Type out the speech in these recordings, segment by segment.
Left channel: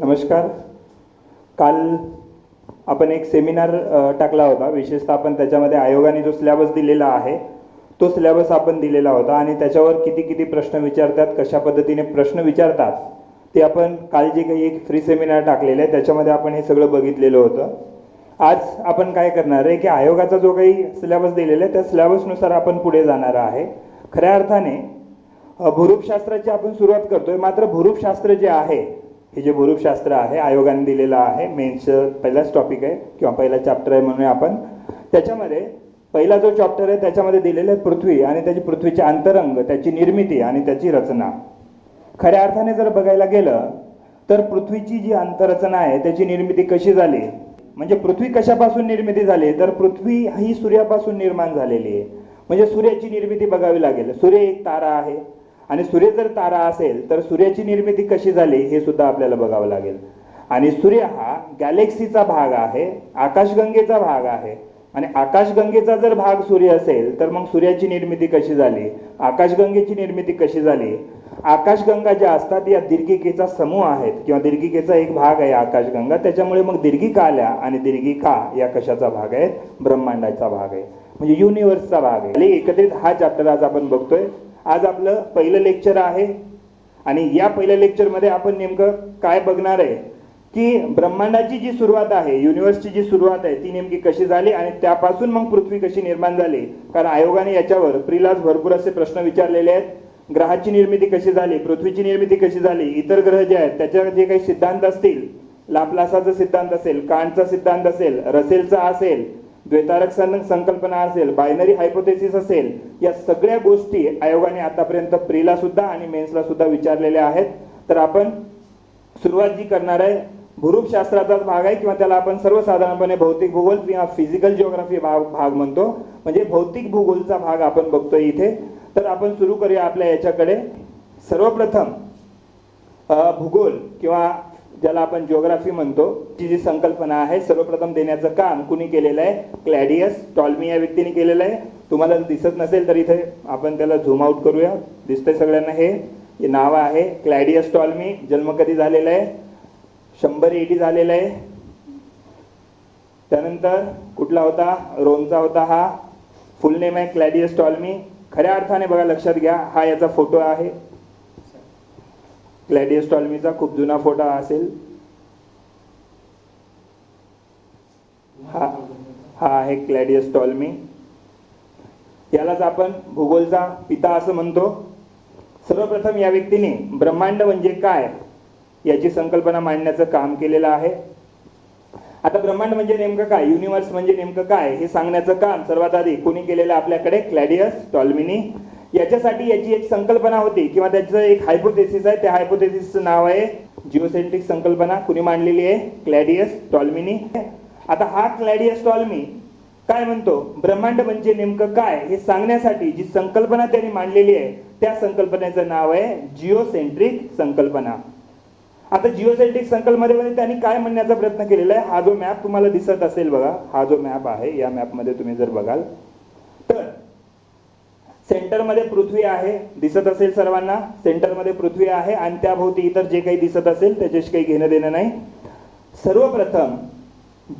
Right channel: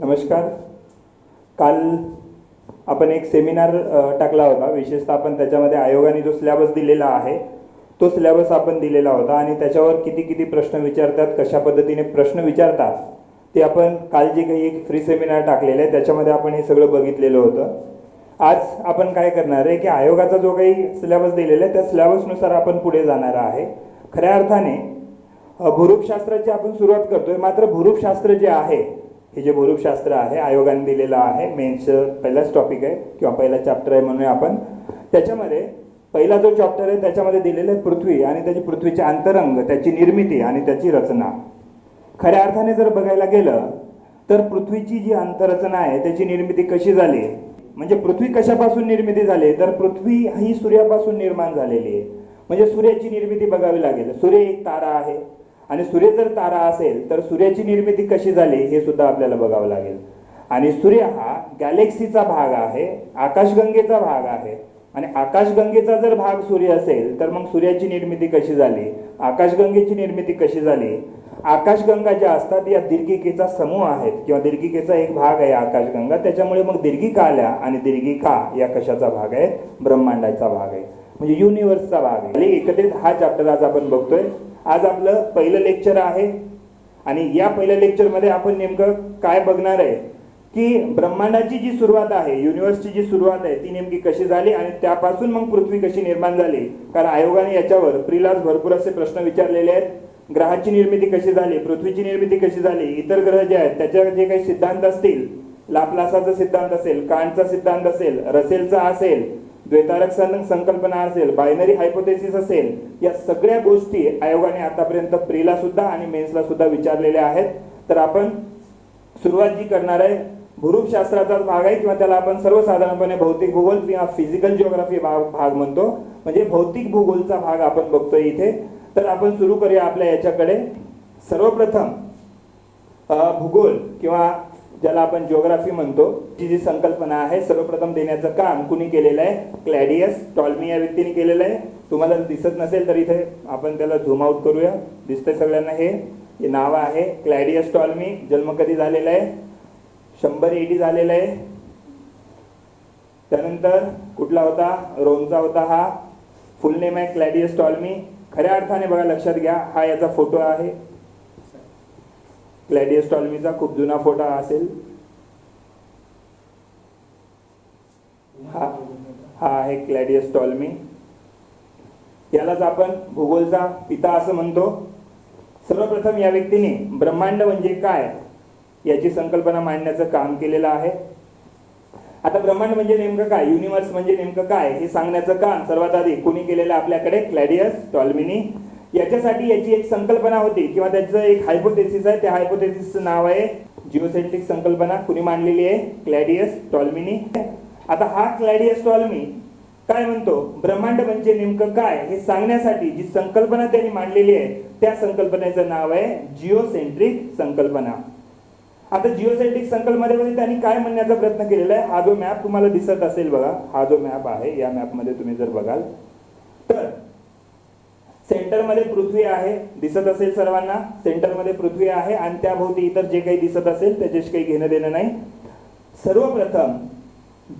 नमस्कार. काल आपण एक सेमिनार टाकला होता. विशेषतः आपण त्याच्यामध्ये आयोगाने जो सिलेबस दिलेला आहे तो सिलेबस आपण दिलेला होता आणि त्याच्यावर किती किती प्रश्न विचारतात, कशा पद्धतीने प्रश्न विचारतात ते आपण काल जे काही एक फ्री सेमिनार टाकलेलं आहे त्याच्यामध्ये आपण हे सगळं बघितलेलं होतं. आज आपण काय करणार आहे की आयोगाचा जो काही सिलेबस दिलेला आहे त्या सिलेबसनुसार आपण पुढे जाणार आहे. खऱ्या अर्थाने भूरूपशास्त्राची आपण सुरुवात करतोय. मात्र भूरूपशास्त्र जे आहे, हे जे भूरूपशास्त्र आहे आयोगाने दिलेलं आहे, मेन्स पहिलाच टॉपिक आहे किंवा पहिला चॅप्टर आहे म्हणूया आपण. त्याच्यामध्ये पहिला जो चॅप्टर आहे त्याच्यामध्ये दिलेलं आहे पृथ्वी आणि त्याची पृथ्वीचे अंतरंग, त्याची निर्मिती आणि त्याची रचना. खऱ्या अर्थाने जर बघायला गेलं तर पृथ्वीची जी अंतररचना आहे त्याची निर्मिती कशी झाली, म्हणजे पृथ्वी कशापासून निर्मिती झाली, तर पृथ्वी ही सूर्यापासून निर्माण झालेली आहे. म्हणजे सूर्याची निर्मिती बघावी लागेल. सूर्य एक तारा आहे आणि सूर्य जर तारा असेल तर सूर्याची निर्मिती कशी झाली हे सुद्धा आपल्याला बघावं लागेल. आणि सूर्य हा गॅलेक्सीचा भाग आहे, आकाशगंगेचा भाग आहे. आणि आकाशगंगेचा जर भाग सूर्य असेल तर मग सूर्याची निर्मिती कशी झाली, आकाशगंगेची निर्मिती कशी झाली. आकाशगंगा ज्या असतात या दीर्घिकेचा समूह आहेत किंवा दीर्घिकेचा एक भाग आहे आकाशगंगा. त्याच्यामुळे मग दीर्घिका आल्या आणि दीर्घिका या कशाचा भाग आहे, ब्रह्मांडाचा भाग आहे, म्हणजे युनिव्हर्सचा भाग आहे. एकत्रित हा चॅप्टर आज आपण बघतोय. आज आपलं पहिलं लेक्चर आहे आणि या पहिल्या लेक्चरमध्ये आपण नेमकं काय बघणार आहे की ब्रह्मांडाची जी सुरुवात आहे, युनिव्हर्सची जी सुरुवात आहे ती नेमकी कशी झाली आणि त्यापासून मग पृथ्वी कशी निर्माण झाली. कारण आयोगाने याच्यावर प्रीलाच भरपूर असे प्रश्न विचारलेले आहेत. ग्रहाची निर्मिती कशी झाली, पृथ्वीची निर्मिती कशी झाली, इतर ग्रह जे आहेत त्याच्यावर जे काही सिद्धांत असतील, लाप्लासाचा सिद्धांत असेल, कांटचा सिद्धांत असेल, रसेलचा असेल, द्वैतारक संकल्पना असेल, बायनरी हायपोथेसिस असेल, या सगळ्या गोष्टी आयोगाने आतापर्यंत प्रीला सुद्धा आणि मेन्सला सुद्धा विचारलेल्या आहेत. तर आपण सुरुवात जी करणार आहे भूरूपशास्त्राचाच भाग आहे किंवा त्याला आपण सर्वसाधारणपणे भौतिक भूगोल किंवा फिजिकल जिओग्राफी भाग म्हणतो, म्हणजे भौतिक भूगोलचा भाग आपण बघतोय इथे. तर आपण सुरू करूया आपल्या याच्याकडे. सर्वप्रथम भूगोल किंवा ज्याला आपण जिओग्राफी म्हणतो जी जी संकल्पना आहे सर्वप्रथम देण्याचं काम कुणी केलेलं आहे, क्लॅडियस टॉल्मी या व्यक्तीने केलेलं आहे. तुम्हाला दिसत नसेल तर इथे आपण त्याला झूम आउट करूया. दिसतंय सगळ्यांना हे नाव आहे क्लॅडियस टॉल्मी. जन्म कधी झालेला आहे, 100 AD झालेला आहे. त्यानंतर कुठला होता, रोमचा होता. हा फुल नेम आहे क्लॅडियस टॉल्मी. खऱ्या अर्थाने बघा, लक्षात घ्या, हा याचा फोटो आहे क्लॅडियस टॉल्मीचा. खूप जुना फोटो असेल. हा आहे क्लॅडियस टॉल्मी. यालाच आपण भूगोलचा पिता असं म्हणतो. सर्वप्रथम या व्यक्तीने ब्रह्मांड म्हणजे काय याची संकल्पना मांडण्याचं काम केलेलं आहे. आता ब्रह्मांड म्हणजे नेमकं काय, युनिव्हर्स म्हणजे नेमकं काय हे सांगण्याचं काम सर्वात आधी कोणी केलेलं आपल्याकडे, क्लॅडियस टॉल्मीनी. याच्यासाठी याची एक संकल्पना होती किंवा त्याचं एक हायपोथेसिस आहे. त्या हायपोथेसिसचं नाव आहे जिओसेंट्रिक संकल्पना. कुणी मांडलेली आहे, क्लॅडियस टॉल्मीनी. आता हा क्लॅडियस टॉल्मी काय म्हणतो, ब्रह्मांड म्हणजे नेमकं काय हे सांगण्यासाठी जी संकल्पना त्यांनी मांडलेली आहे त्या संकल्पनेचं नाव आहे जिओसेंट्रिक संकल्पना. आता जिओसेंट्रिक संकल्पनेमध्ये त्यांनी काय म्हणण्याचा प्रयत्न केलेला आहे, हा जो मॅप तुम्हाला दिसत असेल बघा, हा जो मॅप आहे या मॅप मध्ये तुम्ही जर बघाल तर सेंटर मध्ये पृथ्वी आहे, दिसत असेल सर्वांना. सेंटर मध्ये पृथ्वी आहे आणि त्याभोवती इतर जे काही दिसत असेल त्याच्याशी काही घेणं देणं नाही. सर्वप्रथम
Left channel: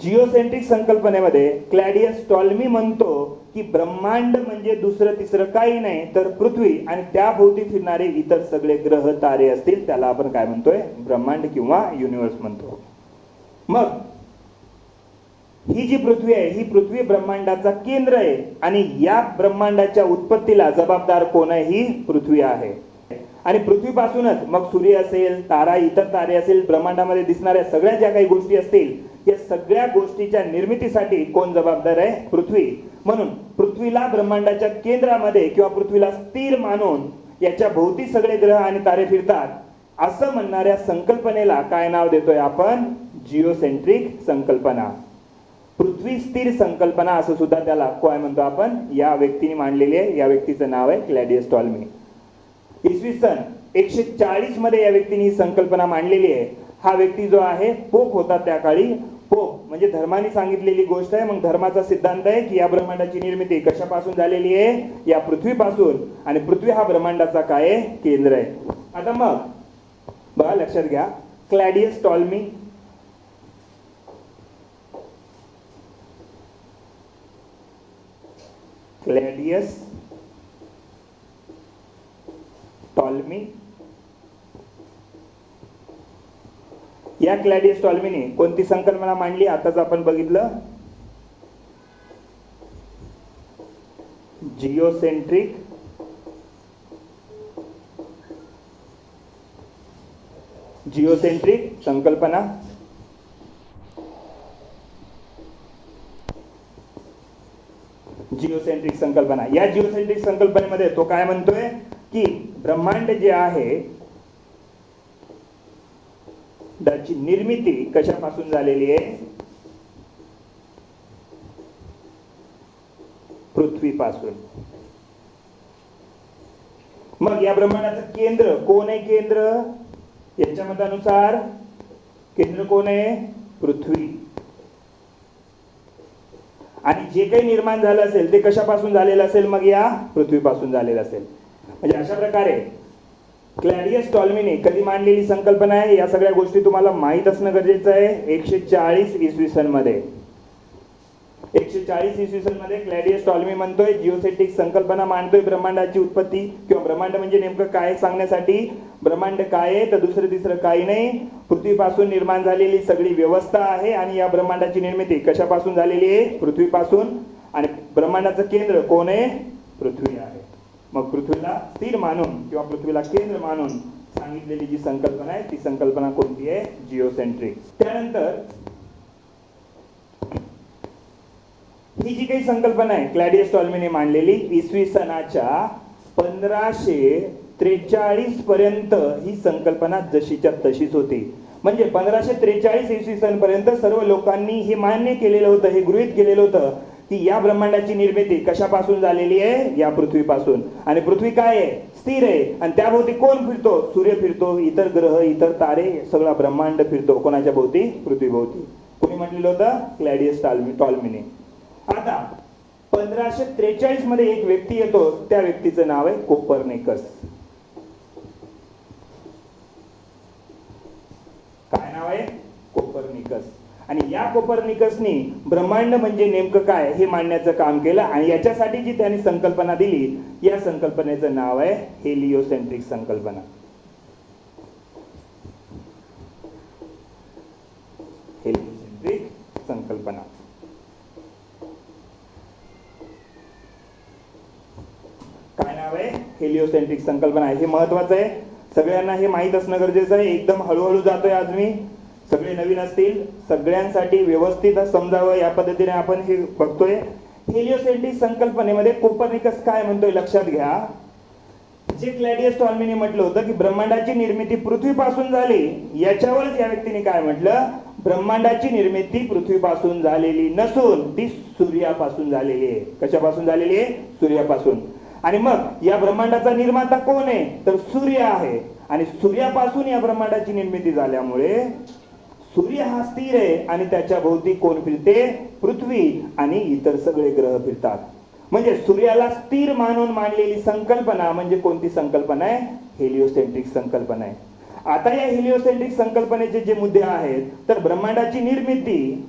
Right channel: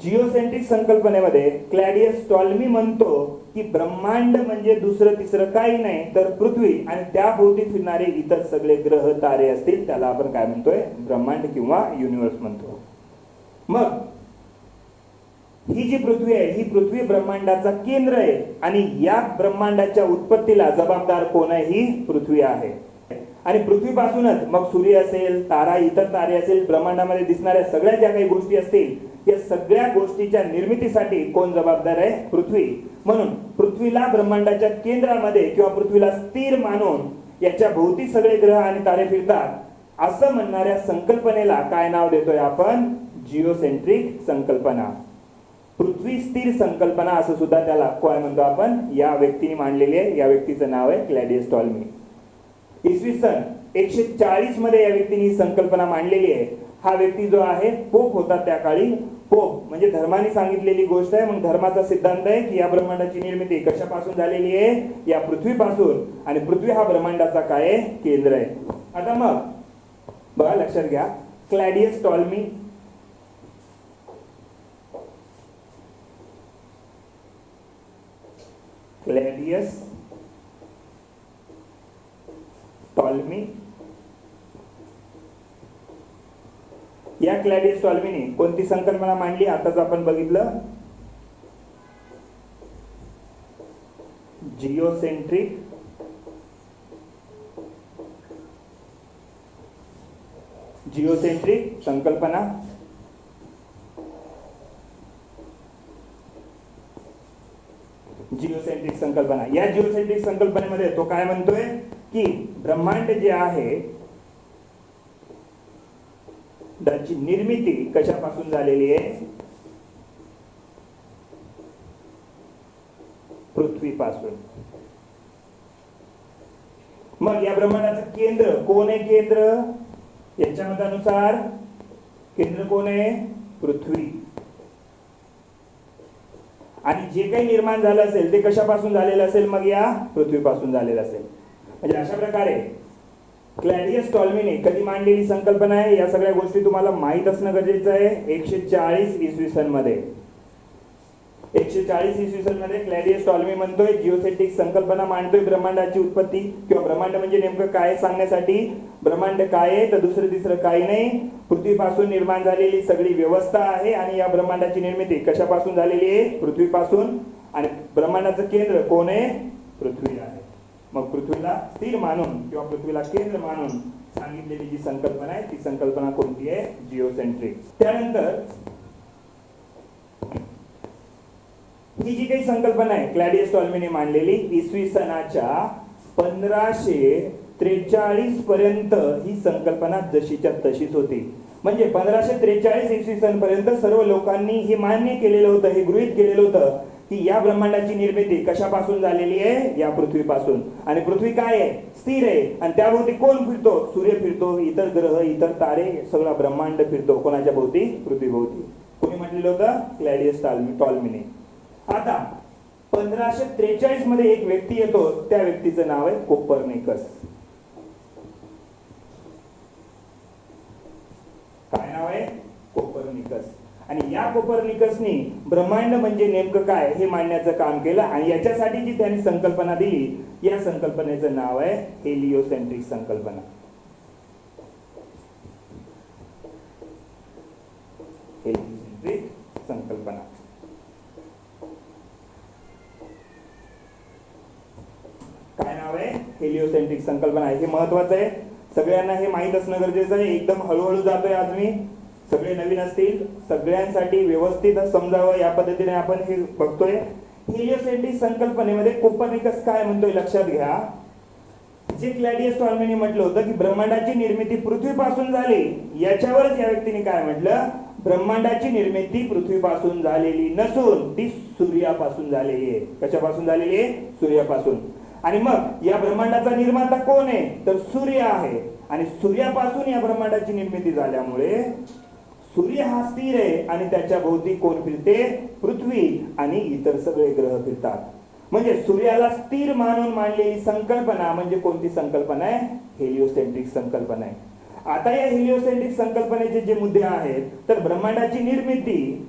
जिओसेंट्रिक संकल्पनेमध्ये क्लॅडियस टॉल्मी म्हणतो की ब्रह्मांड म्हणजे दुसरं तिसरं काही नाही तर पृथ्वी आणि त्याभोवती फिरणारे इतर सगळे ग्रह तारे असतील त्याला आपण काय म्हणतोय, ब्रह्मांड किंवा युनिव्हर्स म्हणतो. मग ही जी पृथ्वी आहे ही पृथ्वी ब्रह्मांडाचा केंद्र आहे आणि या ब्रह्मांडाच्या उत्पत्तीला जबाबदार कोण आहे, ही पृथ्वी आहे. आणि पृथ्वीपासूनच मग सूर्य असेल, तारा, इतर तारे असेल, ब्रह्मांडामध्ये दिसणाऱ्या सगळ्या ज्या काही गोष्टी असतील या सगळ्या गोष्टीच्या निर्मितीसाठी कोण जबाबदार आहे, पृथ्वी. म्हणून पृथ्वीला ब्रह्मांडाच्या केंद्रामध्ये किंवा पृथ्वीला स्थिर मानून याच्या भोवती सगळे ग्रह आणि तारे फिरतात असं म्हणणाऱ्या संकल्पनेला काय नाव देतोय आपण, जिओसेंट्रिक संकल्पना. पृथ्वी स्थिर संकल्पना असं सुद्धा त्याला काय म्हणतो आपण, या व्यक्तीने मांडलेली आहे. या व्यक्तीचं नाव आहे क्लॅडियस टॉल्मी. इसवी सन 140 मध्ये या व्यक्तीने ही संकल्पना मांडलेली आहे. हा व्यक्ती जो आहे पोप होता त्या काळी. पोप म्हणजे धर्माने सांगितलेली गोष्ट आहे. मग धर्माचा सिद्धांत आहे की या ब्रह्मांडाची निर्मिती कशापासून झालेली आहे, या पृथ्वीपासून. आणि पृथ्वी हा ब्रह्मांडाचा काय केंद्र आहे. आता मग बघा, लक्षात घ्या, क्लॅडियस टॉल्मी, क्लॅडियस टॉल्मी. या क्लॅडियस टॉल्मीने कोणती संकल्पना मांडली आताच आपण बघितलं, जिओसेंट्रिक संकल्पना. जिओसेंट्रिक संकल्पना. या जिओसेंट्रिक संकल्पनेमध्ये तो काय म्हणतोय की ब्रह्मांड जे आहे त्याची निर्मिती कशापासून झालेली आहे, पृथ्वीपासून. मग या ब्रह्मांडाचं केंद्र कोण आहे, केंद्र यांच्या मतानुसार केंद्र कोण आहे, पृथ्वी. आणि जे काही निर्माण झालं असेल ते कशापासून झालेलं असेल, मग या पृथ्वीपासून झालेलं असेल. म्हणजे अशा प्रकारे क्लॅडियस टॉल्मीने कधी मांडलेली संकल्पना आहे, या सगळ्या गोष्टी तुम्हाला माहित असणं गरजेचं आहे. 140 इसवी सन मध्ये, 140 इसवी सन मध्ये क्लॅडियस टॉल्मी म्हणतोय जिओसेंट्रिक संकल्पना मांडतोय ब्रह्मांडाची उत्पत्ती किंवा ब्रह्मांड म्हणजे नेमकं काय सांगण्यासाठी. ब्रह्मांड काय आहे तर दुसरं तिसरं काही नाही, पृथ्वीपासून निर्माण झालेली सगळी व्यवस्था आहे आणि या ब्रह्मांडाची निर्मिती कशापासून झालेली आहे, पृथ्वीपासून. आणि ब्रह्मांडाचं केंद्र कोण आहे, पृथ्वी आहे. मग पृथ्वीला स्थिर मानून किंवा पृथ्वीला केंद्र मानून सांगितलेली जी संकल्पना आहे ती संकल्पना कोणती आहे, जिओसेंट्रिक. त्यानंतर ही जी काही संकल्पना आहे क्लॅडियस टॉल्मीने मांडलेली, इसवी सनाच्या 1543 पर्यंत ही संकल्पना जशीच्या तशीच होती. म्हणजे 1543 इसवी सन पर्यंत सर्व लोकांनी हे मान्य केलेलं होतं, हे गृहीत केलेलं होतं की या ब्रह्मांडाची निर्मिती कशापासून झालेली आहे, या पृथ्वीपासून. आणि पृथ्वी काय आहे, स्थिर आहे. आणि त्याभोवती कोण फिरतो, सूर्य फिरतो, इतर ग्रह, इतर तारे, सगळा ब्रह्मांड फिरतो कोणाच्या भोवती, पृथ्वीभोवती. कोणी म्हटलेलं होतं, क्लॅडियस टॉल्मीने. आता 1543 मध्ये एक व्यक्ती येतो, त्या व्यक्तीचं नाव आहे कोपर्निकस. काय नाव आहे, कोपर्निकस. आणि या कोपर्निकसनी ब्रह्मांड म्हणजे नेमकं काय हे मांडण्याचं काम केलं. आणि याच्यासाठी जी त्यांनी संकल्पना दिली, या संकल्पनेचं नाव आहे हेलिओसेंट्रिक संकल्पना. हेलिओसेंट्रिक संकल्पना. काय नाव आहे, हेलिओसेंट्रिक संकल्पना. हे महत्वाचं आहे, सगळ्यांना हे माहित असणं गरजेचं आहे. एकदम हळूहळू जातोय आज मी, सगळे नवीन असतील, सगळ्यांसाठी व्यवस्थित समजावं या पद्धतीने आपण हे बघतोय. हेलिओसेंट्रिक संकल्पनेमध्ये कोपर्निकस काय म्हणतोय लक्षात घ्या. जे क्लॅडियस टॉल्मीने म्हटलं होतं की ब्रह्मांडाची निर्मिती पृथ्वीपासून झाली, याच्यावरच या व्यक्तीने काय म्हटलं, ब्रह्मांडाची निर्मिती पृथ्वीपासून झालेली नसून ती सूर्यापासून झालेली आहे. कशापासून झालेली आहे, सूर्यापासून. आणि मग या ब्रह्मांडाचा निर्माता कोण आहे तर सूर्य आहे. आणि सूर्यापासून या ब्रह्मांडाची निर्मिती झाल्यामुळे सूर्य हा स्थिर आहे आणि त्याच्या भोवती कोण फिरते, पृथ्वी आणि इतर सगळे ग्रह फिरतात. म्हणजे सूर्याला स्थिर मानून मांडलेली संकल्पना म्हणजे कोणती संकल्पना आहे, हेलिओसेंट्रिक संकल्पना आहे. आता या हेलिओसेंट्रिक संकल्पनेचे जे मुद्दे आहेत तर ब्रह्मांडाची निर्मिती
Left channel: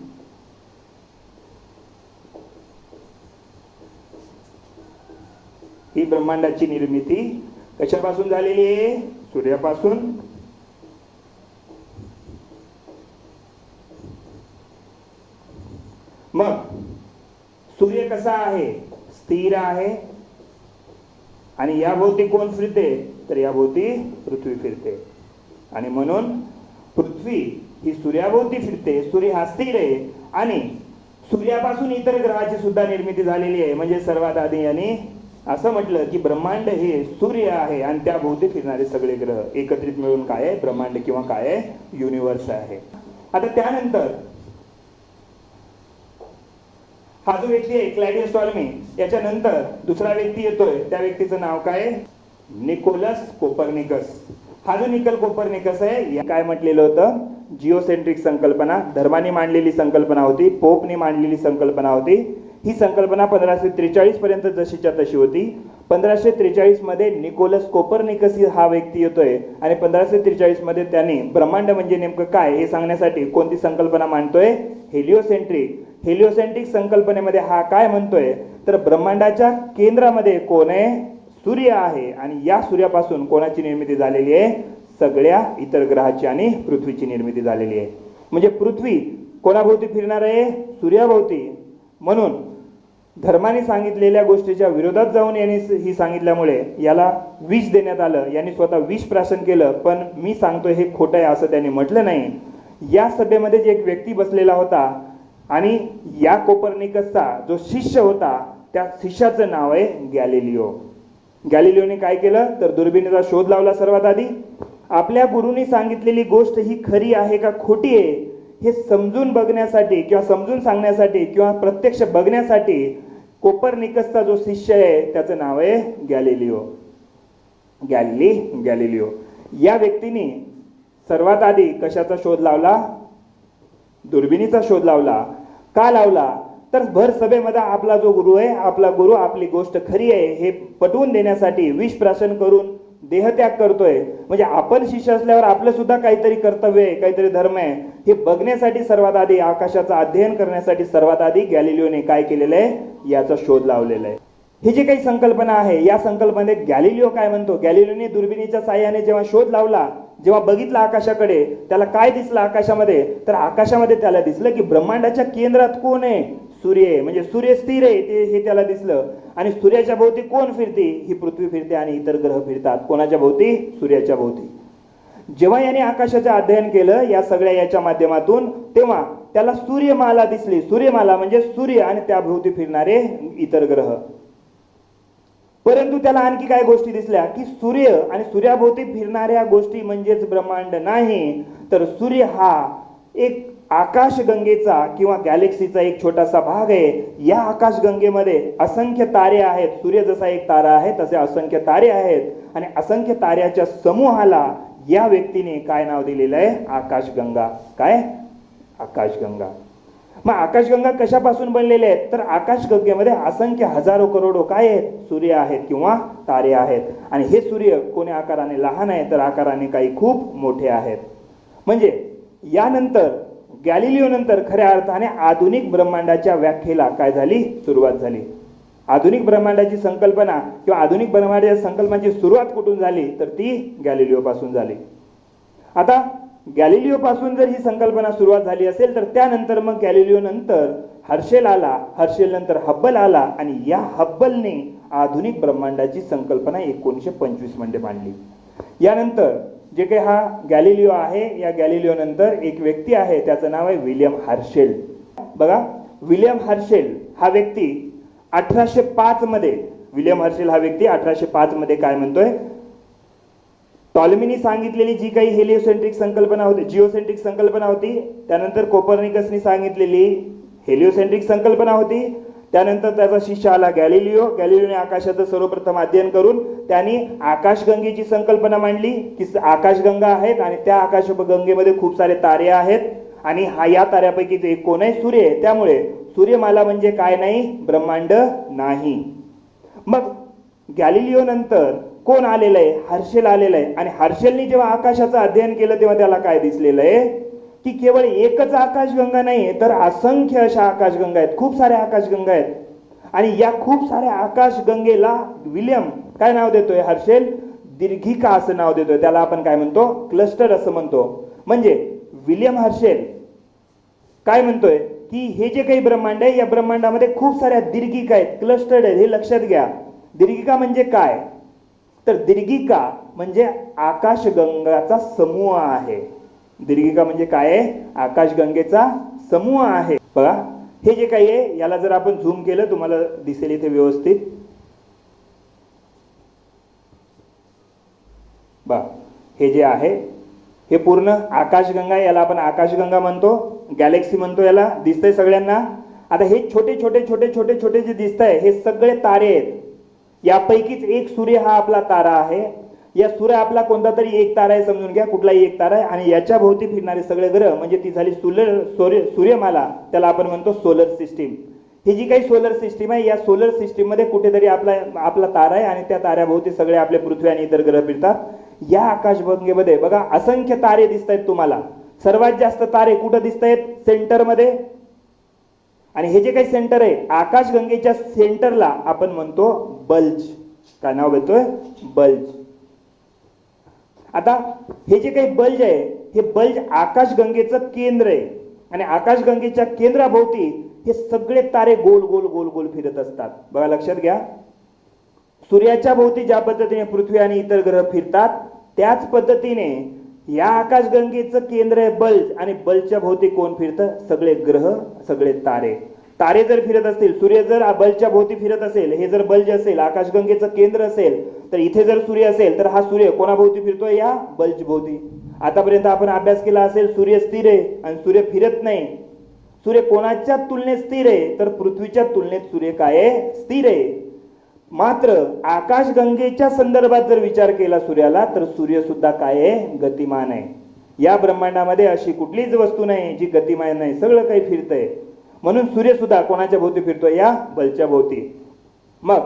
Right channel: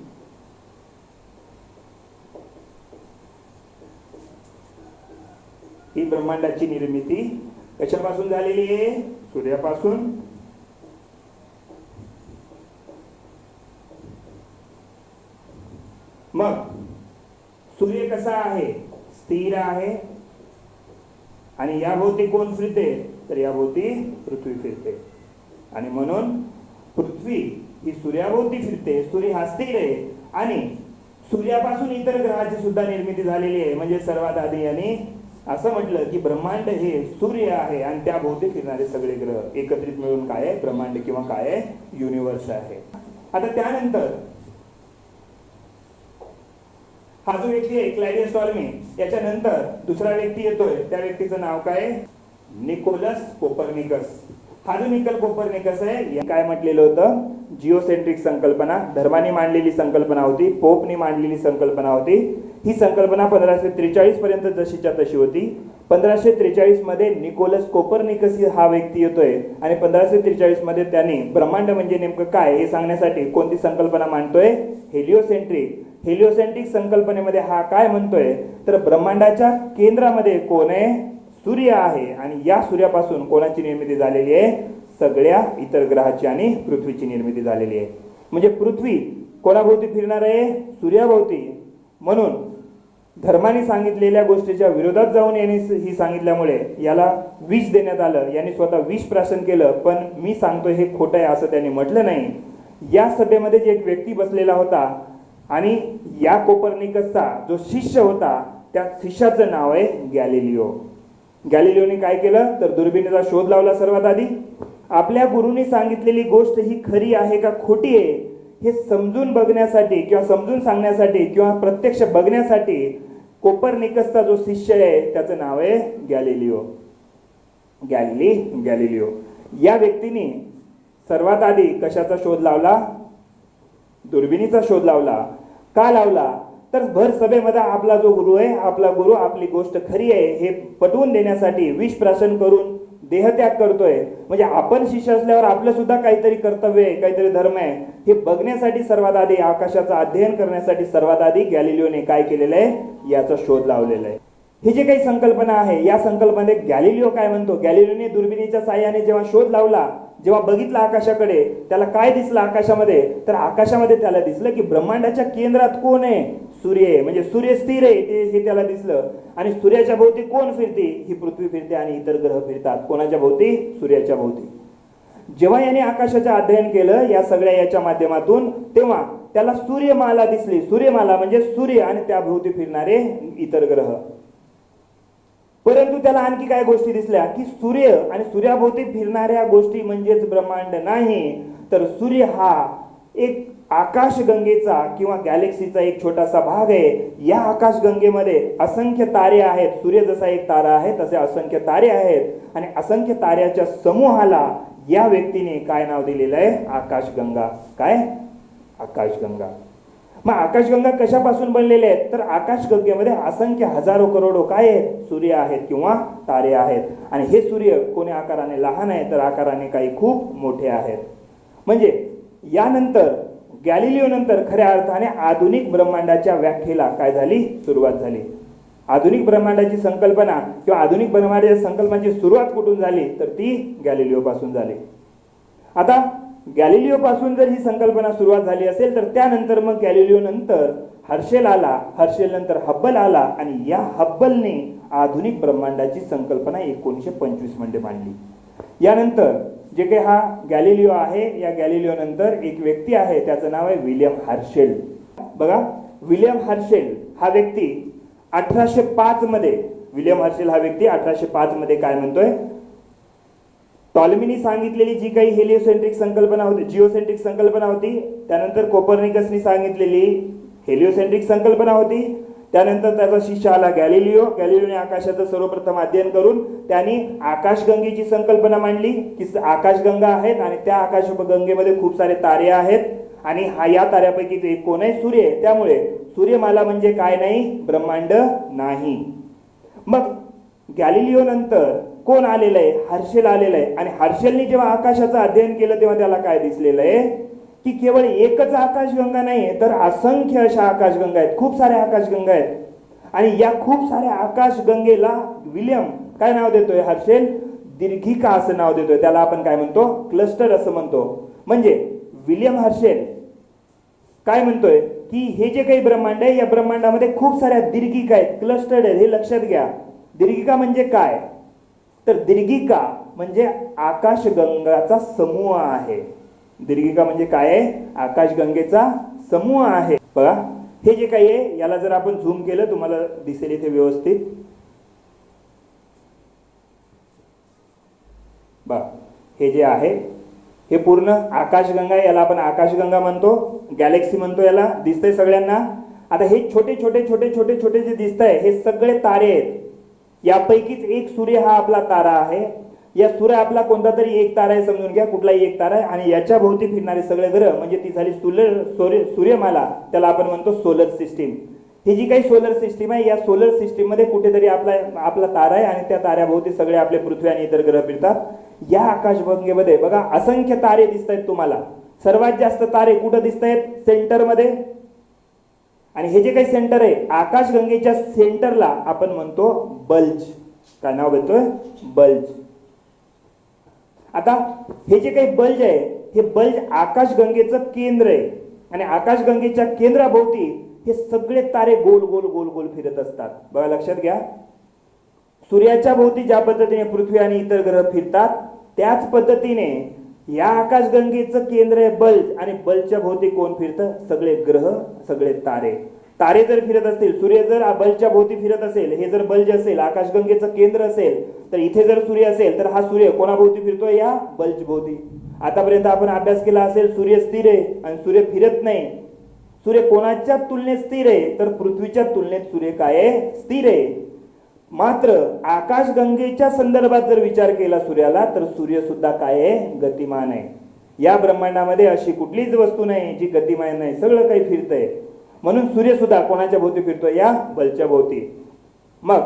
ही ब्रह्मांडाची निर्मिती कशापासून झालेली आहे, सूर्यापासून. मग सूर्य कसा आहे, स्थिर आहे. आणि या भोवती कोण फिरते तर या भोवती पृथ्वी फिरते. आणि म्हणून पृथ्वी ही सूर्याभोवती फिरते, सूर्य हा स्थिर आहे. आणि सूर्यापासून इतर ग्रहाची सुद्धा निर्मिती झालेली आहे. म्हणजे सर्वात आधी यांनी असं म्हटलं की ब्रह्मांड हे सूर्य आहे आणि त्या भोवती फिरणारे सगळे ग्रह एकत्रित मिळून काय आहे, ब्रह्मांड किंवा काय आहे, युनिव्हर्स आहे. आता त्यानंतर हा जो व्यक्ती आहे क्लॅडियस टॉल्मी, याच्यानंतर दुसरा व्यक्ती येतोय, त्या व्यक्तीचं नाव काय, निकोलस कोपर्निकस. हा जो निकोल कोपर्निकस आहे, काय म्हटलेलं होतं, जिओसेंट्रिक संकल्पना धर्माने मांडलेली संकल्पना होती, पोपने मांडलेली संकल्पना होती. ही संकल्पना 1543 पर्यंत जशीच्या तशी होती. 1543 मध्ये निकोलस कोपर्निकस हा व्यक्ती येतोय आणि 1543 मध्ये त्यांनी ब्रह्मांड म्हणजे नेमकं काय हे सांगण्यासाठी कोणती संकल्पना मांडतोय? हेलिओसेंट्रिक. हेलिओसेंट्रिक संकल्पनेमध्ये हा काय म्हणतोय तर ब्रह्मांडाच्या केंद्रामध्ये कोण आहे? सूर्य आहे आणि या सूर्यापासून कोणाची निर्मिती झालेली आहे? सगळ्या इतर ग्रहाची आणि पृथ्वीची निर्मिती झालेली आहे. म्हणजे पृथ्वी कोणाभोवती फिरणार आहे? सूर्याभोवती. म्हणून धर्माने सांगितलेल्या गोष्टीच्या विरोधात जाऊन यांनी ही सांगितल्यामुळे याला विष देण्यात आलं. यांनी स्वतः विष प्राशन केलं, पण मी सांगतोय हे खोटं आहे असं त्यांनी म्हटलं नाही. या सभेमध्ये जे एक व्यक्ती बसलेला होता आणि या कोपर्निकसचा जो शिष्य होता त्या शिष्याचं नाव आहे गॅलिलिओ. गॅलिलिओने काय केलं तर दुर्बिणीचा शोध लावला. सर्वात आधी आपल्या गुरुनी सांगितलेली गोष्ट ही खरी आहे का खोटी आहे हे समजून बघण्यासाठी किंवा समजून सांगण्यासाठी किंवा प्रत्यक्ष बघण्यासाठी कोपर्निकसचा जो शिष्य आहे त्याचं नाव आहे गॅलिलिओ. गॅलिलिओ या व्यक्तीने सर्वात आधी कशाचा शोध लावला? दुर्बिणीचा शोध लावला. का लावला तर भर सभेमध्ये आपला जो गुरु आहे, आपला गुरु आपली गोष्ट खरी आहे हे पटवून देण्यासाठी विष प्राशन करून देहत्याग करतोय. म्हणजे आपण शिष्य असल्यावर आपलं सुद्धा काहीतरी कर्तव्य आहे, काहीतरी धर्म आहे हे बघण्यासाठी सर्वात आधी, आकाशाचं अध्ययन करण्यासाठी सर्वात आधी गॅलिलिओने काय केलेलं आहे? याचा शोध लावलेला आहे. ही जी काही संकल्पना आहे या संकल्पनेत गॅलिलिओ काय म्हणतो? गॅलिलिओने दुर्बिणीच्या साहाय्याने जेव्हा शोध लावला, जेव्हा बघितलं आकाशाकडे, त्याला काय दिसलं आकाशामध्ये? तर आकाशामध्ये त्याला दिसलं की ब्रह्मांडाच्या केंद्रात कोण आहे? सूर्य आहे. म्हणजे सूर्य स्थिर आहे हे त्याला दिसलं. आणि सूर्याच्या भोवती कोण फिरते? ही पृथ्वी फिरते आणि इतर ग्रह फिरतात. कोणाच्या भोवती? सूर्याच्या भोवती. जेव्हा याने आकाशाचं अध्ययन केलं या सगळ्या याच्या माध्यमातून, तेव्हा त्याला सूर्यमाला दिसली. सूर्यमाला म्हणजे सूर्य आणि त्या भोवती फिरणारे इतर ग्रह. परंतु त्याला आणखी काय गोष्टी दिसल्या की सूर्य आणि सूर्याभोवती फिरणाऱ्या गोष्टी म्हणजेच ब्रह्मांड नाही, तर सूर्य हा एक आकाशगंगेचा किंवा गॅलेक्सीचा एक छोटासा भाग आहे. या आकाशगंगेमध्ये असंख्य तारे आहेत. सूर्य जसा एक तारा आहे तसे असंख्य तारे आहेत आणि असंख्य ताऱ्याच्या समूहाला या व्यक्तीने काय नाव दिलेलं आहे? आकाशगंगा. काय? आकाशगंगा. मग आकाशगंगा कशापासून बनलेल्या आहेत? तर आकाशगंगेमध्ये असंख्य हजारो करोडो काय आहेत? सूर्य आहेत किंवा तारे आहेत. आणि हे सूर्य कोणी आकाराने लहान आहे तर आकाराने काही खूप मोठे आहेत. म्हणजे यानंतर गॅलिलिओ नंतर खऱ्या अर्थाने आधुनिक ब्रह्मांडाच्या व्याख्येला काय झाली? सुरुवात झाली. आधुनिक ब्रह्मांडाची संकल्पना किंवा आधुनिक ब्रह्मांडाच्या संकल्पनेची सुरुवात कुठून झाली तर ती गॅलिलिओ पासून झाली. आता गॅलिलिओ पासून जर ही संकल्पना सुरुवात झाली असेल तर त्यानंतर मग गॅलिलिओ नंतर हर्शेल आला. हर्शेल नंतर हब्बल आला आणि या हब्बलने आधुनिक ब्रह्मांडाची संकल्पना 1925 मध्ये मांडली. यानंतर जे काही हा गॅलिलिओ आहे, या गॅलिलिओ नंतर एक व्यक्ती आहे त्याचं नाव आहे विल्यम हर्शेल. बघा, विल्यम हर्शेल हा व्यक्ती 1805 मध्ये, विल्यम हर्शेल हा व्यक्ती 1805 मध्ये काय म्हणतोय? टॉलमीनी सांगितलेली जी काही हेलिओसेंट्रिक संकल्पना होती, जिओसेंट्रिक संकल्पना होती, त्यानंतर कोपर्निकसनी सांगितलेली हेलिओसेंट्रिक संकल्पना होती, त्यानंतर त्याचा शिष्य आला गॅलिलिओ. गॅलिलिओने आकाशाचं सर्वप्रथम अध्ययन करून त्यांनी आकाशगंगेची संकल्पना मांडली की आकाशगंगा आहेत आणि त्या आकाशगंगेमध्ये खूप सारे तारे आहेत आणि या ताऱ्यापैकीच एक कोण आहे? सूर्य आहे. त्यामुळे सूर्यमाला म्हणजे काय नाही? ब्रह्मांड नाही. मग गॅलिलिओ नंतर कोण आलेलं आहे? हर्शेल आलेलं आहे. आणि हर्शेलनी जेव्हा आकाशाचं अध्ययन केलं तेव्हा त्याला काय दिसलेलं आहे की केवळ एकच आकाशगंगा नाहीये तर असंख्य अशा आकाशगंगा आहेत, खूप साऱ्या आकाशगंगा आहेत. आणि या खूप साऱ्या आकाशगंगेला विल्यम काय नाव देतोय? हर्शेल दीर्घिका असं नाव देतोय. त्याला आपण काय म्हणतो? क्लस्टर असं म्हणतो. म्हणजे विल्यम हर्शेल काय म्हणतोय की हे जे काही ब्रह्मांड आहे या ब्रह्मांडामध्ये खूप साऱ्या दीर्घिका आहेत, क्लस्टर्ड आहेत. हे लक्षात घ्या. दीर्घिका म्हणजे काय? तर दीर्घिका म्हणजे आकाशगंगाचा समूह आहे. दीर्घिका म्हणजे काय आहे? आकाशगंगेचा समूह आहे. बघा, हे जे काही आहे याला जर आपण झूम केलं तुम्हाला दिसेल इथे व्यवस्थित. बघा, हे जे आहे हे पूर्ण आकाशगंगा, याला आपण आकाशगंगा म्हणतो, गॅलेक्सी म्हणतो याला. दिसतंय सगळ्यांना? आता हे छोटे छोटे छोटे छोटे छोटे जे दिसत आहे हे सगळे तारे आहेत. यापैकीच एक सूर्य हा आपला तारा आहे. या सूर्य आपला कोणता तरी एक तारा आहे समजून घ्या, कुठलाही एक तारा आहे. आणि याच्या भोवती फिरणारे सगळे ग्रह म्हणजे ती झाली सूर्यमाला, त्याला आपण म्हणतो सोलर सिस्टीम. ही जी काही सोलर सिस्टीम आहे, या सोलर सिस्टीम मध्ये कुठेतरी आपला तारा आहे आणि त्या ताऱ्याभोवती सगळे आपले पृथ्वी आणि इतर ग्रह फिरतात. या आकाशगंगेमध्ये बघा असंख्य तारे दिसत आहेत तुम्हाला. सर्वात जास्त तारे कुठे दिसत आहेत? सेंटरमध्ये. आणि हे जे काही सेंटर आहे आकाशगंगेच्या सेंटरला आपण म्हणतो बल्ज. काय नाव घेतोय? बल्ज. आता हे जे काही बल्ज आहे हे बल्ज आकाशगंगेचं केंद्र आहे आणि आकाशगंगेच्या केंद्राभोवती हे सगळे तारे गोल गोल गोल गोल फिरत असतात. बघा लक्षात घ्या, सूर्याच्या भोवती ज्या पद्धतीने पृथ्वी आणि इतर ग्रह फिरतात त्याच पद्धतीने या आकाशगंगेचं केंद्र आहे बल्ज आणि बल्जच्या भोवती कोण फिरतं? सगळे ग्रह, सगळे तारे. तारे जर फिरत असतील, सूर्य जर बल्जच्या भोवती फिरत असेल, हे जर बल्ज असेल, आकाशगंगेचं केंद्र असेल, तर इथे जर सूर्य असेल तर हा सूर्य कोणाभोवती फिरतोय? या बल्ज भोवती. आतापर्यंत आपण अभ्यास केला असेल सूर्य स्थिर आहे आणि सूर्य फिरत नाही. सूर्य कोणाच्या तुलनेत स्थिर आहे? तर पृथ्वीच्या तुलनेत सूर्य काय आहे? स्थिर आहे. मात्र आकाशगंगेच्या संदर्भात जर विचार केला सूर्याला तर सूर्य सुद्धा काय आहे? गतिमान आहे. या ब्रह्मांडामध्ये अशी कुठलीच वस्तू नाही जी गतिमान नाही, सगळं काही फिरतंय. म्हणून सूर्य सुद्धा कोणाच्या भोवती फिरतोय? या बल्जच्या भोवती. मग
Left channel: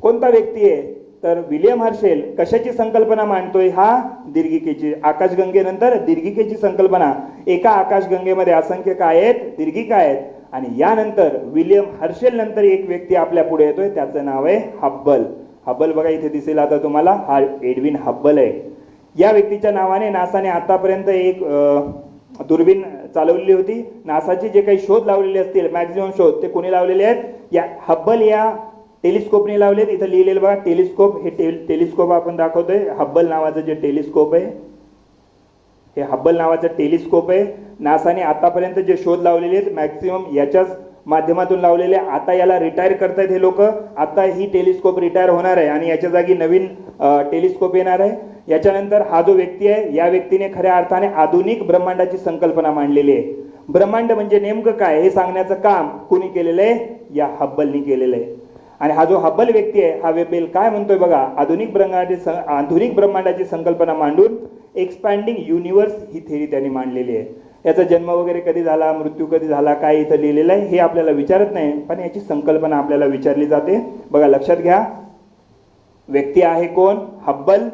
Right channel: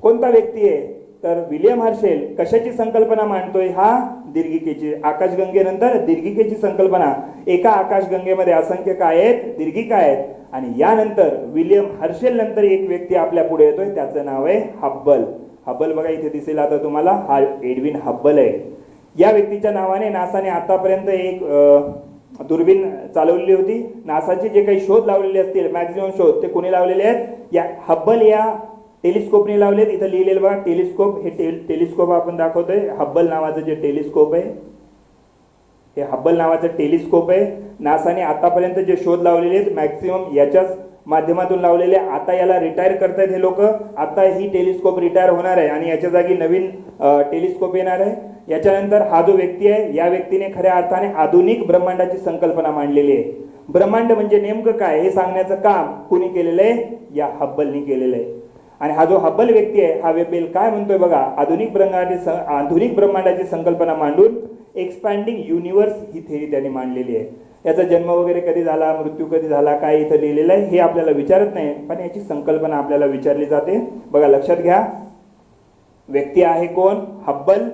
कोणता व्यक्ती आहे? तर विलियम हर्शेल कशाची संकल्पना मांडतोय? हा दीर्घिकेची. आकाशगंगेनंतर दीर्घिकेची संकल्पना. एका आकाशगंगेमध्ये असंख्य काय आहेत? दीर्घिका आहेत. आणि यानंतर विलियम हर्शेल नंतर एक व्यक्ती आपल्या पुढे येतोय, त्याचं नाव आहे हब्बल. हब्बल बघा इथे दिसेल आता तुम्हाला, हा एडविन हब्बल आहे. या व्यक्तीच्या नावाने नासाने आतापर्यंत एक दुर्बीण चालवलेली होती. नासाचे जे काही शोध लावलेले असतील, मॅक्झिमम शोध, ते कोणी लावलेले आहेत? या हब्बल या टेलिस्कोपने लावलेत. इथं लिहिलेलं बघा टेलिस्कोप. हे टेलिस्कोप आपण दाखवतोय. हब्बल नावाचं जे टेलिस्कोप आहे, हे हब्बल नावाचं टेलिस्कोप आहे. नासाने आतापर्यंत जे शोध लावलेले आहेत मॅक्सिमम याच्याच माध्यमातून लावलेले. आता याला रिटायर करतायत हे लोक. आता ही टेलिस्कोप रिटायर होणार आहे आणि याच्या जागी नवीन टेलिस्कोप येणार आहे. याच्यानंतर हा जो व्यक्ती आहे, या व्यक्तीने खऱ्या अर्थाने आधुनिक ब्रह्मांडाची संकल्पना मांडलेली आहे. ब्रह्मांड म्हणजे नेमकं काय हे सांगण्याचं काम कुणी केलेलं आहे? या हब्बलनी केलेलं आहे. आणि हा जो हब्बल व्यक्ती आहे, हा वेबेल काय म्हणतोय बघा, आधुनिक ब्रह्मांडाची संकल्पना मांडून एक्सपॅन्डिंग युनिव्हर्स ही थेरी त्यांनी मांडलेली आहे. याचा जन्म वगैरे कधी झाला, मृत्यू कधी झाला, काय इथं लिहिलेलं आहे हे आपल्याला विचारत नाही, पण याची संकल्पना आपल्याला विचारली जाते. बघा लक्षात घ्या, व्यक्ती आहे कोण? हब्बल.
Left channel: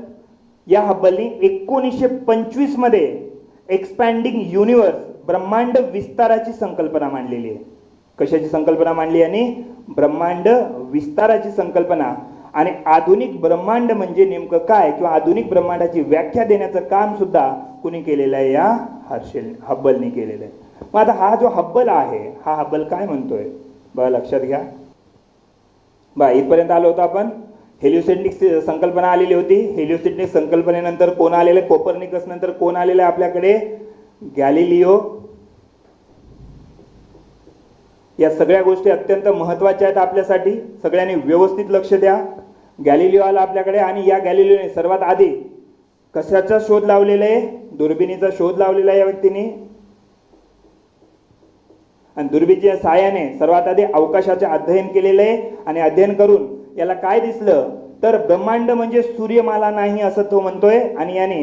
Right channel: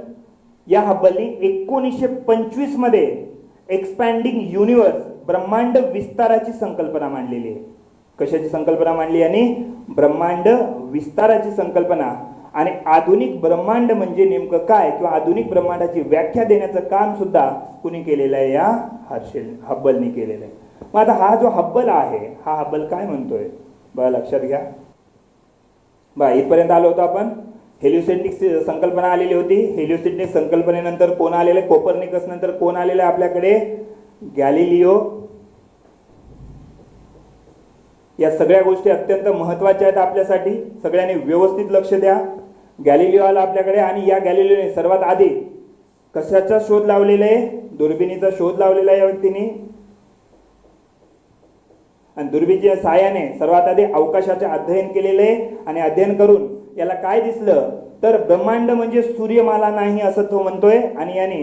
या हब्बलनी 1925 मध्ये एक्सपॅन्डिंग युनिव्हर्स, ब्रह्मांड विस्ताराची संकल्पना मांडलेली आहे. कशाची संकल्पना मांडली? आणि ब्रह्मांड विस्ताराची संकल्पना. आणि आधुनिक ब्रह्मांड म्हणजे नेमकं काय किंवा आधुनिक ब्रह्मांडाची व्याख्या देण्याचं काम सुद्धा कुणी केलेलं आहे? या हब्बलनी केलेलं आहे. मग आता हा जो हब्बल आहे, हा हब्बल काय म्हणतोय बघा लक्षात घ्या. बघा इथपर्यंत आलो होतो आपण. हेलिओसेंट्रिक संकल्पना आलेली होती. हेलिओसेंट्रिक संकल्पनेनंतर कोण आलेले? कोपर्निकस. नंतर कोण आलेले आपल्याकडे? गॅलिलिओ. या सगळ्या गोष्टी अत्यंत महत्वाच्या आहेत आपल्यासाठी. सगळ्यांनी व्यवस्थित लक्ष द्या. गॅलिलिओ आला आपल्याकडे आणि या गॅलिलिओने सर्वात आधी कशाचा शोध लावलेला आहे? दुर्बिणीचा शोध लावलेला आहे या व्यक्तीने. आणि दुर्बिणीच्या सहाय्याने सर्वात आधी अवकाशाचे अध्ययन केलेले आहे. आणि अध्ययन करून याला काय दिसलं? तर ब्रह्मांड म्हणजे सूर्यमाला नाही असं तो म्हणतोय. आणि याने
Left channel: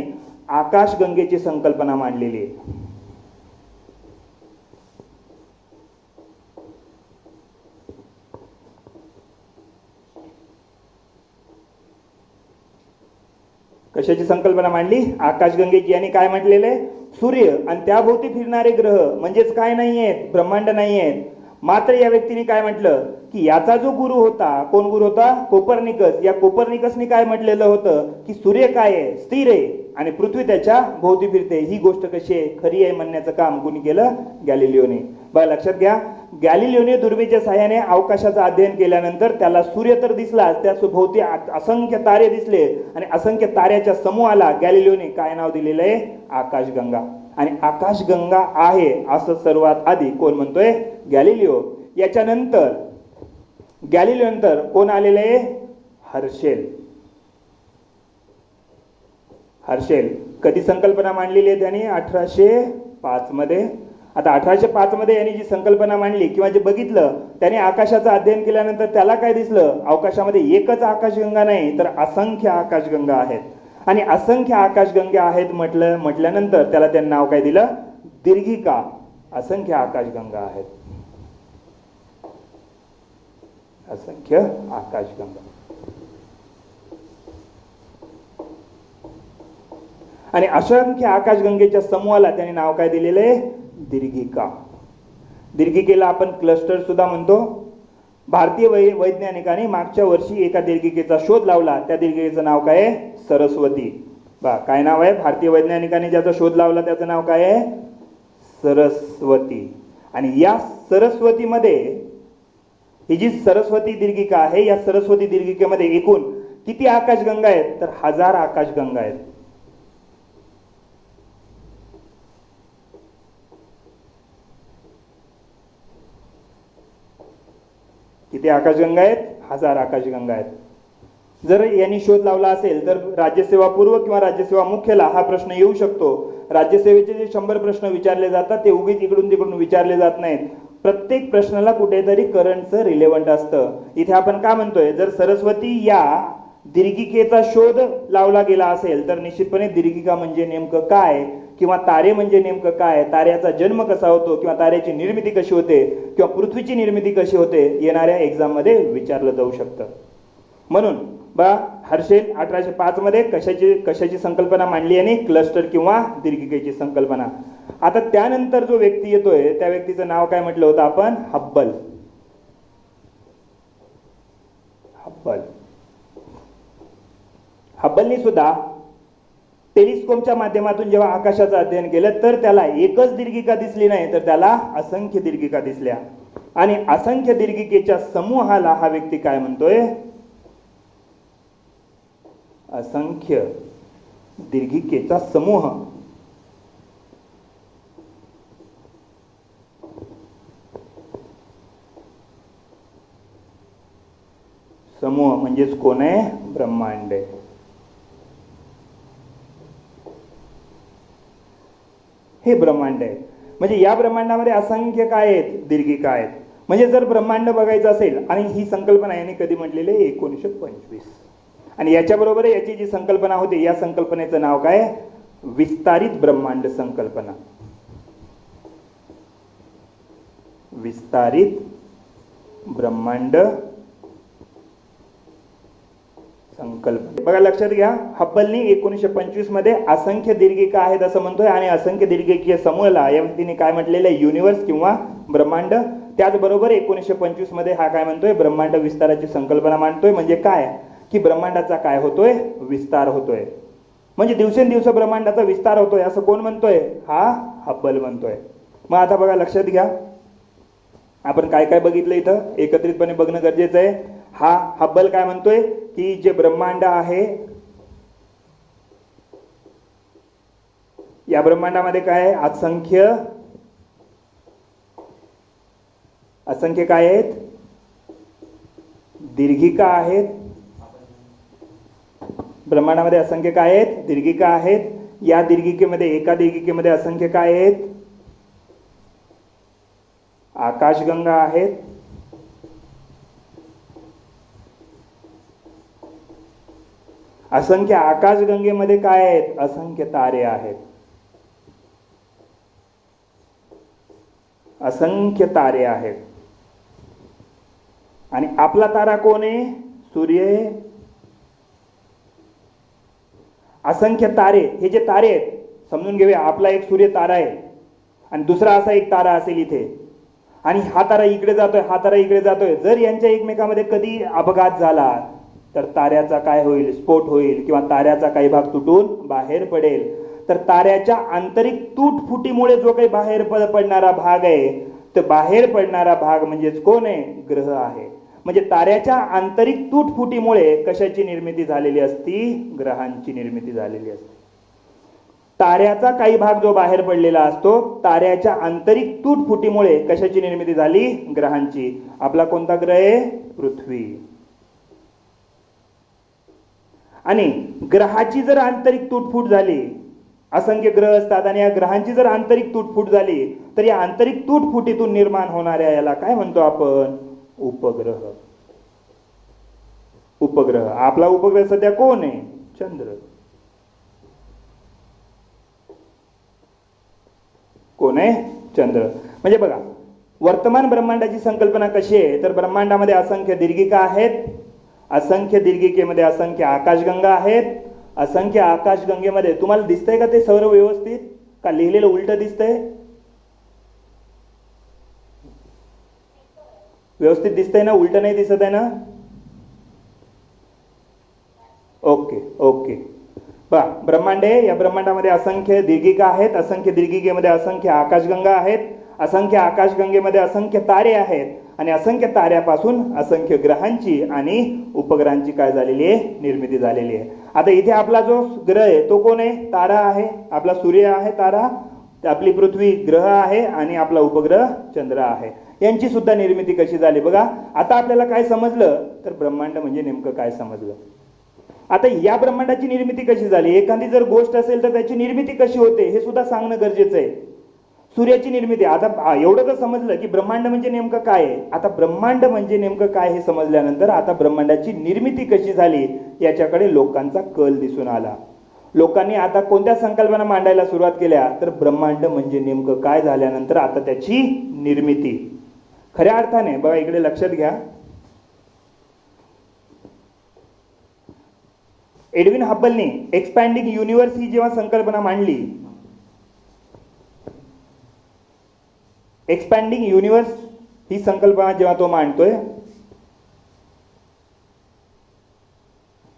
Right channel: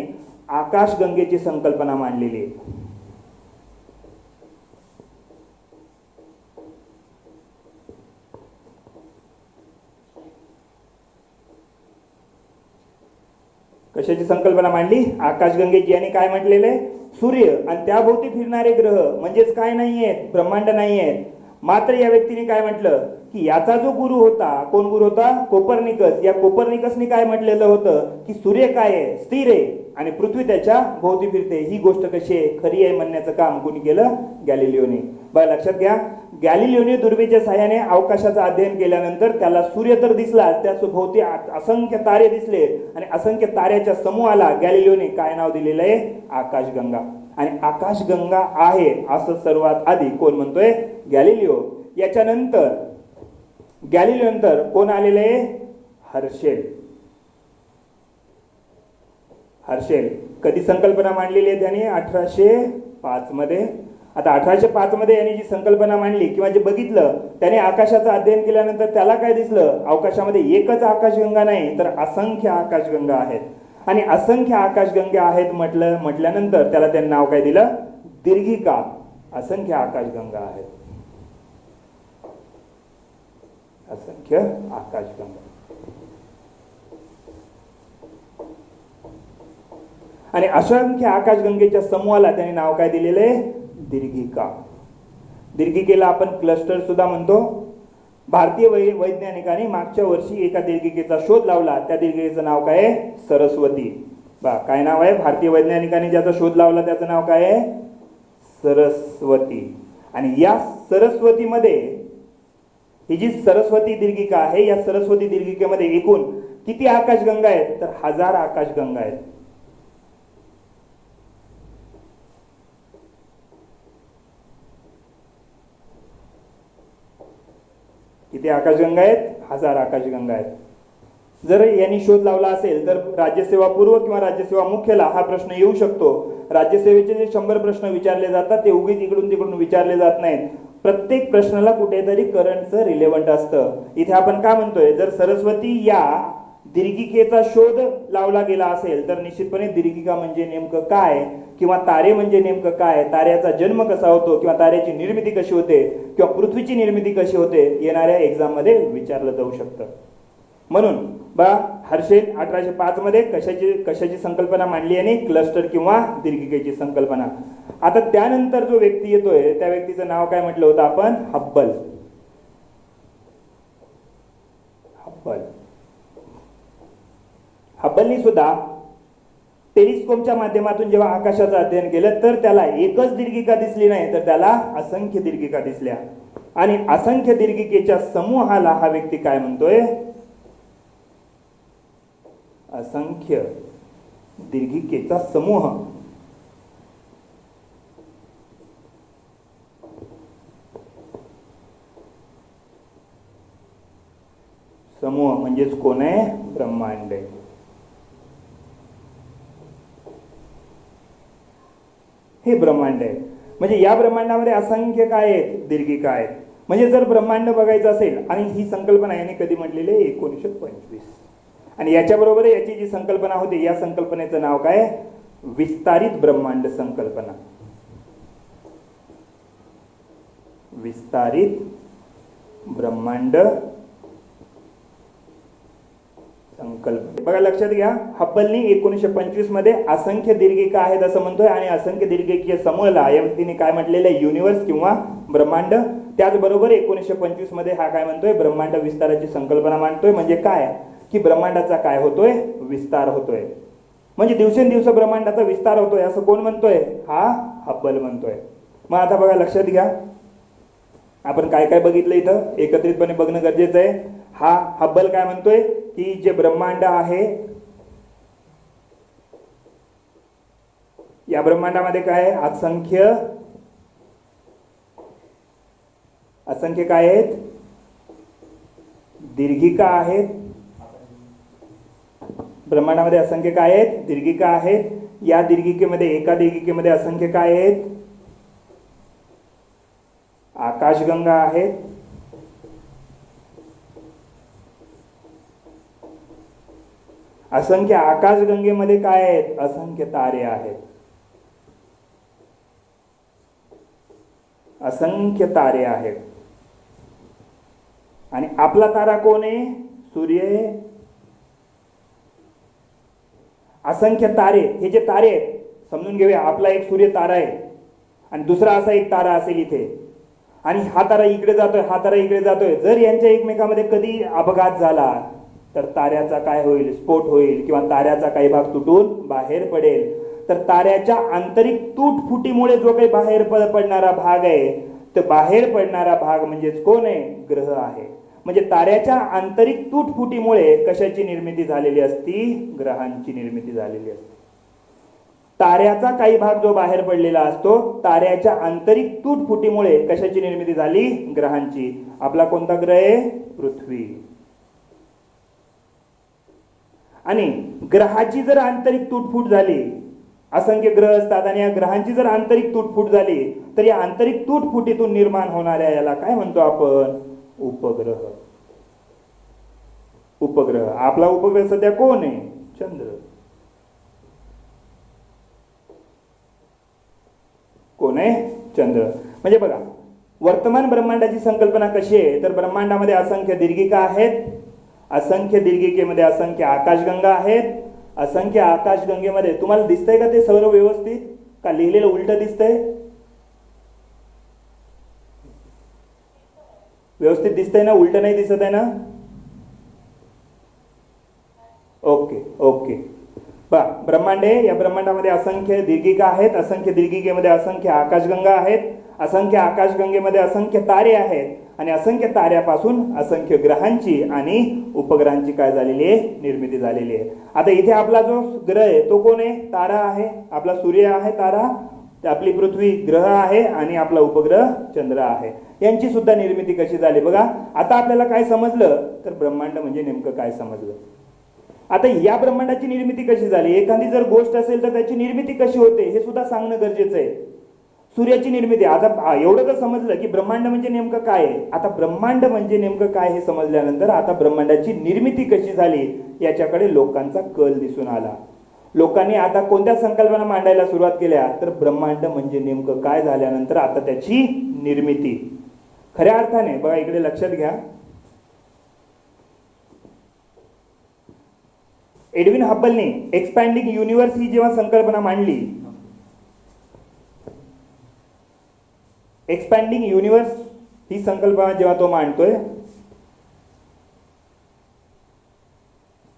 आकाशगंगेची संकल्पना मांडलेली आहे. कशाची संकल्पना मांडली? आकाशगंगेची. यांनी काय म्हटलेलं आहे? सूर्य आणि त्याभोवती फिरणारे ग्रह म्हणजेच काय नाही आहेत? ब्रह्मांड नाही आहेत. मात्र या व्यक्तीने काय म्हटलं की याचा जो गुरु होता, कोण गुरु होता? कोपर्निकस. या कोपर्निकसने काय म्हटलेलं होतं की सूर्य काय आहे? स्थिर आहे आणि पृथ्वी त्याच्या भोवती फिरते. ही गोष्ट कशी आहे? खरी आहे म्हणण्याचं काम कोणी केलं? गॅलिलिओने. बघा लक्षात घ्या, गॅलिलिओने दुर्बिणीच्या सहाय्याने अवकाशाचं अध्ययन केल्यानंतर त्याला सूर्य तर दिसला, त्या भोवती असंख्य तारे दिसले आणि असंख्य ताऱ्याच्या समूहाला गॅलिलिओने काय नाव दिलेलं आहे? आकाशगंगा. आणि आकाशगंगा आहे असं सर्वात आधी कोण म्हणतोय? गॅलिलिओ. याच्यानंतर गॅलिलिओ नंतर कोण आलेले आहे? हर्शेल. हर्शेल कधी संकल्पना मांडलेली आहे त्यांनी? 1805 मध्ये. आता 1805 मध्ये यांनी जी संकल्पना मांडली किंवा जे बघितलं, त्याने आकाशाचं अध्ययन केल्यानंतर त्याला काय दिसलं? अवकाशामध्ये एकच आकाशगंगा नाही तर असंख्य आकाशगंगा आहेत. आणि असंख्य आकाशगंगा आहेत म्हटल्यानंतर त्याला त्यांनी नाव काय दिलं? दीर्घिका. असंख्य आकाशगंगा आहेत. असंख्य आकाशगंगा. आणि असंख्य आकाशगंगेच्या समूहाला त्यांनी नाव काय दिलेले? दीर्घिका. दीर्घिकेला आपण क्लस्टर सुद्धा म्हणतो. भारतीय वैज्ञानिकांनी मागच्या वर्षी एका दीर्घिकेचा शोध लावला. त्या दीर्घिकेचं नाव काय आहे? सरस्वती. काय नाव आहे? भारतीय वैज्ञानिकांनी ज्याचा शोध लावला त्याचं नाव काय आहे? सरस्वती. आणि या सरस्वतीमध्ये ही जी सरस्वती दीर्घिका आहे, या सरस्वती दीर्घिकेमध्ये एकूण किती आकाशगंगा आहेत? तर 1000 आकाशगंगा आहेत. किती आकाशगंगा आहेत? 1000 आकाशगंगा आहेत. जर यांनी शोध लावला असेल तर राज्यसेवा पूर्व किंवा राज्यसेवा मुख्यला हा प्रश्न येऊ शकतो. राज्यसेवेचे जे 100 प्रश्न विचारले जातात ते उगीच इकडून तिकडून विचारले जात नाहीत. प्रत्येक प्रश्नाला कुठेतरी करंटचं रिलेव्हंट असतं. इथे आपण काय म्हणतोय? जर सरस्वती या दीर्घिकेचा शोध लावला गेला असेल तर निश्चितपणे दीर्घिका म्हणजे नेमकं काय, किंवा तारे म्हणजे नेमकं काय, ताऱ्याचा जन्म कसा होतो, किंवा ताऱ्याची निर्मिती कशी होते, किंवा पृथ्वीची निर्मिती कशी होते, येणाऱ्या एक्झाम मध्ये विचारलं जाऊ शकतं. म्हणून हर्षेल 1805 मध्ये कशाची संकल्पना मांडली आणि क्लस्टर किंवा दीर्घिकेची संकल्पना. आता त्यानंतर जो व्यक्ती येतोय त्या व्यक्तीचं नाव काय म्हटलं होतं आपण? हब्बल. हब्बलनी सुद्धा टेलिस्कोपच्या माध्यमातून जेव्हा आकाशाचं अध्ययन केलं तर त्याला एकच दीर्घिका दिसली नाही, तर त्याला असंख्य दीर्घिका दिसल्या. आणि असंख्य दीर्घिकेच्या समूहाला हा व्यक्ती काय म्हणतोय? असंख्य दीर्घिकेचा समूह. समूह म्हणजेच कोण आहे? ब्रह्मांड आहे. हे ब्रह्मांड आहे. म्हणजे या ब्रह्मांडामध्ये असंख्य काय आहेत? दीर्घिका आहेत. म्हणजे जर ब्रह्मांड बघायचं असेल, आणि ही संकल्पना यांनी कधी म्हटलेली आहे? 1925. आणि याच्याबरोबर याची जी संकल्पना होती, या संकल्पनेचं नाव काय? विस्तारित ब्रह्मांड संकल्पना. विस्तारित ब्रह्मांड संकल्पना. बघा लक्षात घ्या, हब्बलनी 1925 मध्ये असंख्य दीर्घिका आहेत असं म्हणतोय, आणि असंख्य दीर्घिकीय समूहाला या व्यक्तीने काय म्हटलेलं आहे? युनिव्हर्स किंवा ब्रह्मांड. त्याचबरोबर 1925 मध्ये हा काय म्हणतोय? ब्रह्मांड विस्ताराची संकल्पना मांडतोय. म्हणजे काय? की ब्रह्मांडाचा काय होतोय? विस्तार होतोय. म्हणजे दिवसेंदिवस ब्रह्मांडाचा विस्तार होतोय असं कोण म्हणतोय? हा हब्बल म्हणतोय. मग आता बघा लक्षात घ्या, आपण काय काय बघितलं इथं एकत्रितपणे बघणं गरजेचं आहे. हा हब्बल काय म्हणतोय? की जे ब्रह्मांड आहे, या ब्रह्मांडामध्ये काय आहे? असंख्य काय आहेत? दीर्घिका आहेत. ब्रह्मांडामध्ये असंख्य काय आहेत? दीर्घिका आहेत. या दीर्घिकेमध्ये, एका दीर्घिकेमध्ये असंख्य काय आहेत? आकाशगंगा आहेत. असंख्य आकाशगंगेमध्ये काय आहेत? असंख्य तारे आहेत. असंख्य तारे आहेत. आणि आपला तारा कोण आहे? सूर्य. असंख्य तारे, हे जे तारे आहेत समजून घेऊया. आपला एक सूर्य तारा आहे, आणि दुसरा असा एक तारा असेल इथे, आणि हा तारा इकडे जातोय, हा तारा इकडे जातोय. जर यांच्या एकमेकांमध्ये कधी अपघात झाला तर ताऱ्याचा काय होईल? स्फोट होईल, किंवा ताऱ्याचा काही भाग तुटून बाहेर पडेल. तर ताऱ्याच्या आंतरिक तुटफुटीमुळे जो काही बाहेर पडणारा भाग आहे, तर बाहेर पडणारा भाग म्हणजेच कोण आहे? ग्रह आहे. म्हणजे ताऱ्याच्या आंतरिक तुटफुटीमुळे कशाची निर्मिती झालेली असती? ग्रहांची निर्मिती झालेली असते. ताऱ्याचा काही भाग जो बाहेर पडलेला असतो, ताऱ्याच्या आंतरिक तुटफुटीमुळे कशाची निर्मिती झाली? ग्रहांची. आपला कोणता ग्रह आहे? पृथ्वी. आणि ग्रहाची जर आंतरिक तुटफूट झाली, असंख्य ग्रह असतात, आणि या ग्रहांची जर आंतरिक तुटफूट झाली तर या आंतरिक तुटफुटीतून निर्माण होणाऱ्या याला काय म्हणतो आपण? उपग्रह. उपग्रह. आपला उपग्रह सध्या कोण आहे? चंद्र. कोण आहे? चंद्र. म्हणजे बघा, वर्तमान ब्रह्मांडाची संकल्पना कशी आहे, तर ब्रह्मांडामध्ये असंख्य दीर्घिका आहेत, असंख्य दीर्घिकेमध्ये असंख्य आकाशगंगा आहेत, असंख्य आकाशगंगेमध्ये तुम्हाला दिसतंय का ते सर्व व्यवस्थित, का लिहिलेलं उलट दिसतंय? व्यवस्थित दिसतंय ना, उलट नाही दिसत आहे ना? Okay okay. पहा, ब्रह्मांड आहे, या ब्रह्मांडामध्ये असंख्य दीर्घिका आहेत, असंख्य दीर्घिकेमध्ये असंख्य आकाशगंगा आहेत, असंख्य आकाशगंगेमध्ये असंख्य तारे आहेत, आणि असंख्य ताऱ्यापासून असंख्य ग्रहांची आणि उपग्रहांची काय झालेली आहे, निर्मिती झालेली आहे. आता इथे आपला जो ग्रह आहे तो कोण आहे, तारा आहे. आपला सूर्य आहे तारा, आपली पृथ्वी ग्रह आहे, आणि आपला उपग्रह चंद्र आहे. यांची सुद्धा निर्मिती कशी झाली बघा. आता आपल्याला काय समजलं, तर ब्रह्मांड म्हणजे नेमकं काय समजलं. आता या ब्रह्मांडाची निर्मिती कशी झाली, एखादी जर गोष्ट असेल तर त्याची निर्मिती कशी होते हे सुद्धा सांगणं गरजेचं आहे. सूर्याची निर्मिती, आता एवढं तर समजलं की ब्रह्मांड म्हणजे नेमकं काय आहे. आता ब्रह्मांड म्हणजे नेमकं काय हे समजल्यानंतर आता ब्रह्मांडाची निर्मिती कशी झाली याच्याकडे लोकांचा कल दिसून आला. लोकांनी आता कोणत्या संकल्पना मांडायला सुरुवात केल्या, तर ब्रह्मांड म्हणजे नेमकं काय झाल्यानंतर आता त्याची निर्मिती खऱ्या अर्थाने बघा, इकडे लक्षात घ्या. एडविन हब्बलने एक्सपॅन्डिंग युनिव्हर्स ही जेव्हा संकल्पना मांडली, एक्सपॅन्डिंग युनिव्हर्स ही संकल्पना जेव्हा तो मांडतोय,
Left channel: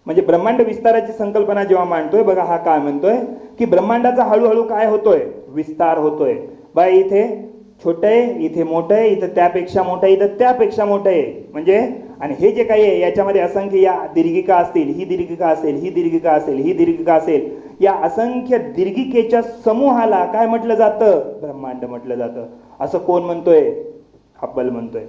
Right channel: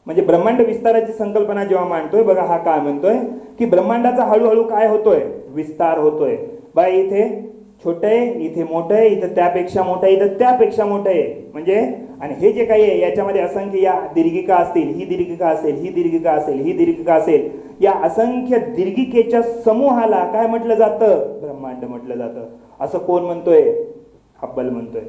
म्हणजे ब्रह्मांड विस्ताराची संकल्पना जेव्हा मांडतोय, बघा हा काय म्हणतोय की ब्रह्मांडाचा हळूहळू काय होतोय, विस्तार होतोय. बघा इथे छोटं आहे, इथे मोठं आहे, इथं त्यापेक्षा मोठं आहे, इथं त्यापेक्षा मोठं आहे. म्हणजे आणि हे जे काही आहे याच्यामध्ये असंख्य या दीर्घिका असतील, ही दीर्घिका असेल, ही दीर्घिका असेल, ही दीर्घिका असेल, या असंख्य दीर्घिकेच्या समूहाला काय म्हटलं जातं, ब्रह्मांड म्हटलं जातं. असं कोण म्हणतोय, हब्बल म्हणतोय.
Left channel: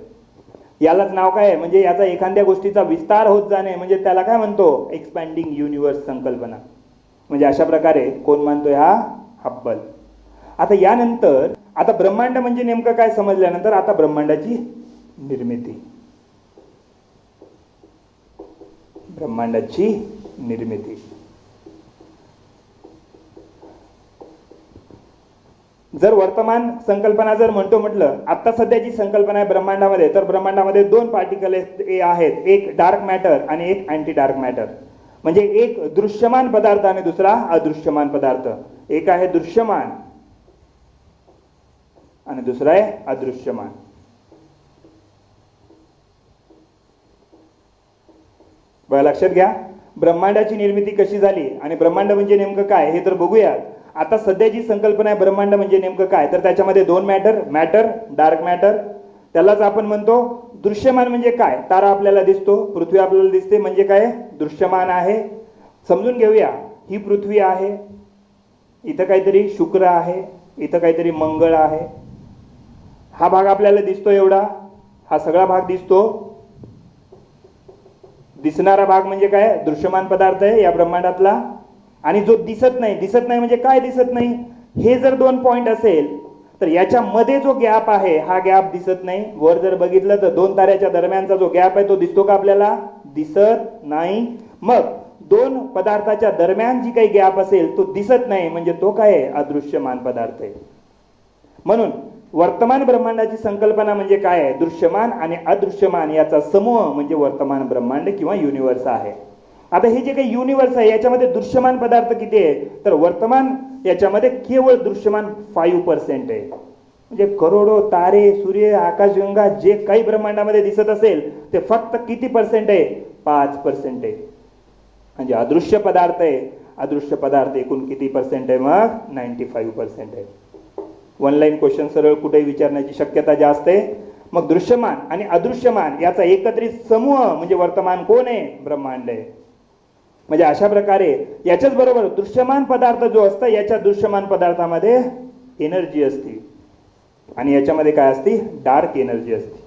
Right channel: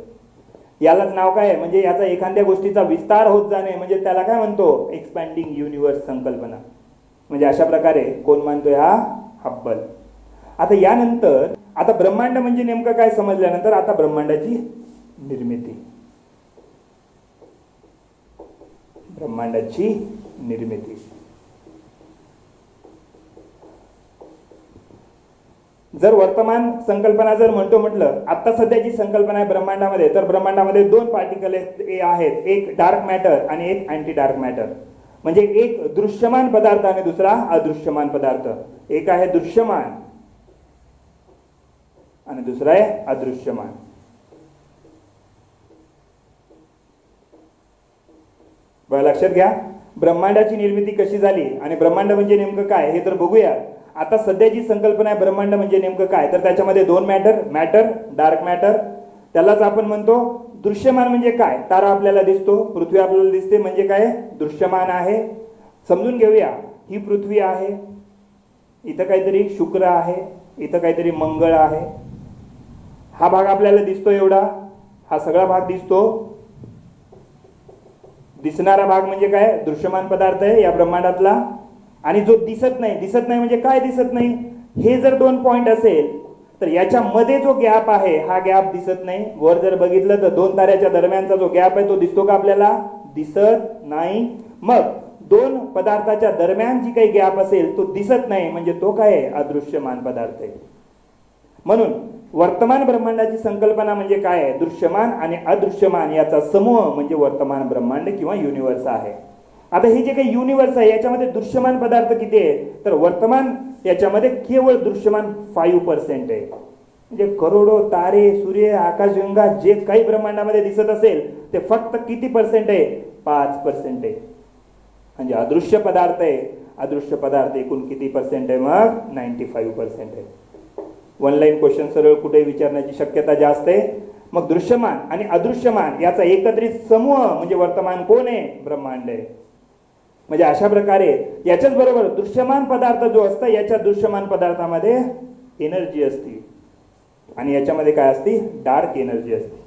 यालाच नाव काय आहे, म्हणजे याचा एखाद्या गोष्टीचा विस्तार होत जाणे म्हणजे त्याला काय म्हणतो, एक्सपॅन्डिंग युनिव्हर्स संकल्पना. म्हणजे अशा प्रकारे कोण मानतोय, हा हब्बल. आता यानंतर आता ब्रह्मांड म्हणजे नेमकं काय समजल्यानंतर आता ब्रह्मांडाची निर्मिती, ब्रह्मांडाची निर्मिती. जर वर्तमान संकल्पना जर म्हणतो म्हटलं, आता सध्याची संकल्पना आहे ब्रह्मांडामध्ये, तर ब्रह्मांडामध्ये दोन पार्टिकल आहेत, एक डार्क मॅटर आणि एक अँटी डार्क मॅटर. म्हणजे एक दृश्यमान पदार्थ आणि दुसरा अदृश्यमान पदार्थ. एक आहे दृश्यमान आणि दुसरा आहे अदृश्यमान. बघा लक्षात घ्या, ब्रह्मांडाची निर्मिती कशी झाली आणि ब्रह्मांड म्हणजे नेमकं काय हे तर बघूया. आता सध्याची संकल्पना आहे ब्रह्मांड म्हणजे नेमकं काय, तर त्याच्यामध्ये दोन मॅटर, डार्क मॅटर. त्यालाच आपण म्हणतो दृश्यमान. म्हणजे काय, तारा आपल्याला दिसतो, पृथ्वी आपल्याला दिसते, म्हणजे काय, दृश्यमान आहे. समजून घेऊया, ही पृथ्वी आहे, इथं काहीतरी शुक्र आहे, इथं काहीतरी मंगळ आहे. हा भाग आपल्याला दिसतो एवढा, हा सगळा भाग दिसतो. दिसणारा भाग म्हणजे काय, दृश्यमान पदार्थ आहे या ब्रह्मांडातला. आणि जो दिसत नाही म्हणजे काय दिसत नाही, हे जर दोन पॉइंट असेल तर याच्यामध्ये जो गॅप आहे हा गॅप दिसत नाही. वर जर बघितलं तर दोन ताऱ्याच्या दरम्यानचा जो गॅप आहे तो दिसतो का आपल्याला, दिसत नाही. मग दोन पदार्थाच्या दरम्यान जी काही गॅप असेल तो दिसत नाही, म्हणजे तो काय आहे, अदृश्यमान पदार्थ आहे. म्हणून वर्तमान ब्रह्मांडाची संकल्पना म्हणजे काय आहे, दृश्यमान आणि अदृश्यमान याचा समूह म्हणजे वर्तमान ब्रह्मांड किंवा युनिव्हर्स आहे. आता हे जे काही युनिव्हर्स आहे याच्यामध्ये दृश्यमान पदार्थ किती आहे, तर वर्तमान याच्यामध्ये केवळ दृश्यमान 5% आहे. म्हणजे करोडो तारे, सूर्य, आकाशगंगा जे काही ब्रह्मांडामध्ये दिसत असेल ते फक्त किती पर्सेंट आहे, 5% आहे. म्हणजे अदृश्य पदार्थ आहे. अदृश्य पदार्थ एकूण किती पर्सेंट आहे, मग 95% आहे. वन लाईन क्वेश्चन सरळ कुठेही विचारण्याची शक्यता जास्त आहे. मग दृश्यमान आणि अदृश्यमान याचा एकत्रित समूह म्हणजे वर्तमान कोण आहे, ब्रह्मांड आहे. म्हणजे अशा प्रकारे याच्याच बरोबर दृश्यमान पदार्थ जो असतो याच्या दृश्यमान पदार्थामध्ये एनर्जी असते आणि याच्यामध्ये काय असते, डार्क एनर्जी असते.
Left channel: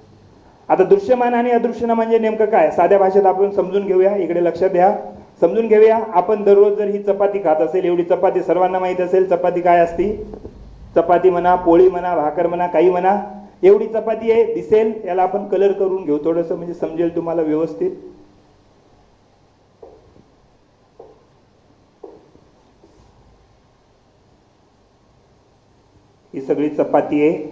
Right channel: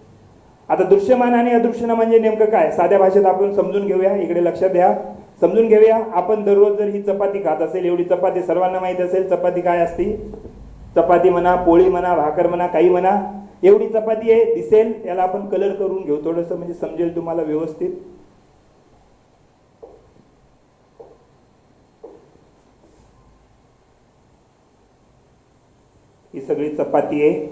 आता दृश्यमान आणि अदृश्यमान म्हणजे नेमकं काय, साध्या भाषेत आपण समजून घेऊया. इकडे लक्षात द्या, समजून घेऊया. आपण दररोज जर ही चपाती खात असेल, एवढी चपाती सर्वांना माहित असेल, चपाती काय असती, चपाती म्हणा, पोळी म्हणा, भाकर म्हणा, काही म्हणा, एवढी चपाती आहे, दिसेल. याला आपण कलर करून घेऊ थोडंसं, म्हणजे समजेल तुम्हाला व्यवस्थित. ही सगळी चपाती आहे.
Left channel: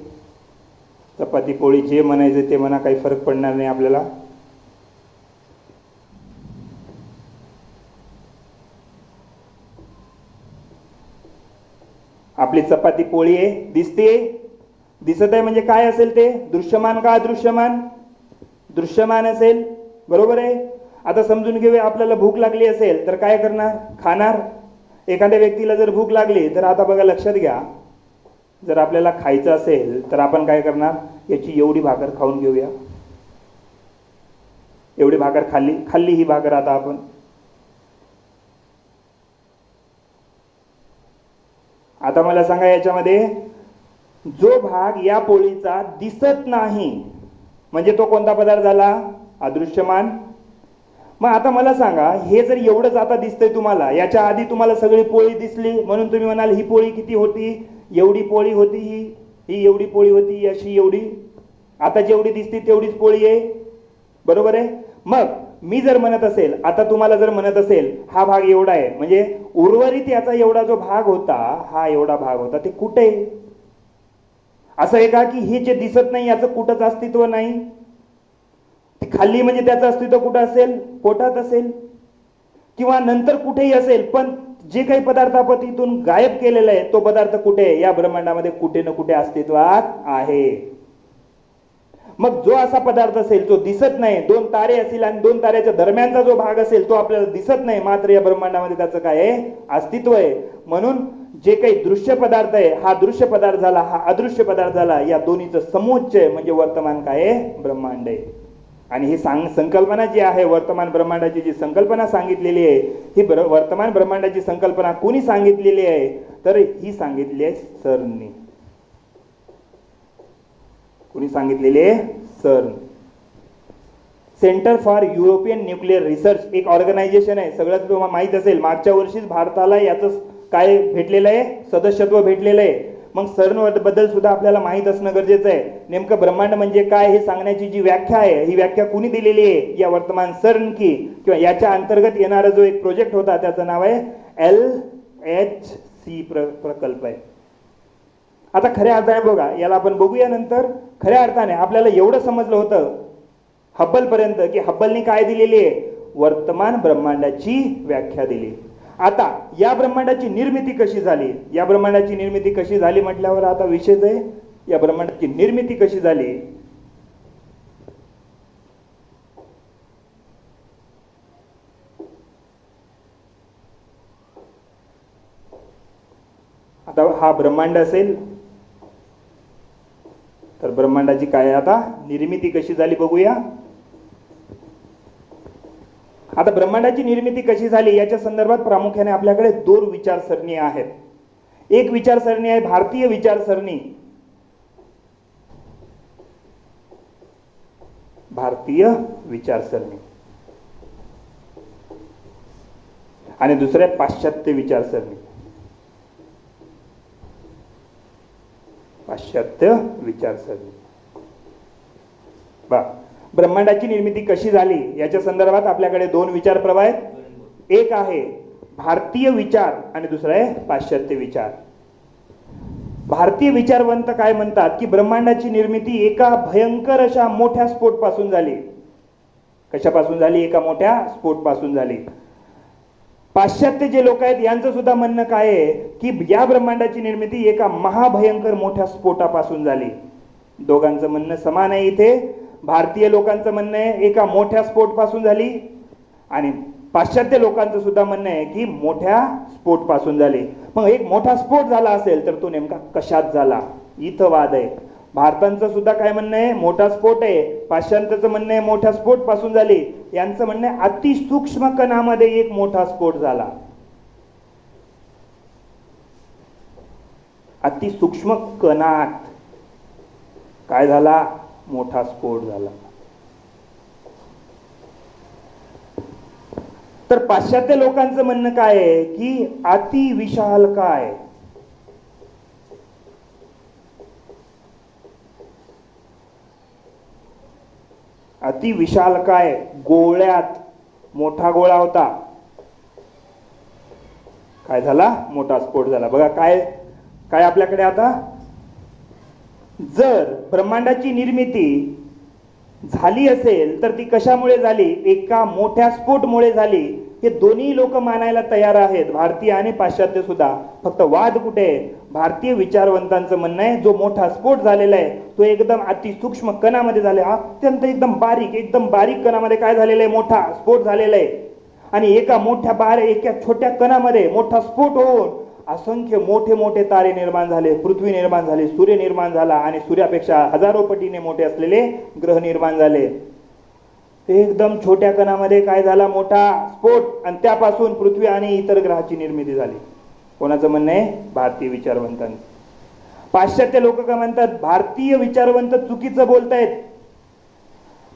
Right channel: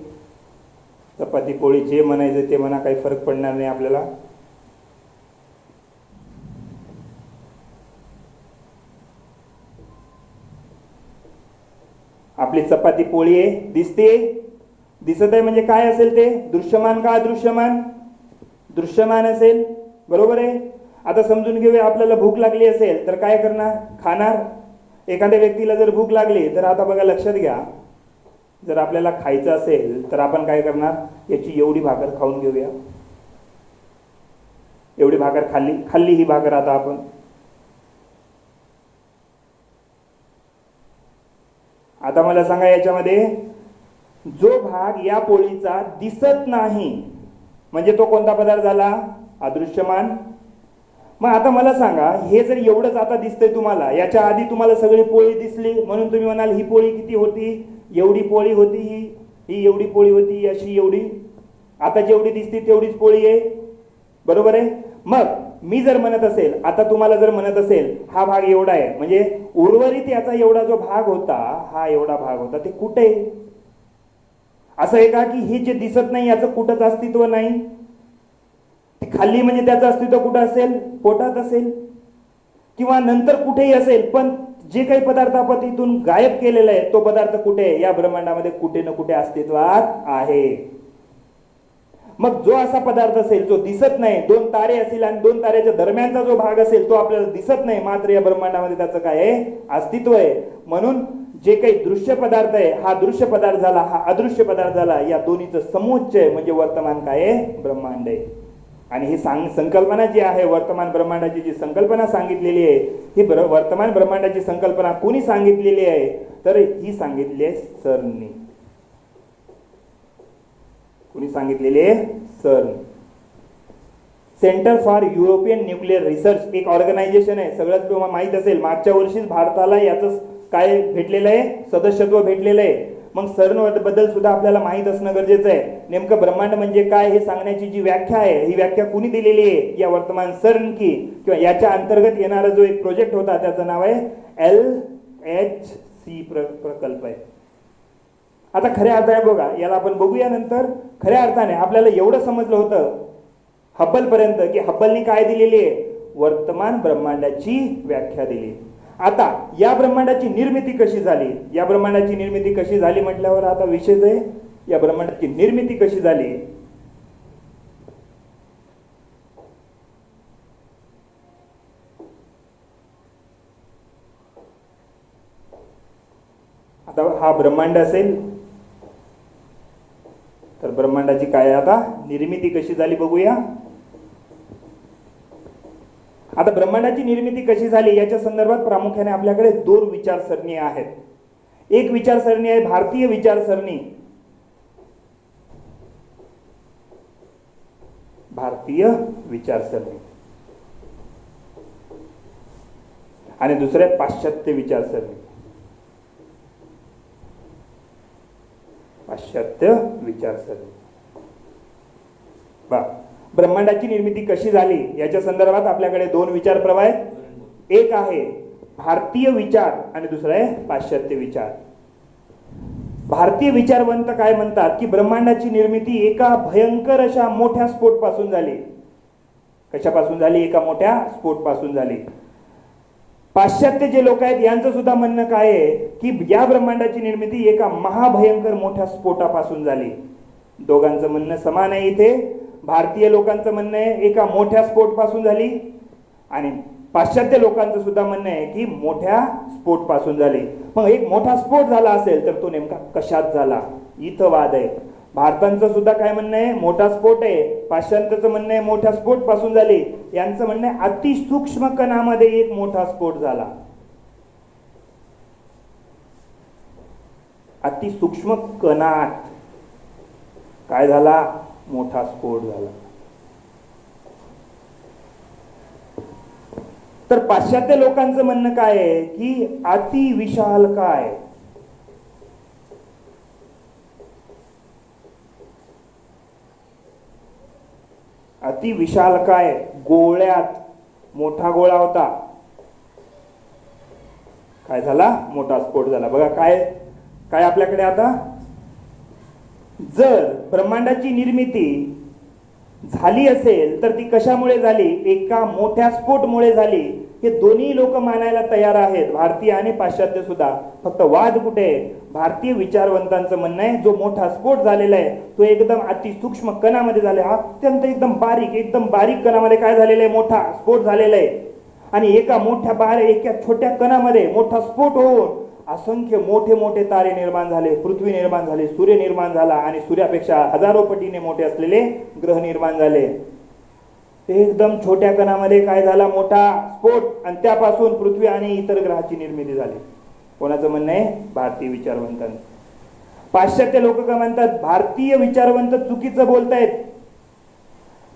चपाती पोळी जे म्हणायचे ते म्हणा, काही फरक पडणार नाही आपल्याला. आपली चपाती पोळी आहे, दिसते. दिसत आहे म्हणजे काय असेल ते? दृश्यमान का अदृश्यमान? दृश्यमान असेल, बरोबर आहे. आता समजून घेऊया, आपल्याला भूक लागली असेल तर काय करणार? खाणार. एखाद्या व्यक्तीला जर भूक लागली तर आता बघा, लक्षात घ्या, जर आपल्याला खायचं असेल तर आपण काय करणार? याची एवढी भाकर खाऊन घेऊया. एवढी भाकर खाल्ली ही भाकर आता आपण. आता मला सांगा, याच्यामध्ये जो भाग या पोळीचा दिसत नाही म्हणजे तो कोणता पदार्थ झाला? अदृश्यमान. मग आता मला सांगा, हे जर एवढंच आता दिसतंय तुम्हाला, याच्या आधी तुम्हाला सगळी पोळी दिसली म्हणून तुम्ही म्हणाल ही पोळी किती होती? एवढी पोळी होती, ही एवढी पोळी होती, अशी एवढी. आता जेवढी दिसते तेवढीच पोळी आहे, बरोबर आहे. मग मी जर म्हणत असेल, आता तुम्हाला जर म्हणत असेल हा भाग एवढा आहे, म्हणजे उर्वरित याचा एवढा जो भाग होता, हा एवढा भाग होता, ते कुठे आहे? असं आहे का की हे जे दिसत नाही याचं कुठंच अस्तित्व नाही? खाल्ली म्हणजे त्याचं अस्तित्व कुठं असेल? पोटात असेल किंवा नंतर कुठेही असेल, पण जे काही पदार्थ आपण तिथून गायब केलेला आहे तो पदार्थ कुठे? या ब्रह्मांडामध्ये कुठे ना कुठे अस्तित्वात आहे. मग जो असा पदार्थ असेल तो दिसत नाही, दोन तारे असतील आणि दोन ताऱ्याच्या दरम्यानचा जो भाग असेल तो आपल्याला दिसत नाही, मात्र या ब्रह्मांडामध्ये त्याचं काय आहे? अस्तित्व आहे. म्हणून जे काही दृश्य पदार्थ आहे, हा दृश्य पदार्थ झाला, हा अदृश्य पदार्थ झाला, या दोन्हीचं समुच्चय म्हणजे वर्तमान काय आहे? ब्रह्मांड आहे. आणि ही संकल्पना जी आहे, वर्तमान ब्रह्मांडाची जी संकल्पना सांगितलेली आहे, ही वर्तमान ब्रह्मांडाची संकल्पना कोणी सांगितलेली आहे? तर ही सांगितली आहे सर्ननी. कोणी सांगितलेली आहे? सर्न. Centre for European nuclear research एक ऑर्गनायझेशन आहे. सगळ्यात तुम्हाला माहित असेल, मागच्या वर्षीच भारताला याचं काय भेटलेलं आहे? सदस्यत्व भेटलेलं आहे. मग सर्न बद्दल सुद्धा आपल्याला माहित असणं गरजेचं आहे. नेमकं ब्रह्मांड म्हणजे काय हे सांगण्याची जी व्याख्या आहे, ही व्याख्या कुणी दिलेली आहे? या वर्तमान सर्न की किंवा याच्या अंतर्गत येणारा जो एक प्रोजेक्ट होता त्याचं नाव आहे LHC प्रकल्प आहे. आता खऱ्या अर्थाने बघा, याला आपण बघूया नंतर. खऱ्या अर्थाने आपल्याला एवढं समजलं होतं हब्बल पर्यंत की हब्बलनी काय दिलेली आहे? वर्तमान ब्रह्मांडाची व्याख्या दिली. आता या ब्रह्मांडाची निर्मिती कशी झाली? या ब्रह्मांडाची निर्मिती कशी झाली म्हटल्यावर आता विषयच आहे, या ब्रह्मांडाची निर्मिती कशी झाली? आता हा ब्रह्मांड असेल तर ब्रह्मांडाची काय आता निर्मिती कशी झाली बघूया. आता ब्रह्मांडाची निर्मिती कशी झाली याच्या संदर्भात प्रामुख्याने आपल्याकडे दोन विचारसरणी आहेत. एक विचारसरणी आहे भारतीय विचारसरणी, भारतीय विचारसरणी, आणि दुसरे पाश्चात्य विचारसरणी, पाश्चात्य विचारसरणी. ब्रह्मांडाची निर्मिती कशी झाली याच्या संदर्भात आपल्याकडे दोन विचार प्रवाह आहेत. एक आहे भारतीय विचार आणि दुसरा आहे पाश्चात्य विचार. भारतीय विचारवंत काय म्हणतात की ब्रह्मांडाची निर्मिती एका भयंकर अशा मोठ्या स्फोट पासून झाली. कशापासून झाली? एका मोठ्या स्फोट पासून झाली. पाश्चात्य जे लोक आहेत यांचं सुद्धा म्हणणं काय आहे की या ब्रह्मांडाची निर्मिती एका महाभयंकर मोठ्या स्फोटापासून झाली. दोघांचं म्हणणं समान आहे. इथे भारतीय लोकांचं म्हणणं आहे एका मोठ्या स्फोट पासून झाली आणि पाश्चात्य लोकांचं सुद्धा म्हणणं आहे की मोठ्या स्फोट पासून झाली. मग एक मोठा स्फोट झाला असेल तर तो नेमका कशात झाला? इथं वाद आहे. भारताचं सुद्धा काय म्हणणं आहे? मोठा स्फोट आहे. पाश्चात्याचं म्हणणं आहे मोठ्या स्फोट पासून झाली. यांचं म्हणणं आहे अतिसूक्ष्म कणामध्ये एक मोठा स्फोट झाला. अतिसूक्ष्म कणात काय झाला? मोठा स्फोट झाला. तर पाश्चात्य लोकांचं म्हणणं काय आहे की अति विशाल काय? अति विशाल काय? गोळ्यात मोठा गोळा होता, काय झाला? मोठा स्फोट झाला. बघा काय काय आपल्याकडे आता जर ब्रह्मांडाची निर्मिती झाली असेल तर ती कशामुळे झाली? एका मोठ्या स्फोटमुळे झाली. हे दोन्ही लोक मानायला तयार आहेत, भारतीय आणि पाश्चात्य सुद्धा. फक्त वाद कुठे आहे? भारतीय विचारवंतांचं म्हणणं आहे जो मोठा स्फोट झालेला आहे तो एकदम अतिसूक्ष्म कणामध्ये झाला, अत्यंत एकदम बारीक कणामध्ये काय झालेलं आहे? मोठा स्फोट झालेला आहे. आणि एका छोट्या कणामध्ये मोठा स्फोट होऊन असंख्य मोठे मोठे तारे निर्माण झाले, पृथ्वी निर्माण झाली, सूर्य निर्माण झाला आणि सूर्यापेक्षा हजारो पटीने मोठे असलेले ग्रह निर्माण झाले. ते एकदम छोट्या कणामध्ये काय झाला? मोठा स्फोट, आणि त्यापासून पृथ्वी आणि इतर ग्रहाची निर्मिती झाली. कोणाचं म्हणणं आहे? भारतीय विचारवंतांचं. पाश्चात्य लोक काय म्हणतात? भारतीय विचारवंत चुकीचं बोलतायत.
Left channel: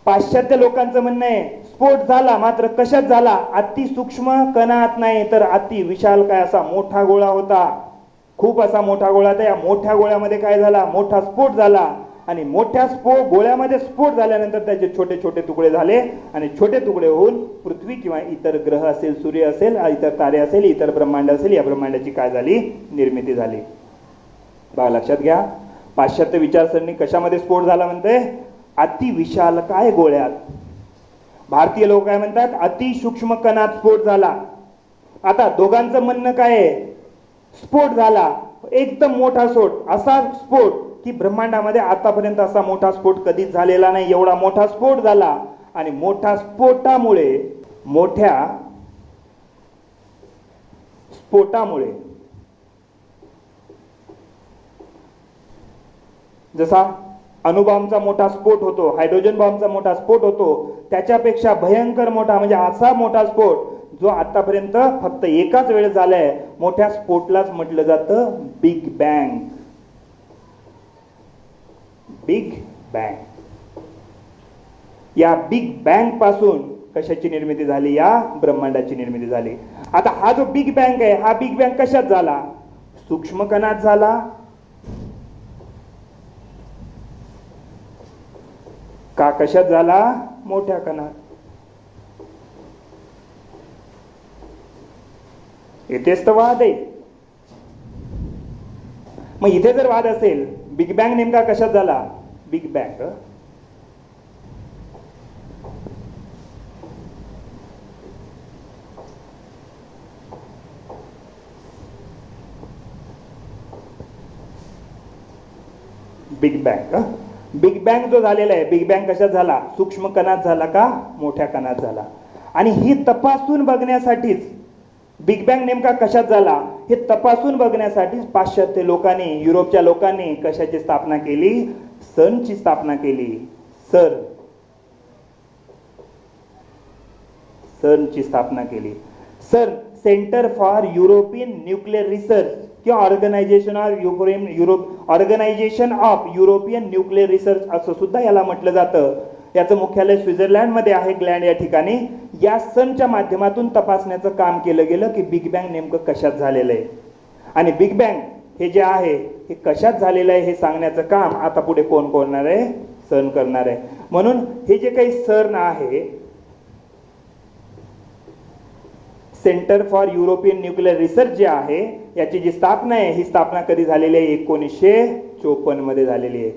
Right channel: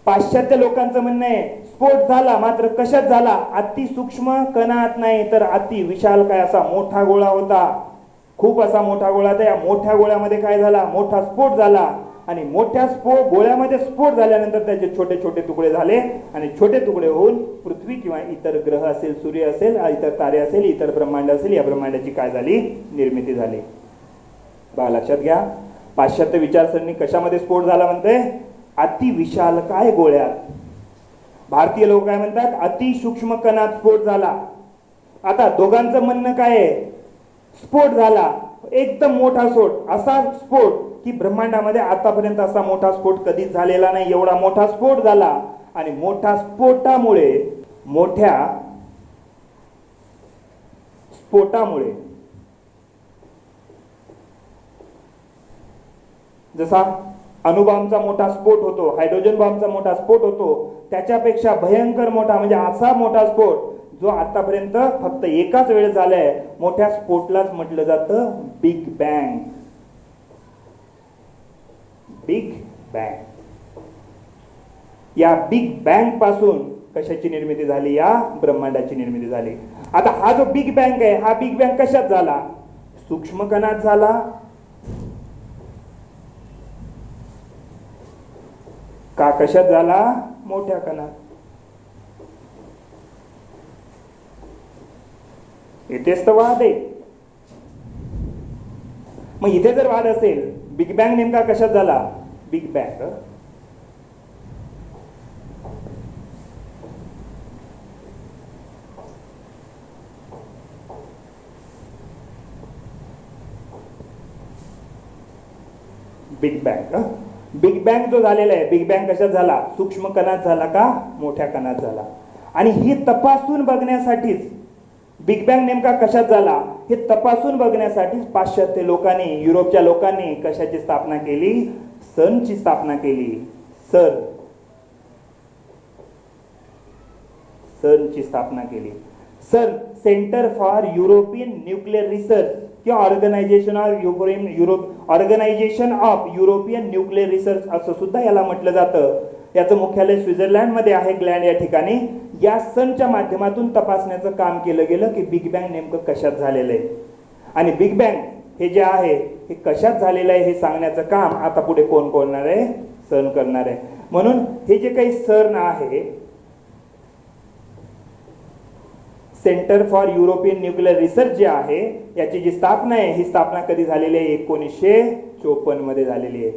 पाश्चात्य लोकांचं म्हणणं आहे स्फोट झाला, मात्र कशात झाला? अतिसूक्ष्म कणात नाही तर अति विशाल काय असा मोठा गोळा होता, खूप असा मोठा गोळा. त्या मोठ्या गोळ्यामध्ये काय झाला? मोठा स्फोट झाला. आणि मोठ्या गोळ्यामध्ये स्फोट झाल्यानंतर त्याचे छोटे छोटे तुकडे झाले आणि छोटे तुकडे होऊन पृथ्वी किंवा इतर ग्रह असेल, सूर्य असेल, इतर तारे असेल, इतर ब्रह्मांड असेल, या ब्रह्मांडाची काय झाली? निर्मिती झाली. बघा, लक्षात घ्या, पाश्चात्य विचारसरणी कशामध्ये स्फोट झाला म्हणते? अतिविशाल काय गोळ्यात. भारतीय लोक काय म्हणतात? अतिसूक्ष्म कणात स्फोट झाला. आता दोघांचं म्हणणं काय आहे? स्फोट झाला, एकदम मोठा स्फोट, असा स्फोट की ब्रह्मांडामध्ये आतापर्यंत असा मोठा स्फोट कधीच झालेला नाही, एवढा मोठा स्फोट झाला. आणि मोठ्या स्फोटामुळे जसा अणुबॉम्बचा मोठा स्फोट होतो, हायड्रोजन बॉम्बचा मोठा स्फोट होतो, त्याच्यापेक्षा भयंकर मोठा म्हणजे असा मोठा स्फोट जो आतापर्यंत फक्त एकाच वेळेस झालाय, मोठ्या स्फोटलाच म्हटलं जातं बिग बँग. Big bang. या बिग बँग पासून कशाची निर्मिती झाली? या ब्रह्मांडाची निर्मिती झाली. आता हा जो बिग बँग आहे, हा बिग बँग कशात झाला? सूक्ष्म कणात झाला का कशात झाला? मोठ्या कणात. येथेच तर वाद आहे. मग इथे जर वाद असेल, बिग बँग नेमका कशात झाला? बिग बँग बिग बँग जो झालेला आहे, बिग बँग कशात झाला? सूक्ष्म कणात झाला का मोठ्या कणात झाला? आणि ही तपासून बघण्यासाठीच बिग बँग नेमका कशात झाला हे तपासून बघण्यासाठीच पाश्चात्य लोकांनी, युरोपच्या लोकांनी कशाची स्थापना केली? CERNची स्थापना केली. CERNची स्थापना केली. CERN, centre for European nuclear research किंवा organisation of European nuclear research असं सुद्धा याला म्हटलं जातं. याचं मुख्यालय स्वित्झर्लंड मध्ये आहे, ग्लँड या ठिकाणी. या CERNच्या माध्यमातून तपासण्याचं काम केलं गेलं की बिग बँग नेमकं कशात झालेलं आहे आणि बिग बँग हे जे आहे हे कशात झालेलं आहे हे सांगण्याचं काम आता पुढे कोण करणार आहे? CERN करणार आहे. म्हणून हे जे काही CERN आहे, centre for European nuclear research जे आहे, याची जी स्थापना आहे, ही स्थापना कधी झालेली आहे? 1954 मध्ये झालेली आहे.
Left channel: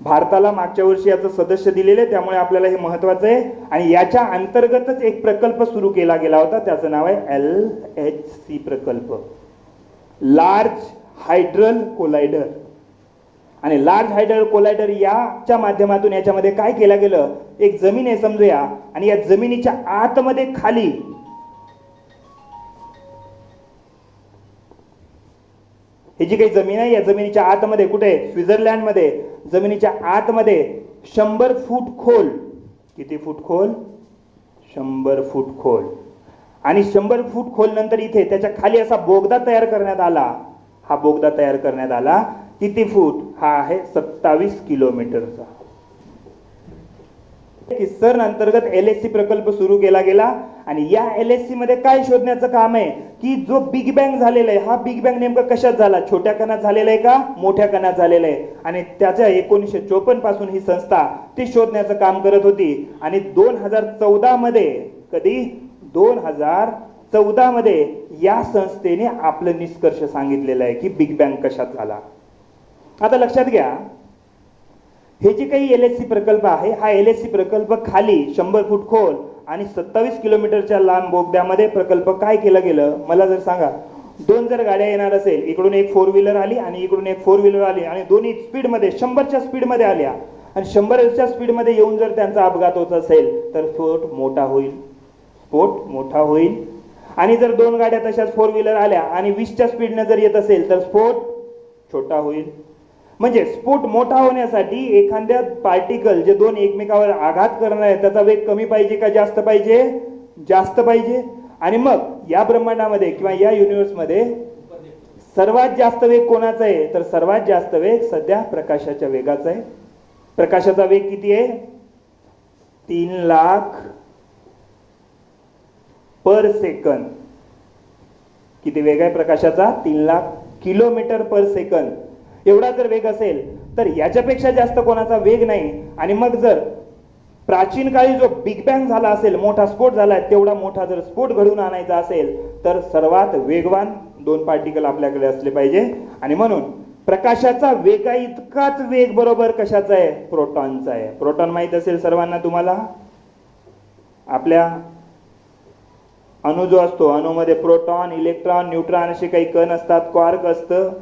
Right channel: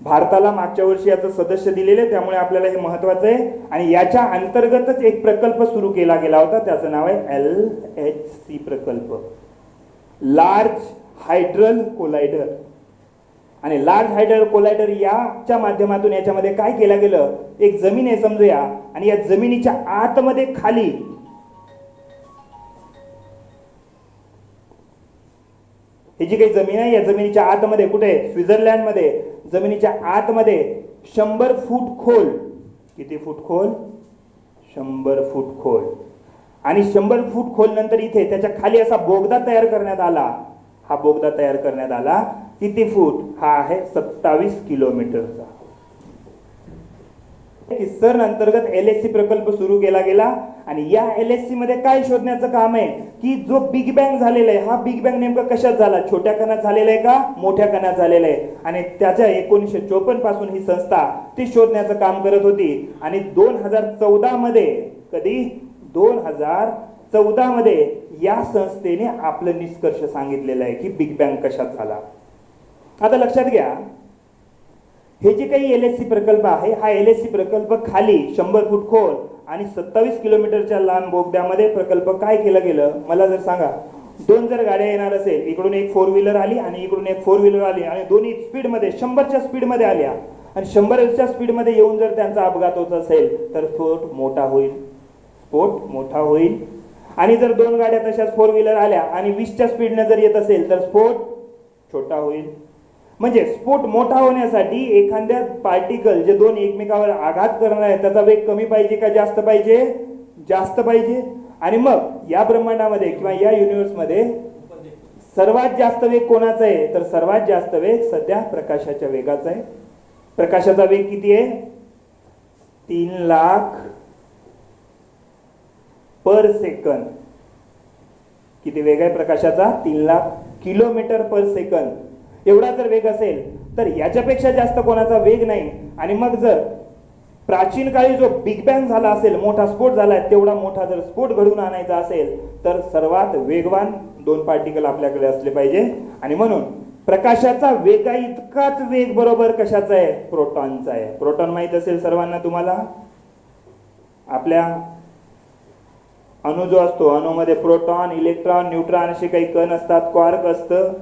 भारताला मागच्या वर्षी याचं सदस्य दिलेले, त्यामुळे आपल्याला हे महत्वाचं आहे. आणि याच्या अंतर्गतच एक प्रकल्प सुरू केला गेला होता, त्याचं नाव आहे LHC प्रकल्प, लार्ज हायड्रल कोलायडर. आणि लार्ज हायड्रल कोलायडर याच्या माध्यमातून याच्यामध्ये काय केलं गेलं? एक जमीन आहे समजूया, आणि या जमिनीच्या आतमध्ये खाली ही जी काही जमीन आहे, या जमिनीच्या आतमध्ये कुठे? स्वित्झर्लंड मध्ये. जमिनीच्या आतमध्ये 100 फूट खोल. किती फूट खोल? 100 फूट खोल. आणि 100 फूट खोल नंतर इथे त्याच्या खाली असा बोगदा तयार करण्यात आला. हा बोगदा तयार करण्यात आला किती फूट? हा आहे 27 किलोमीटरचा. CERN अंतर्गत LHC प्रकल्प सुरू केला गेला. आणि या LHC मध्ये काय शोधण्याचं काम आहे की जो बिग बँग झालेला आहे, हा बिग बँग नेमका कशात झाला? छोट्या कणात झालेला आहे का मोठ्या कणात झालेला आहे? आणि त्याच्या 1954 पासून ही संस्था ते शोधण्याचं काम करत होती. आणि 2014 मध्ये, कधी? 2014 मध्ये या संस्थेने आपलं निष्कर्ष सांगितलेला आहे की बिग बँग कशात झाला. आता लक्षात घ्या, हे जे काही LHC प्रकल्प आहे, हा LHC प्रकल्प खाली 100 फूट खोल आणि 27 किलोमीटरच्या लांब बोगद्यामध्ये प्रकल्प काय केलं गेलं मला जर सांगा. दोन जर गाड्या येणार असेल, इकडून एक 4 व्हीलर आली आणि इकडून एक 4 व्हीलर आली आणि दोन्ही स्पीडमध्ये 100च्या स्पीडमध्ये आल्या आणि 100च्या स्पीडमध्ये येऊन जर त्यांचा अपघात होत असेल तर स्फोट मोठा होईल. स्फोट मोठा होईल. आणि जर दोन गाड्या तशाच 4 व्हीलर आल्या आणि 20च्या स्पीडने जर येत असेल तर स्फोट छोटा होईल. म्हणजे स्फोट मोठा होण्यासाठी एखाद्या पार्टिकल जे दोन एकमेकावर आघात करणार आहे त्याचा वेग कमी पाहिजे का जास्त पाहिजे? जास्त पाहिजे. आणि मग या ब्रह्मांडामध्ये किंवा या युनिव्हर्समध्ये सर्वात जास्त वेग कोणाचा आहे? तर सर्वात जास्त वेग सध्या प्रकाशाच्या वेगाचा आहे. प्रकाशाचा वेग किती आहे? 3 लाख पर सेकंद. किती वेग आहे प्रकाशाचा? 3 लाख किलोमीटर पर सेकंद. एवढा जर वेग असेल तर याच्यापेक्षा जास्त कोणाचा वेग नाही. आणि मग जर प्राचीन काळी जो बिग बँग झाला असेल, मोठा स्फोट झाला, तेवढा मोठा जर स्फोट घडून आणायचा असेल तर सर्वात वेगवान दोन पार्टिकल आपल्याकडे असले पाहिजे. आणि म्हणून प्रकाशाचा वेगा इतकाच वेग बरोबर कशाचा आहे? प्रोटॉनचा आहे. प्रोटॉन माहित असेल सर्वांना तुम्हाला. आपल्या अणु जो असतो, अणुमध्ये प्रोटॉन, इलेक्ट्रॉन, न्यूट्रॉन असे काही कण असतात, क्वार्क असतं.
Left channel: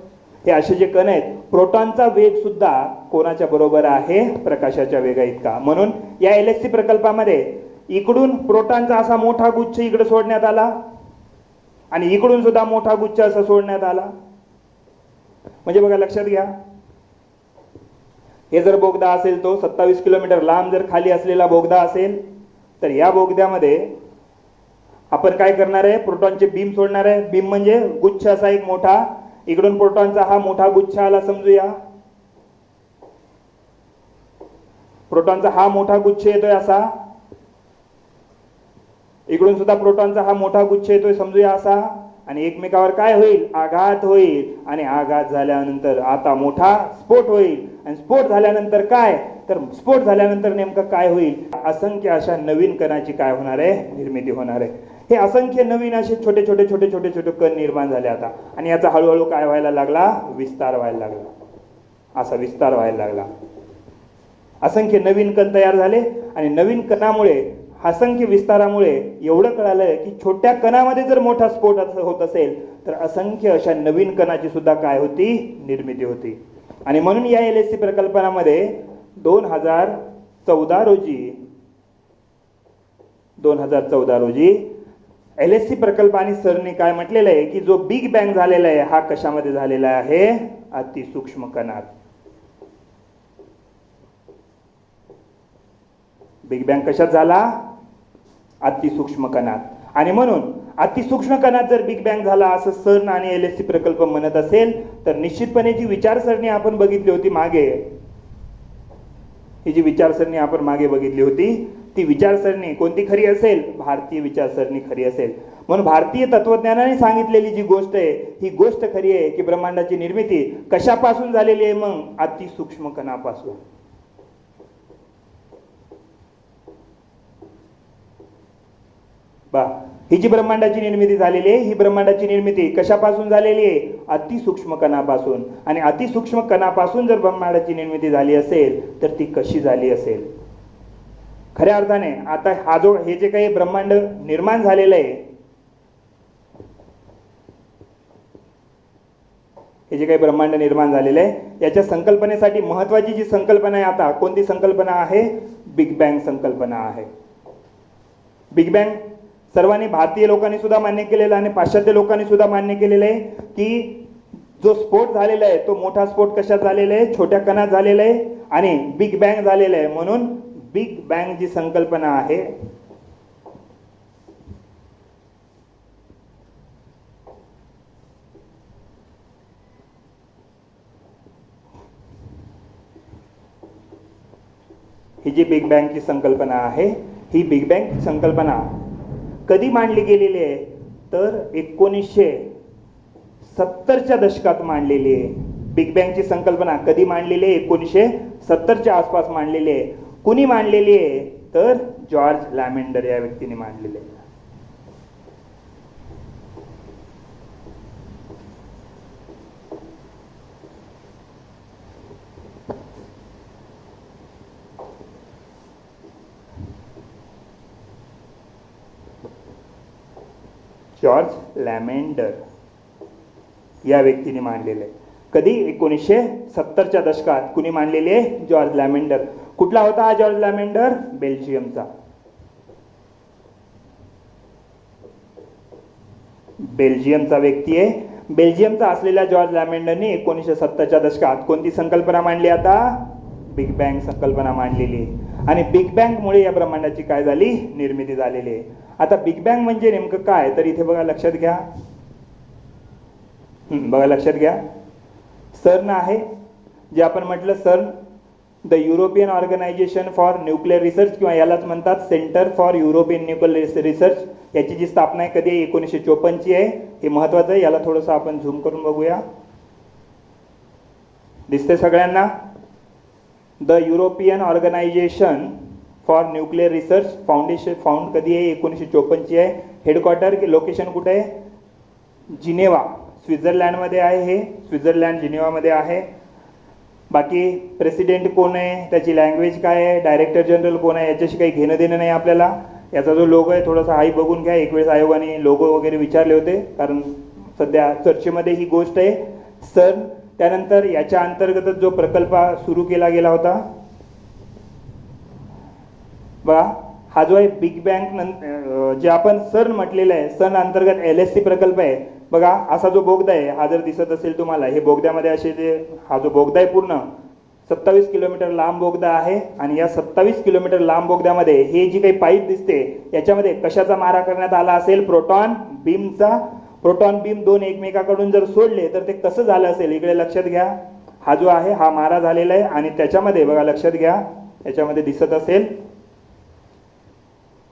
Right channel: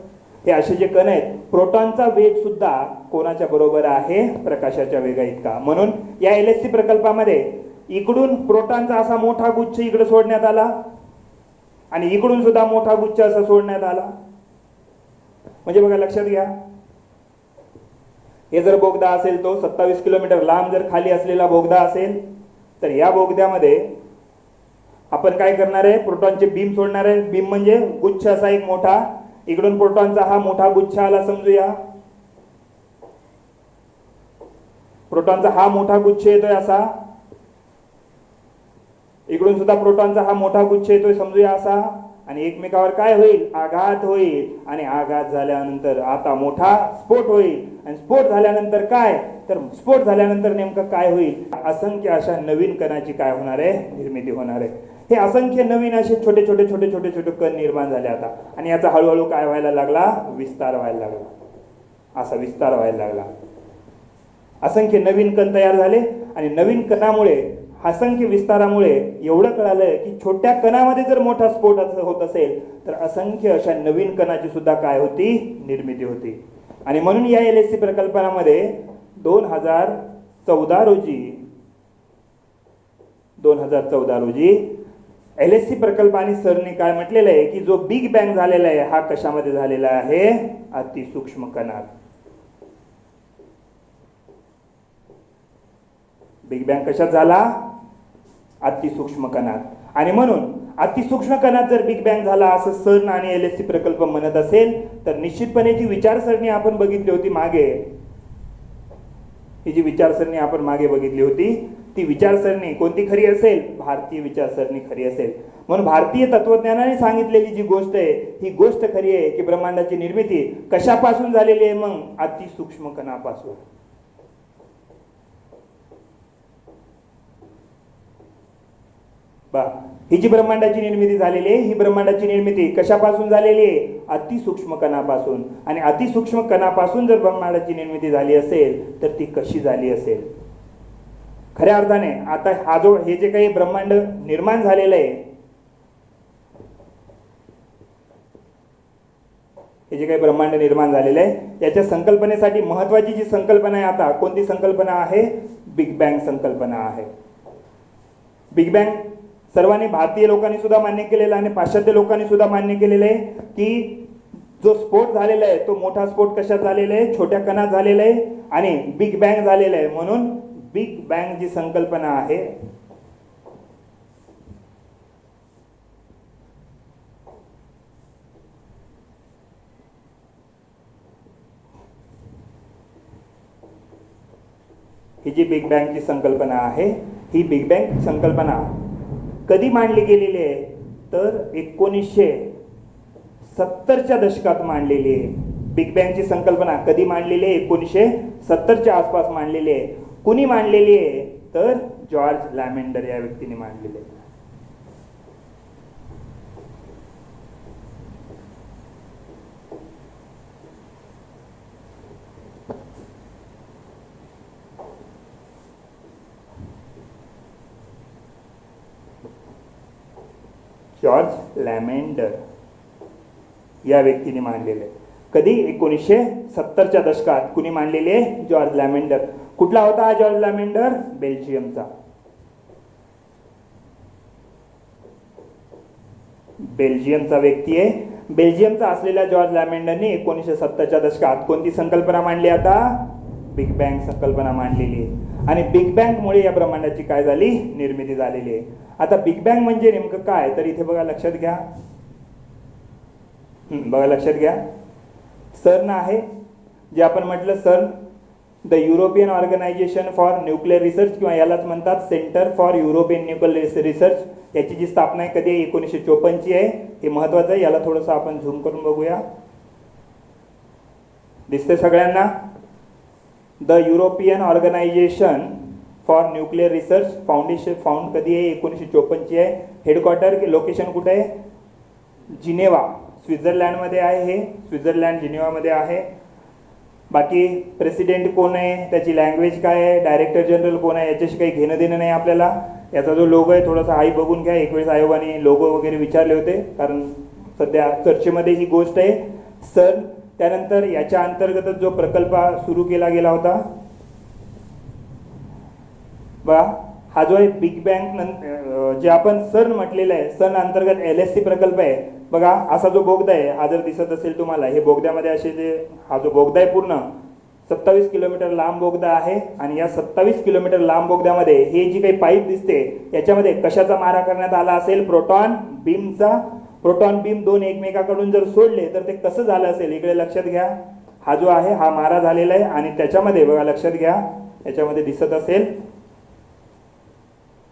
हे असे जे कण आहेत, प्रोटॉनचा वेग सुद्धा कोणाच्या बरोबर आहे? प्रकाशाच्या वेगा इतका. म्हणून या LHC प्रकल्पामध्ये इकडून प्रोटॉनचा असा मोठा गुच्छ इकडे सोडण्यात आला आणि इकडून सुद्धा मोठा गुच्छ असा सोडण्यात आला. म्हणजे बघा लक्षात घ्या, हे जर बोगदा असेल तो 27 किलोमीटर लांब जर खाली असलेला बोगदा असेल तर या बोगद्यामध्ये आपण काय करणार आहे? प्रोटॉनचे बीम सोडणार आहे. बीम म्हणजे गुच्छ असा एक मोठा. इकडून प्रोटॉनचा हा मोठा गुच्छ आला समजूया. प्रोटॉनचा हा मोठा गुच्छ येतोय असा. इकडून सुद्धा प्रोटॉनचा हा मोठा गुच्छ येतोय समजूया असा. आणि एकमेकावर काय होईल? आघात होईल. आणि आघात झाल्यानंतर आता मोठा स्फोट होईल. आणि स्फोट झाल्यानंतर काय? तर स्फोट झाल्यानंतर नेमकं काय होईल? असंख्य अशा नवीन कणाची काय होणार आहे? निर्मिती होणार आहे. हे असंख्य नवीन असे छोटे छोटे छोटे छोटे छोटे कण निर्माण झाले आता. आणि याचा हळूहळू काय व्हायला लागला? विस्तार व्हायला लागला. असा विस्तार व्हायला लागला. असंख्य नवीन कण तयार झाले आणि नवीन कणामुळे, असंख्य विस्तारामुळे एवढं कळालं की छोट्या कणामध्ये जर मोठा स्फोट होत असेल तर असंख्य अशा नवीन कणाची सुद्धा काय होती? निर्मिती होती. आणि म्हणून या LHC प्रकल्पामध्ये 2014 रोजी LHC प्रकल्पाने सरने काय म्हटलेलं आहे की जो बिग बँग झालेला आहे हा कशामध्ये झालेला आहे? अतिसूक्ष्म कणात. बिग बँग कशात झाला? अतिसूक्ष्म कणात. आणि म्हणून अतिसूक्ष्म कणात जर बिग बँग झाला असं CERN आणि LHC प्रकल्प म्हणत असेल तर निश्चितपणे जी विचारसरणी आपण बघितली होती मागे, ही जी विचारसरणी आपण मागे बघितली होती ती विचारसरणी कोणती खरी असेल? भारतीय विचारसरणी खरी असेल. म्हणून भारतीय तत्वज्ञानाने सांगितलेली जी गोष्ट आहे ही गोष्ट खरी आहे की ब्रह्मांडाची निर्मिती कशापासून झालेली आहे? मग अतिसूक्ष्म कणापासून. ही जी ब्रह्मांडाची निर्मिती झालेली आहे, ही ब्रह्मांडाची निर्मिती कशापासून झालेली आहे? अतिसूक्ष्म कणापासून. आणि अतिसूक्ष्म कणापासून जर ब्रह्मांडाची निर्मिती झाली असेल तर ती कशी झाली असेल? खऱ्या अर्थाने आता हे जे काही ब्रह्मांड निर्माण झालेलं आहे, हे जे काही ब्रह्मांड निर्माण झालेलं आहे याच्या संकल्पनेसाठी महत्वाची जी संकल्पना आहे आता कोणती संकल्पना आहे? बिग बँग संकल्पना आहे. बिग बँग सर्वांनी, भारतीय लोकांनी सुद्धा मान्य केलेलं आहे आणि पाश्चात्य लोकांनी सुद्धा मान्य केलेलं आहे की जो स्फोट झालेला आहे तो मोठा स्फोट कशात झालेला आहे? छोट्या कणात झालेला आहे आणि बिग बँग झालेला आहे. म्हणून बिग बँग जी संकल्पना आहे ही जी बिग बँगची संकल्पना आहे, ही बिग बँग संकल्पना कधी मांडली गेलेली आहे? तर 1970च्या दशकात मांडलेली आहे. बिग बँगची संकल्पना कधी मांडलेली आहे? 1970च्या आसपास मांडलेली आहे. कुणी मांडलेली आहे? तर जॉर्ज लॅमेंडर या व्यक्तीने मांडलेली आहे. जॉर्ज लॅमेंडर या व्यक्तीने मांडलेलं आहे. कधी? 1970च्या दशकात. कुणी मांडलेले आहे? जॉर्ज लॅमेंडर. कुठला होता हा जॉर्ज लॅमेंडर? बेल्जियमचा. बेल्जियमचा व्यक्ती आहे. बेल्जियमचा असलेल्या जॉर्ज लॅमेंडरने 1970च्या दशकात कोणती संकल्पना मांडली? आता बिग बँग संकल्पना मांडलेली आहे. आणि बिग बँगमुळे या ब्रह्मांडाची काय झाली? निर्मिती झालेली आहे. आता बिग बँग म्हणजे नेमकं काय? तर इथे बघा, लक्षात घ्या. बघा, लक्षात घ्या. सर्न आहे, जे आपण म्हटलं CERN, the European organisation for nuclear research, किंवा यालाच म्हणतात centre for European nuclear research. याची जी स्थापना आहे कधी? 1954 आहे. हे महत्वाचं आहे. याला थोडंसं आपण झूम करून बघूया. दिसते सगळ्यांना? The European organisation for nuclear research foundation found कधी आहे? 1954 आहे. हेडक्वार्टर लोकेशन कुठे आहे? जिनेवा, स्वित्झर्लंडमध्ये आहे. हे स्वित्झर्लंड जिनेवामध्ये आहे. बाकी प्रेसिडेंट कोण आहे? त्याची लँग्वेज काय आहे? डायरेक्टर जनरल कोण आहे? याच्याशी काही घेणं देणं नाही आपल्याला. याचा जो लोगो आहे थोडासा हाई बघून घ्या. एक वेळेस आयोगाने लोगो वगैरे विचारले होते, कारण सध्या चर्चेमध्ये ही गोष्ट आहे. सर्न. त्यानंतर याच्या अंतर्गतच जो प्रकल्प सुरू केला गेला होता बघा, हा जो आहे बिग बँग, जे आपण सर्न म्हटलेलं आहे, सर्न अंतर्गत LSC प्रकल्प आहे. बघा, असा जो बोगदा आहे, हा जर दिसत असेल तुम्हाला, हे बोगद्यामध्ये असे जे हा जो बोगदा आहे पूर्ण 27 किलोमीटर लांब बोगदा आहे. आणि या 27 किलोमीटर लांब बोगद्यामध्ये हे जी काही पाईप दिसते, याच्यामध्ये कशाचा मारा करण्यात आला असेल? प्रोटॉन बीमचा. प्रोटॉन बीम दोन एकमेकाकडून जर सोडले तर ते कसं झालं असेल? इकडे लक्षात घ्या. हा जो आहे हा मारा झालेला आहे. आणि त्याच्यामध्ये बघा, लक्षात घ्या, याच्यामध्ये दिसत असेल,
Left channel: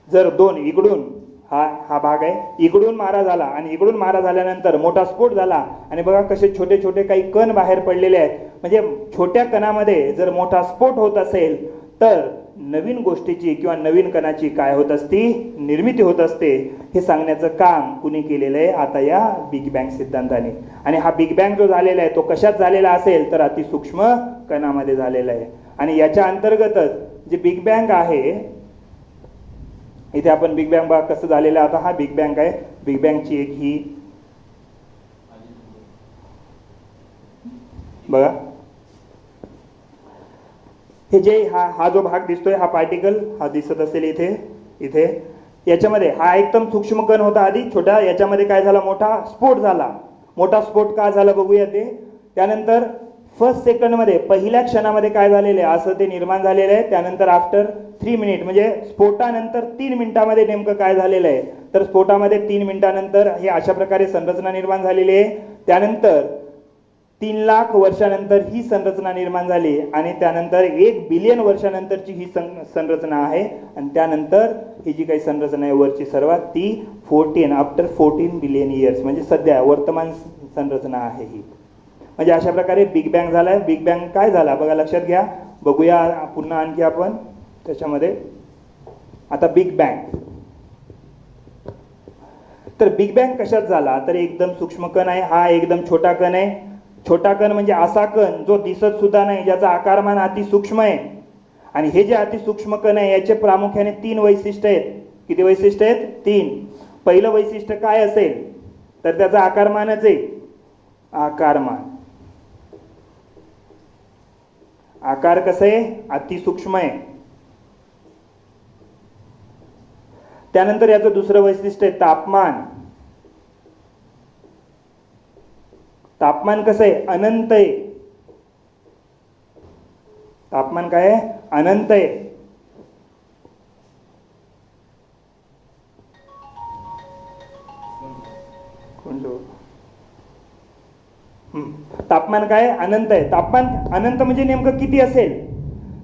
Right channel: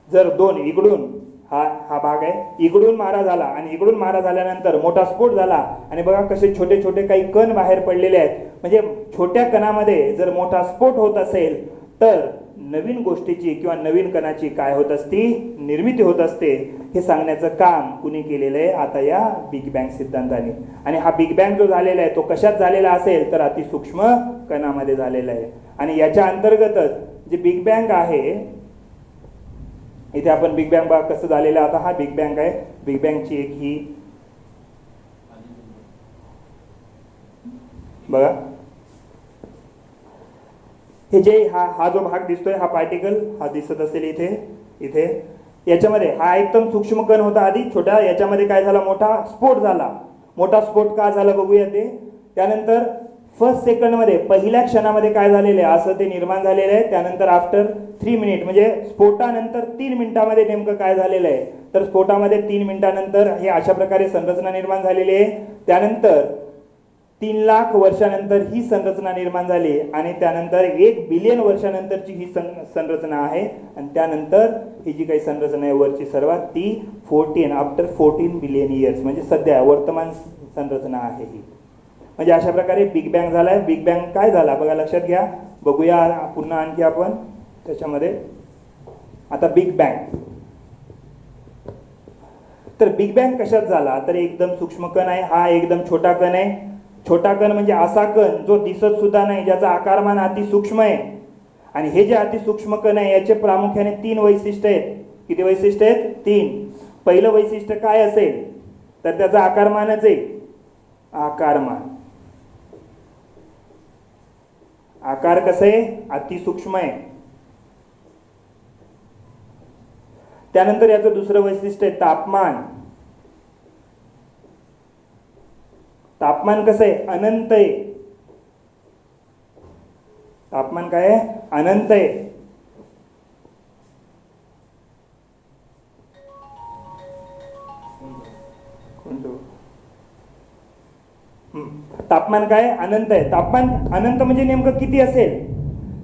जर दोन इकडून हा भाग आहे, इकडून मारा झाला आणि इकडून मारा झाल्यानंतर मोठा स्फोट झाला. आणि बघा कसे छोटे छोटे काही कण बाहेर पडलेले आहेत. म्हणजे छोट्या कणामध्ये जर मोठा स्फोट होत असेल तर नवीन गोष्टीची किंवा नवीन कणाची काय होत असती? निर्मिती होत असते. हे सांगण्याचं काम कुणी केलेलं आहे? आता या बिग बँग सिद्धांताने. आणि हा बिग बँग जो झालेला आहे तो कशात झालेला असेल? तर अतिसूक्ष्म कणामध्ये झालेला आहे. आणि याच्या अंतर्गतच जे बिग बँग आहे, इथे आपण बिग बँग बघा कसं झालेलं. आता हा बिग बँग आहे. बिग बँगची एक ही बघा, हे जे हा जो भाग दिसतोय, हा पार्टिकल हा दिसत असेल इथे याच्यामध्ये हा एकदम सूक्ष्म कण होता आधी छोटा. याच्यामध्ये काय झाला? मोठा स्फोट झाला. मोठा स्फोट का झाला बघूया ते. त्यानंतर फर्स्ट सेकंडमध्ये, पहिल्या क्षणामध्ये काय झालेलं आहे? असं ते निर्माण झालेलं आहे. त्यानंतर आफ्टर 3 मिनिट, म्हणजे स्फोटानंतर 3 मिनिटामध्ये नेमकं काय झालेलं आहे? तर स्फोटामध्ये 3 मिनिटानंतर हे अशा प्रकारे संरचना निर्माण झालेली आहे. त्यानंतर 3 लाख वर्षानंतर ही संरचना निर्माण झाली. आणि त्यानंतर 1 बिलियन वर्षानंतरची ही संरचना आहे. आणि त्यानंतर ही जी काही संरचना आहे वरची सर्वात, ती आफ्टर 14 बिलियन इयर्स, म्हणजे सध्या वर्तमान संरचना आहे ही. म्हणजे अशा प्रकारे बिग बँग झालाय. बिग बँग काय झाला बघा, लक्षात घ्या. बघूया पुन्हा आणखी आपण त्याच्यामध्ये. आता बिग बँग, तर बिग बँग कशात झाला? तर एकदम सूक्ष्म कण आहे. हा एकदम छोटा कण आहे. छोटा कण म्हणजे असा कण जो दिसत सुद्धा नाही, ज्याचा आकारमान अतिसूक्ष्म आहे. आणि हे जे अतिसूक्ष्म कण आहे याचे प्रामुख्याने 3 वैशिष्ट्य आहेत. किती वैशिष्ट्य आहेत? 3. पहिलं वैशिष्ट्य काय असेल? तर त्याचा आकारमानच आहे. आकारमान. आकार कसं आहे? अतिसूक्ष्म आहे. त्यानंतर याचं दुसरं वैशिष्ट्य आहे तापमान. तापमान कसं आहे? अनंत आहे. तापमान काय आहे? अनंत आहे. तापमान काय? अनंत आहे. तापमान अनंत म्हणजे नेमकं किती असेल?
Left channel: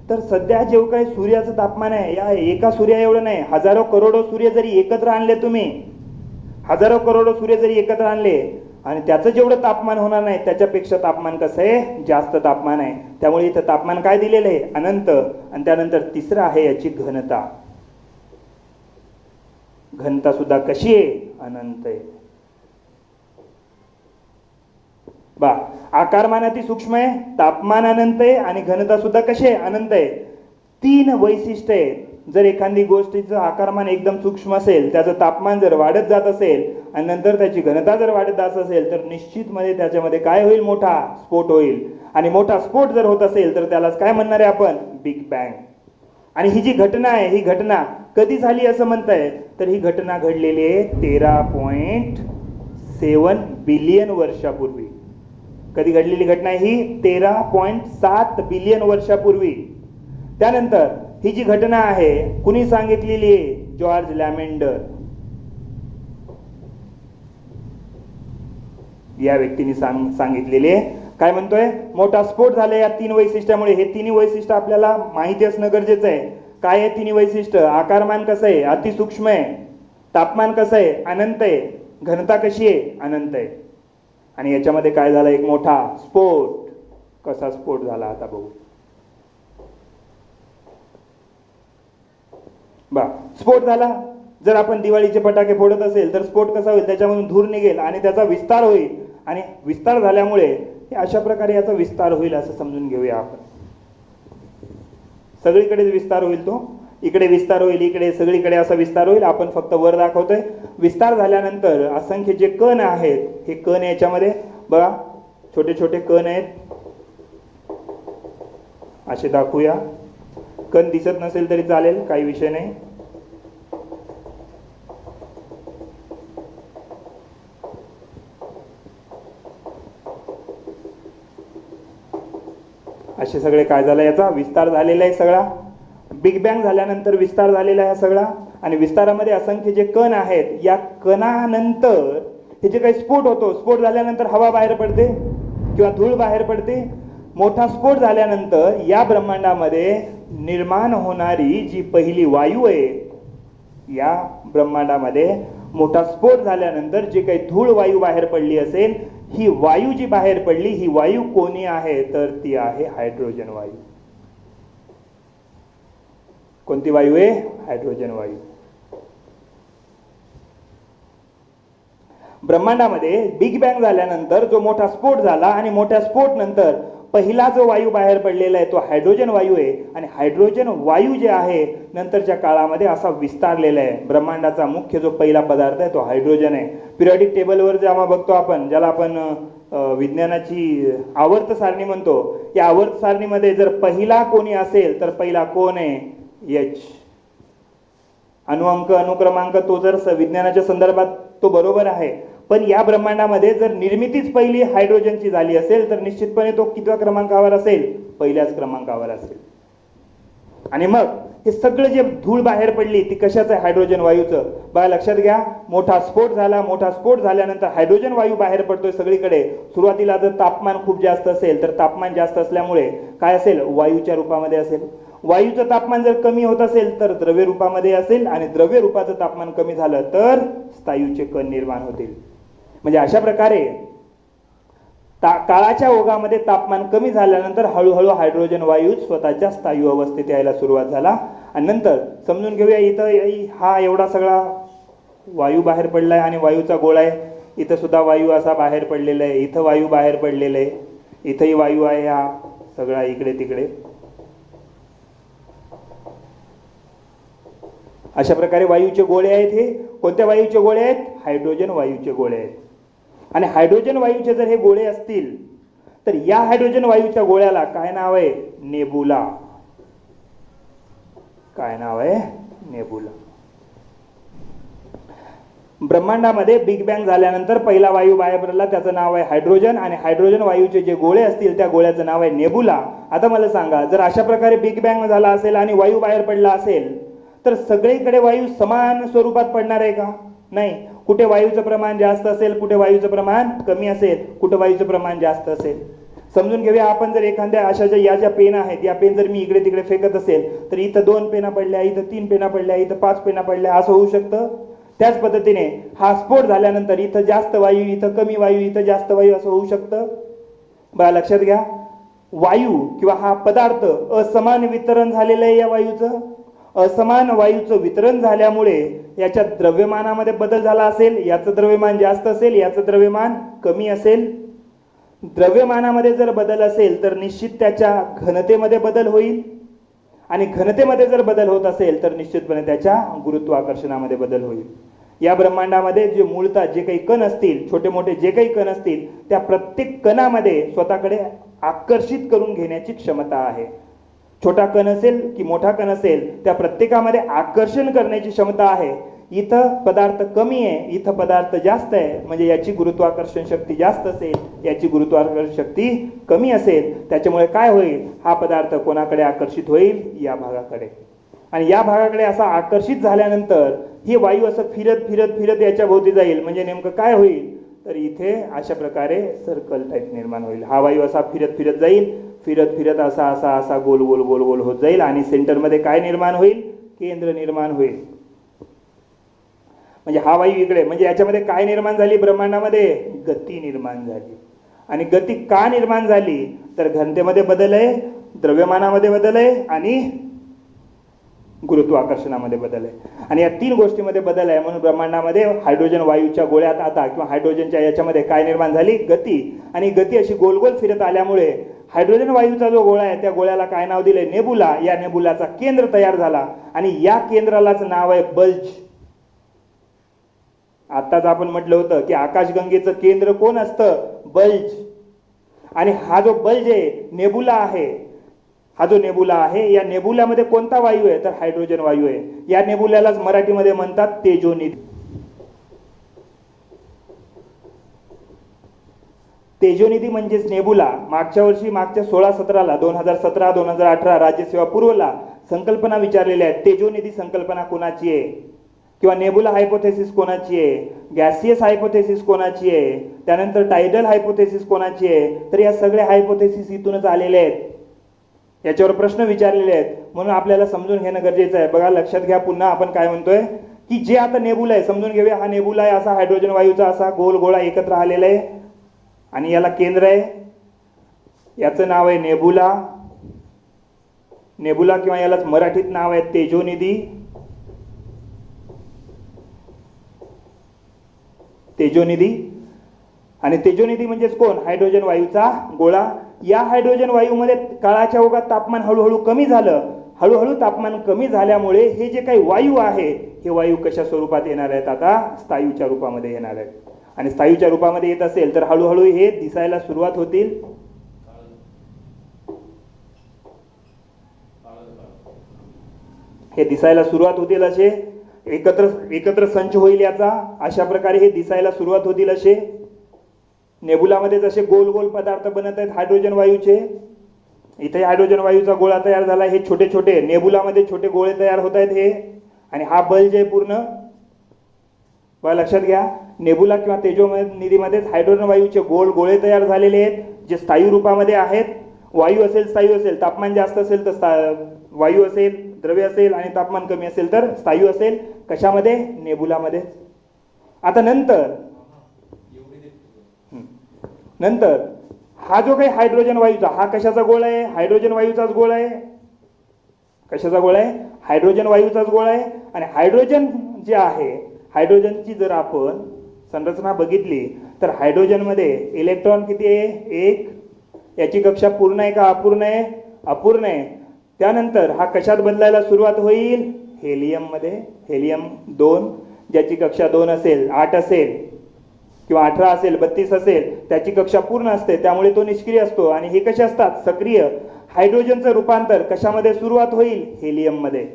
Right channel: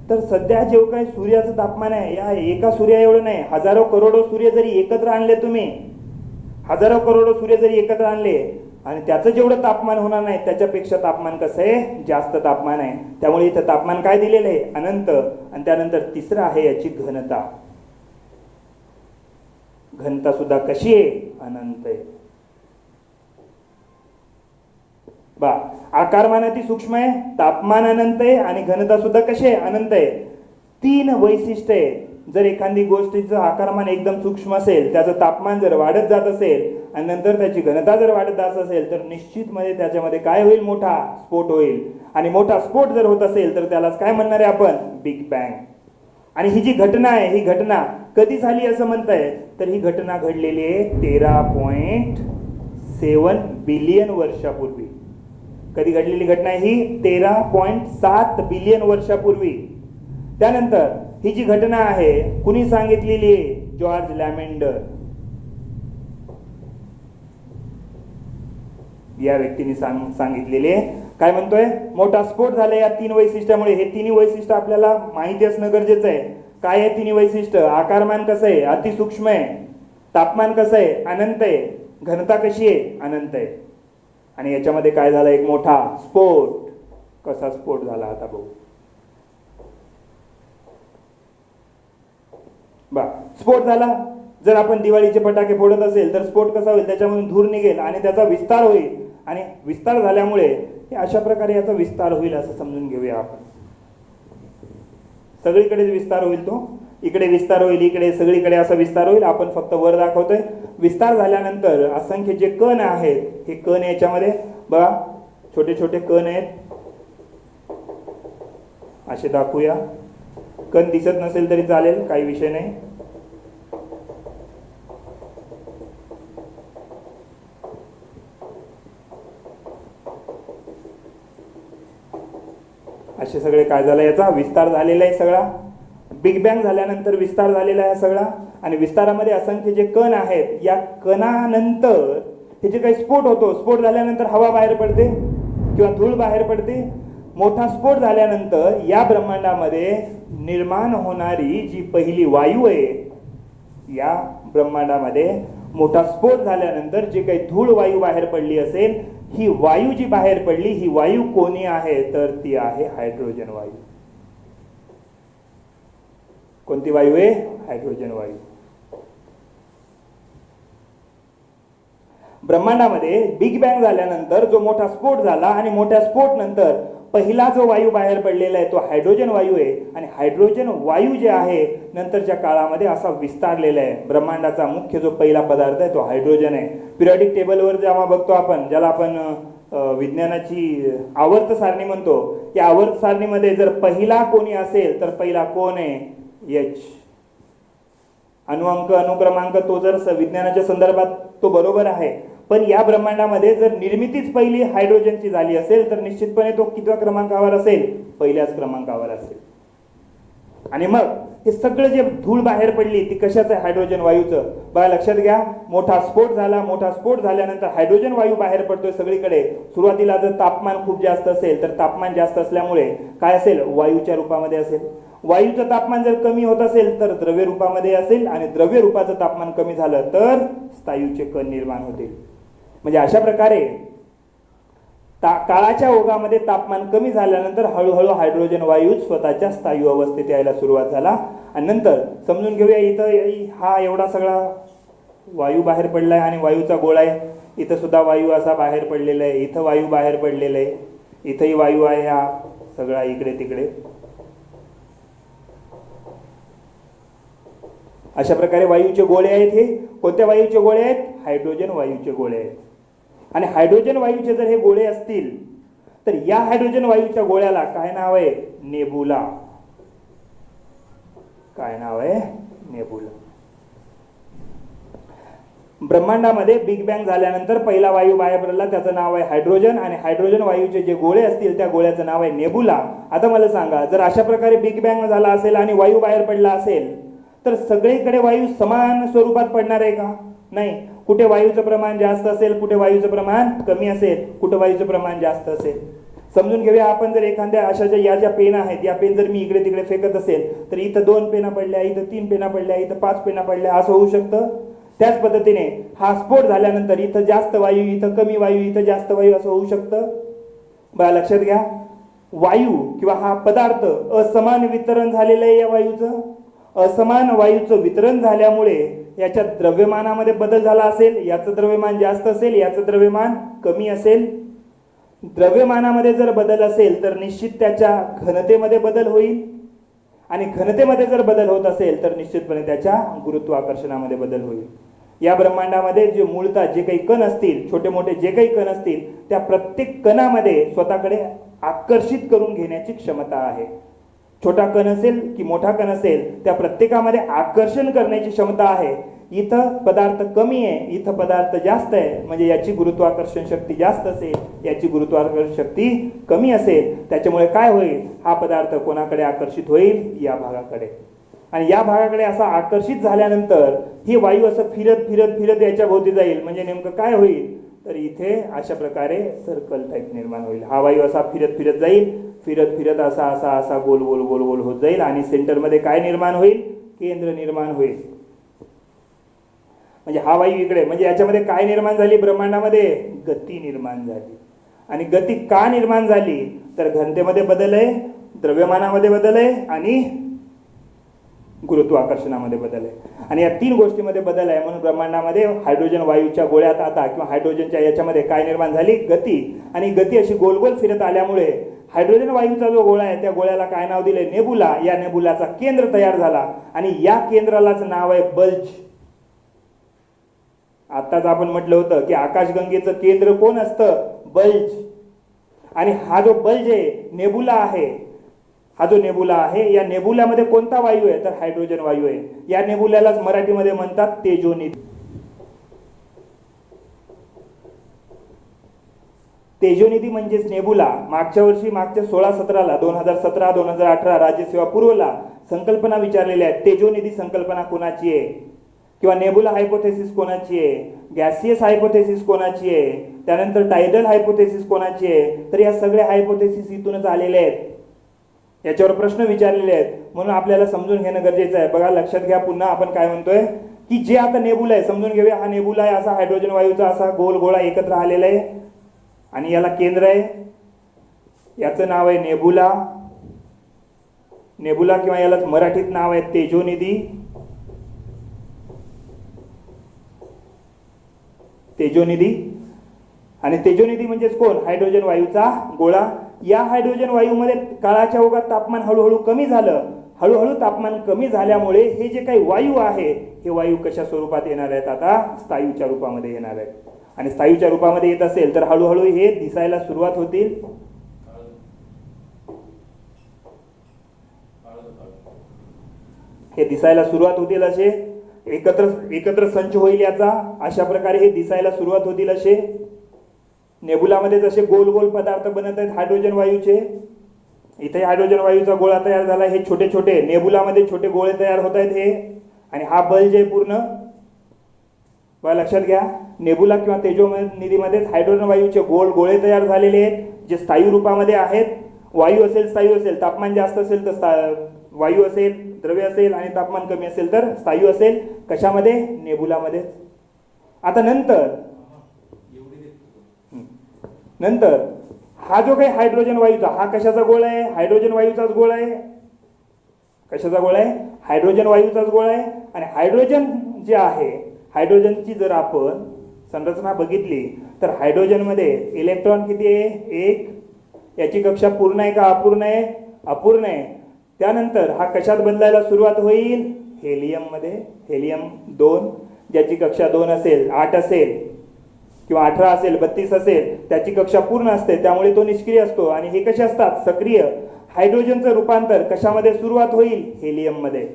तर सध्या जेव्हा काही सूर्याचं तापमान आहे, या एका सूर्या एवढं नाही, हजारो करोडो सूर्य जरी एकत्र आणले तुम्ही, हजारो करोडो सूर्य जरी एकत्र आणले, आणि त्याचं जेवढं तापमान होणार नाही त्याच्यापेक्षा तापमान कसं आहे? जास्त तापमान आहे. त्यामुळे इथं तापमान काय दिलेलं आहे? अनंत. आणि त्यानंतर तिसरं आहे याची घनता. घनता सुद्धा कशी आहे? अनंत आहे. बा, आकारमान अति सूक्ष्म आहे, तापमान अनंत आहे, आणि घनता सुद्धा कशी आहे? अनंत आहे. 3 वैशिष्ट्य आहेत. जर एखादी गोष्टीचं आकारमान एकदम सूक्ष्म असेल, त्याचं तापमान जर वाढत जात असेल आणि नंतर त्याची घनता जर वाढत जात असेल तर निश्चितमध्ये त्याच्यामध्ये काय होईल, मोठा स्फोट होईल. आणि मोठा स्फोट जर होत असेल तर त्यालाच काय म्हणणार आहे आपण, बिग बँग. आणि ही जी घटना आहे, ही घटना कधी झाली असं म्हणताय, तर ही घटना घडलेली आहे 13.7 बिलियन वर्षापूर्वी. कधी घडलेली घटना आहे ही, 13.7 बिलियन वर्षापूर्वी. त्यानंतर ही जी घटना आहे कुणी सांगितलेली आहे, जॉर्ज लॅमेंडर या व्यक्तीने सांगितलेली आहे. काय म्हणतोय, मोठा स्फोट झाला या 3 वैशिष्ट्यामुळे. हे 3 वैशिष्ट्य आपल्याला माहिती असणं गरजेचं आहे. काय आहे 3 वैशिष्ट्य, आकारमान कसं आहे, अतिसूक्ष्म आहे, तापमान कसं आहे, अनंत आहे, घनता कशी आहे, अनंत आहे. आणि याच्यामध्ये काय झालं, एक मोठा स्फोट. कसा स्फोट झाला आता बघू. स्फोट झाला. जर आपण दिवाळीचे फटाके फोडत असेल तर स्फोट कसा होईल, त्याच्यामधून धूर निघेल आणि त्याचा विस्तार होईल. आणि विस्तार झाल्यामुळे अशा प्रकारे याचा विस्तार होईल असं समजून घेऊया आपण. सगळीकडे विस्तार होईल, तो इकडे विस्तार होईल, इकडे सगळीकडे असा विस्तार होईल. आपण फक्त वर दाखवतोय. विस्तार झाल्यानंतर असंख्य जे कण आहेत, हे कण याच्यामध्ये बघा, छोटे छोटे कण आहेत, असे दाखवूया. कण दिसत नसेल तरी चालेल, काही विषय नाही. असे सगळे काय झालं, याचा विस्तार झालेला आहे सगळा. बिग बँग झाल्यानंतर विस्तार झालेला आहे सगळा. आणि विस्तारामध्ये असंख्य जे कण आहेत, या कणानंतर हे जे काही स्फोट होतो, स्फोट झाल्यानंतर हवा बाहेर पडते किंवा धूळ बाहेर पडते. मोठा स्फोट झाल्यानंतर या ब्रह्मांडामध्ये निर्माण होणारी जी पहिली वायू आहे, या ब्रह्मांडामध्ये मोठा स्फोट झाल्यानंतर जे काही धूळ वायू बाहेर पडली असेल, ही वायू जी बाहेर पडली, ही वायू कोणी आहे, तर ती आहे हायड्रोजन वायू. कोणती वायू आहे, हायड्रोजन वायू. ब्रह्मांडामध्ये बिग बँग झाल्यानंतर जो मोठा स्फोट झाला आणि मोठ्या स्फोट नंतर पहिला जो वायू बाहेर पडलेला आहे तो हायड्रोजन वायू आहे. आणि हायड्रोजन वायू जे आहे नंतरच्या काळामध्ये असा विस्तारलेला आहे. ब्रह्मांडाचा मुख्य जो पहिला पदार्थ आहे तो हायड्रोजन आहे. पिरियडिक टेबलवर जेव्हा बघतो आपण, ज्याला आपण विज्ञानाची आवर्त सारणी म्हणतो, या आवर्त सारणीमध्ये जर पहिला कोणी असेल तर पहिला कोण आहे, एच. अनुअंक अनुक्रमांक तो जर विज्ञानाच्या संदर्भात तो बरोबर आहे, पण या ब्रह्मांडामध्ये जर निर्मितीच पहिली हायड्रोजनची झाली असेल तर निश्चितपणे तो कितव्या क्रमांकावर असेल, पहिल्याच क्रमांकावर असेल. आणि मग हे सगळं जे धूळ बाहेर पडली ती कशाचं आहे, हायड्रोजन वायूचं. बघा लक्षात घ्या, मोठा स्फोट झाला, मोठा स्फोट झाल्यानंतर हायड्रोजन वायू बाहेर पडतोय सगळीकडे. सुरुवातीला जर तापमान खूप जास्त असेल तर तापमान जास्त असल्यामुळे काय असेल, वायूच्या रूपामध्ये असेल. वायूचं तापमान जर कमी होत असेल तर द्रव्य रूपामध्ये असेल, आणि द्रव्य रूपाचं तापमान कमी झालं तर स्थायूचे कण निर्माण होतील. म्हणजे अशा प्रकारे काळाच्या ओघामध्ये तापमान कमी झाल्यानंतर हळूहळू हायड्रोजन वायू स्वतःच्या स्थायू अवस्थेत यायला सुरुवात झाला. आणि नंतर समजून घेऊया, इथं हा एवढा सगळा वायू बाहेर पडलाय आणि वायूचा गोळा आहे. इथं सुद्धा वायू असा बाहेर पडलेला आहे, इथं वायू बाहेर पडलेला आहे, इथंही वायू आहे, हा सगळा इकडे तिकडे. अशा प्रकारे वायूचे गोळे आहेत. हे कोणत्या वायूचे गोळे आहेत, हायड्रोजन वायूचे गोळे आहेत. आणि हायड्रोजन वायूचे जर हे गोळे असतील तर या हायड्रोजन वायूच्या गोळ्याला काय नाव आहे, नेबुला. काय नाव आहे, नेबुला. ब्रह्मांडामध्ये बिग बँग झाल्यानंतर पहिला वायू बाहेर पडला, त्याचं नाव आहे हायड्रोजन. आणि हायड्रोजन वायूचे जे गोळे असतील त्या गोळ्याचं नाव आहे नेबुला. आता मला सांगा, जर अशा प्रकारे बिग बँग झाला असेल आणि वायू बाहेर पडला असेल तर सगळीकडे वायू समान स्वरूपात पडणार आहे का, नाही. कुठे वायूचं प्रमाण जास्त असेल, कुठे वायूचं प्रमाण कमी असेल, कुठे वायूचं प्रमाण जास्त असेल. समजून घेऊया, आपण जर एखाद्या अशा या ज्या पेन आहेत, या पेन जर मी इकडे तिकडे फेकत असेल तर इथं 2 पेना पडल्या, इथं 3 पेना पडल्या, इथं 5 पेना पडल्या, असं होऊ शकतं. त्याच पद्धतीने हा स्फोट झाल्यानंतर इथं जास्त वायू, इथं कमी वायू, इथं जास्त वायू, असं होऊ शकतं. बघा लक्षात घ्या, वायू किंवा हा पदार्थ असमान वितरण झालेलं आहे. या वायूचं असमान वायूचं वितरण झाल्यामुळे याच्या द्रव्यमानामध्ये बदल झाला असेल. याचं द्रव्यमान जास्त असेल, याचं द्रव्यमान कमी असेल. द्रव्यमानामध्ये जर बदल असेल तर निश्चित त्याच्या घनतेमध्ये बदल होईल. आणि घनतेमध्ये जर बदल होत असेल तर निश्चितपणे त्याच्या गुरुत्वाकर्षणामध्ये बदल होईल. या ब्रह्मांडामध्ये जे मूळतः जे काही कण असतील, छोटे मोठे जे काही कण असतील, त्या प्रत्येक कणामध्ये स्वतःकडे आकर्षित करून घेण्याची क्षमता आहे. छोटा कण असेल की मोठा कण असेल, त्या प्रत्येकामध्ये आकर्षण करण्याची क्षमता आहे. इथं पदार्थ कमी आहे, इथं पदार्थ जास्त आहे, म्हणजे याची गुरुत्वाकर्षण शक्ती जास्त असेल, याची गुरुत्वाकर्षण शक्ती कमी असेल. त्याच्यामुळे काय होईल, हा पदार्थ कोणाकडे आकर्षित होईल, या भागाकडे. आणि या भागाकडे असा आकर्षित झाल्यानंतर ही वायू असं फिरत फिरत फिरत याच्या भोवती जाईल. म्हणजे नेमकं काय होईल, तर इथे अशा प्रकारे सर्कल टाईप निर्माण होईल. हा वायू असा फिरत फिरत जाईल, फिरत फिरत असा असा असा गोल गोल गोल गोल होत जाईल आणि सेंटरमध्ये काय निर्माण होईल, केंद्र निर्माण होईल. म्हणजे हा वायू इकडे, म्हणजे याच्यामध्ये काय निर्माण झाली, ब्रह्मांडामध्ये गती निर्माण झाली. आणि गती का निर्माण झाली, तर घनतेमध्ये बदल आहे, द्रव्यमानामध्ये बदल आहे आणि गुरुत्वाकर्षणामध्ये बदल आहे. आणि या 3 गोष्टीमध्ये बदल आहे. म्हणून ब्रह्मांडामध्ये हायड्रोजन वायूच्या गोळ्यात आता किंवा हायड्रोजनच्या याच्यामध्ये काय निर्माण झाली, गती. आणि गती अशी गोल गोल फिरत आल्यामुळे हायड्रोजन वायूचा जो गोळा आहे त्या गोळ्याला काय नाव दिले, नेबुला. या नेबुलाचा केंद्र तयार झाला आणि या केंद्रालाच नाव आहे बल्ज. आताच आपण म्हटलं होतं की आकाशगंगेचं केंद्र कोण असतं, बल्ज. आणि हा जो बल्ज आहे, नेबुला आहे, हा जो नेबुला आहे, या नेबुल्यामध्ये कोणता वायू आहे, तर हायड्रोजन वायू आहे. या नेबुल्यालाच मराठीमध्ये म्हणतात तेजोनिधी. तेजोनिधी म्हणजेच नेबुला. मागच्या वर्षी, मागच्या 16-17ला 2017-2018 राज्यसेवा पूर्वला संकल्पना विचारलेल्या आहेत. तेजोनिधी संकल्पना कोणाची आहे, किंवा नेबुला हायपोथेसिस कोणाची आहे, गॅसियस हायपोथेसिस कोणाची आहे, त्यानंतर टायडल हायपोथेसिस कोणाची आहे. तर या सगळ्या हायपोथेसिस इथूनच आलेले आहेत. याच्यावर प्रश्न विचारलेले आहेत, म्हणून आपल्याला समजून घेणं गरजेचं आहे. बघा, लक्षात घ्या. पुन्हा आपण काय म्हणतोय की जे आता नेबुला आहे, समजून घेऊया. हा नेबुला आहे, असा हायड्रोजन वायूचा असा गोल गोळा एकत्र आलेला आहे आणि याला केंद्र आहे. याचं नाव आहे नेबुला. नेबुला किंवा यालाच मराठीत नाव आहे तेजोनिधी. तेजोनिधी. आणि तेजोनिधी म्हणजेच कोण, हायड्रोजन वायूचा गोळा. या हायड्रोजन वायूमध्ये काळाच्या ओघात तापमान हळूहळू कमी झालं. हळूहळू तापमान कमी झाल्यामुळे हे जे काही वायू आहे, हे वायू कशा स्वरूपात येणार आहेत, आता स्थायूच्या रूपामध्ये येणार आहेत. आणि स्थायूच्या रूपामध्ये येत असेल तर हळूहळू हे दिसायला सुरुवात होतील. हे दिसायला सुरुवात होतील असे एकत्र संच होईल याचा. अशा प्रकारे हे दिसायला सुरुवात होतील असे. नेबुलामध्ये जसे गोल गोल पदार्थ बनत आहेत हायड्रोजन वायूचे, इथे हायड्रोजन वायूचा गोळा तयार झाला. हे छोटे छोटे नेबुलामध्ये छोटे गोळे तयार होत आहेत हे. आणि हा बल्ज आहे पूर्ण. बघा, लक्षात घ्या. नेबुला किंवा तेजोनिधीमध्ये हायड्रोजन वायूचे गोल गोळे तयार झालेले आहेत, जे स्थायू रूपामध्ये आहेत. वायू असेल, स्थायू असेल, तापमान जास्त असेल तर वायू असेल, द्रव्य असेल, आणि तापमान कमी असेल तर स्थायू असेल. कशामध्ये, नेबुलामध्ये. आता नंतर हा जो काही हायड्रोजन वायूचा, हा कशाचा गोळा आहे, हायड्रोजन वायूचाच गोळा आहे. कशाचा गोळा आहे, हायड्रोजन वायूचाच गोळा आहे. आणि हायड्रोजन जे आहे, हायड्रोजनची जर आपण संरचना बघितली तर हायड्रोजनमध्ये इलेक्ट्रॉन किती आहे, 1. याची कक्षा पूर्ण आहे का अपूर्ण आहे, अपूर्ण आहे. त्यानंतर हा कशात बदलायला सुरुवात होईल, हेलियम मध्ये. हेलियम 2, ज्याची कक्षा 2 असेल, 8 असेल किंवा 18 असेल, 32 असेल, त्याची कक्षा पूर्ण असते, त्यामुळे तो निष्क्रिय असतो. आणि हे कसे असतात, सक्रिय. हायड्रोजनचं रूपांतर कशामध्ये सुरुवात होईल, हेलियम मध्ये.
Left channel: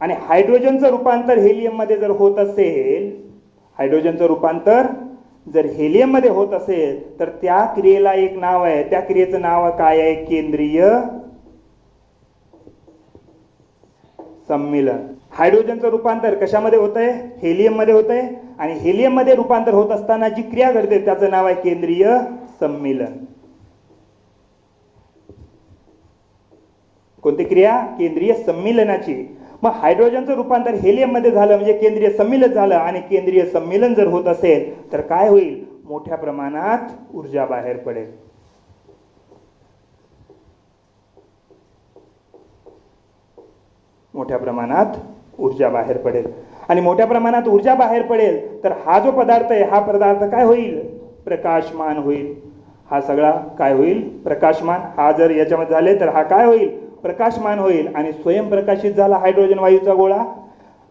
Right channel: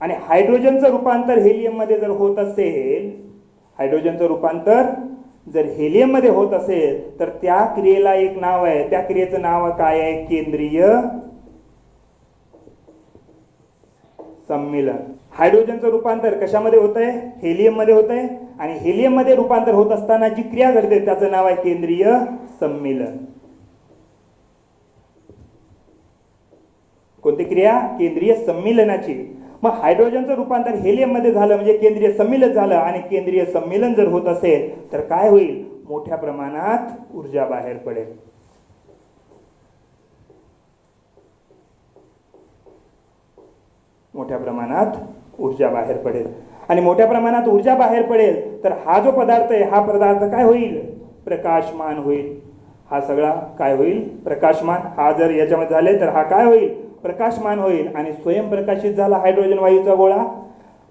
आणि हायड्रोजनचं रूपांतर हेलियम मध्ये जर होत असेल, हायड्रोजनचं रूपांतर जर हेलियम मध्ये होत असेल तर त्या क्रियेला एक नाव आहे. त्या क्रियेचं नाव काय आहे, केंद्रीय सम्मिलन. हायड्रोजनचं रूपांतर कशामध्ये होत आहे, हेलियम मध्ये होत आहे. आणि हेलियम मध्ये रूपांतर होत असताना जी क्रिया घडते त्याचं नाव आहे केंद्रीय सम्मिलन. कोणती क्रिया, केंद्रीय सम्मिलनाची. मग हायड्रोजनचं रूपांतर हेलियम मध्ये झालं म्हणजे केंद्रीय सम्मिलन झालं. आणि केंद्रीय सम्मिलन जर होत असेल तर काय होईल, मोठ्या प्रमाणात ऊर्जा बाहेर पडेल. मोठ्या प्रमाणात ऊर्जा बाहेर पडेल. आणि मोठ्या प्रमाणात ऊर्जा बाहेर पडेल तर हा जो पदार्थ आहे, हा पदार्थ काय होईल, प्रकाशमान होईल. हा सगळा काय होईल, प्रकाशमान. हा जर याच्यामध्ये झाले तर हा काय होईल, प्रकाशमान होईल आणि स्वयंप्रकाशित झाला हायड्रोजन वायूचा गोळा.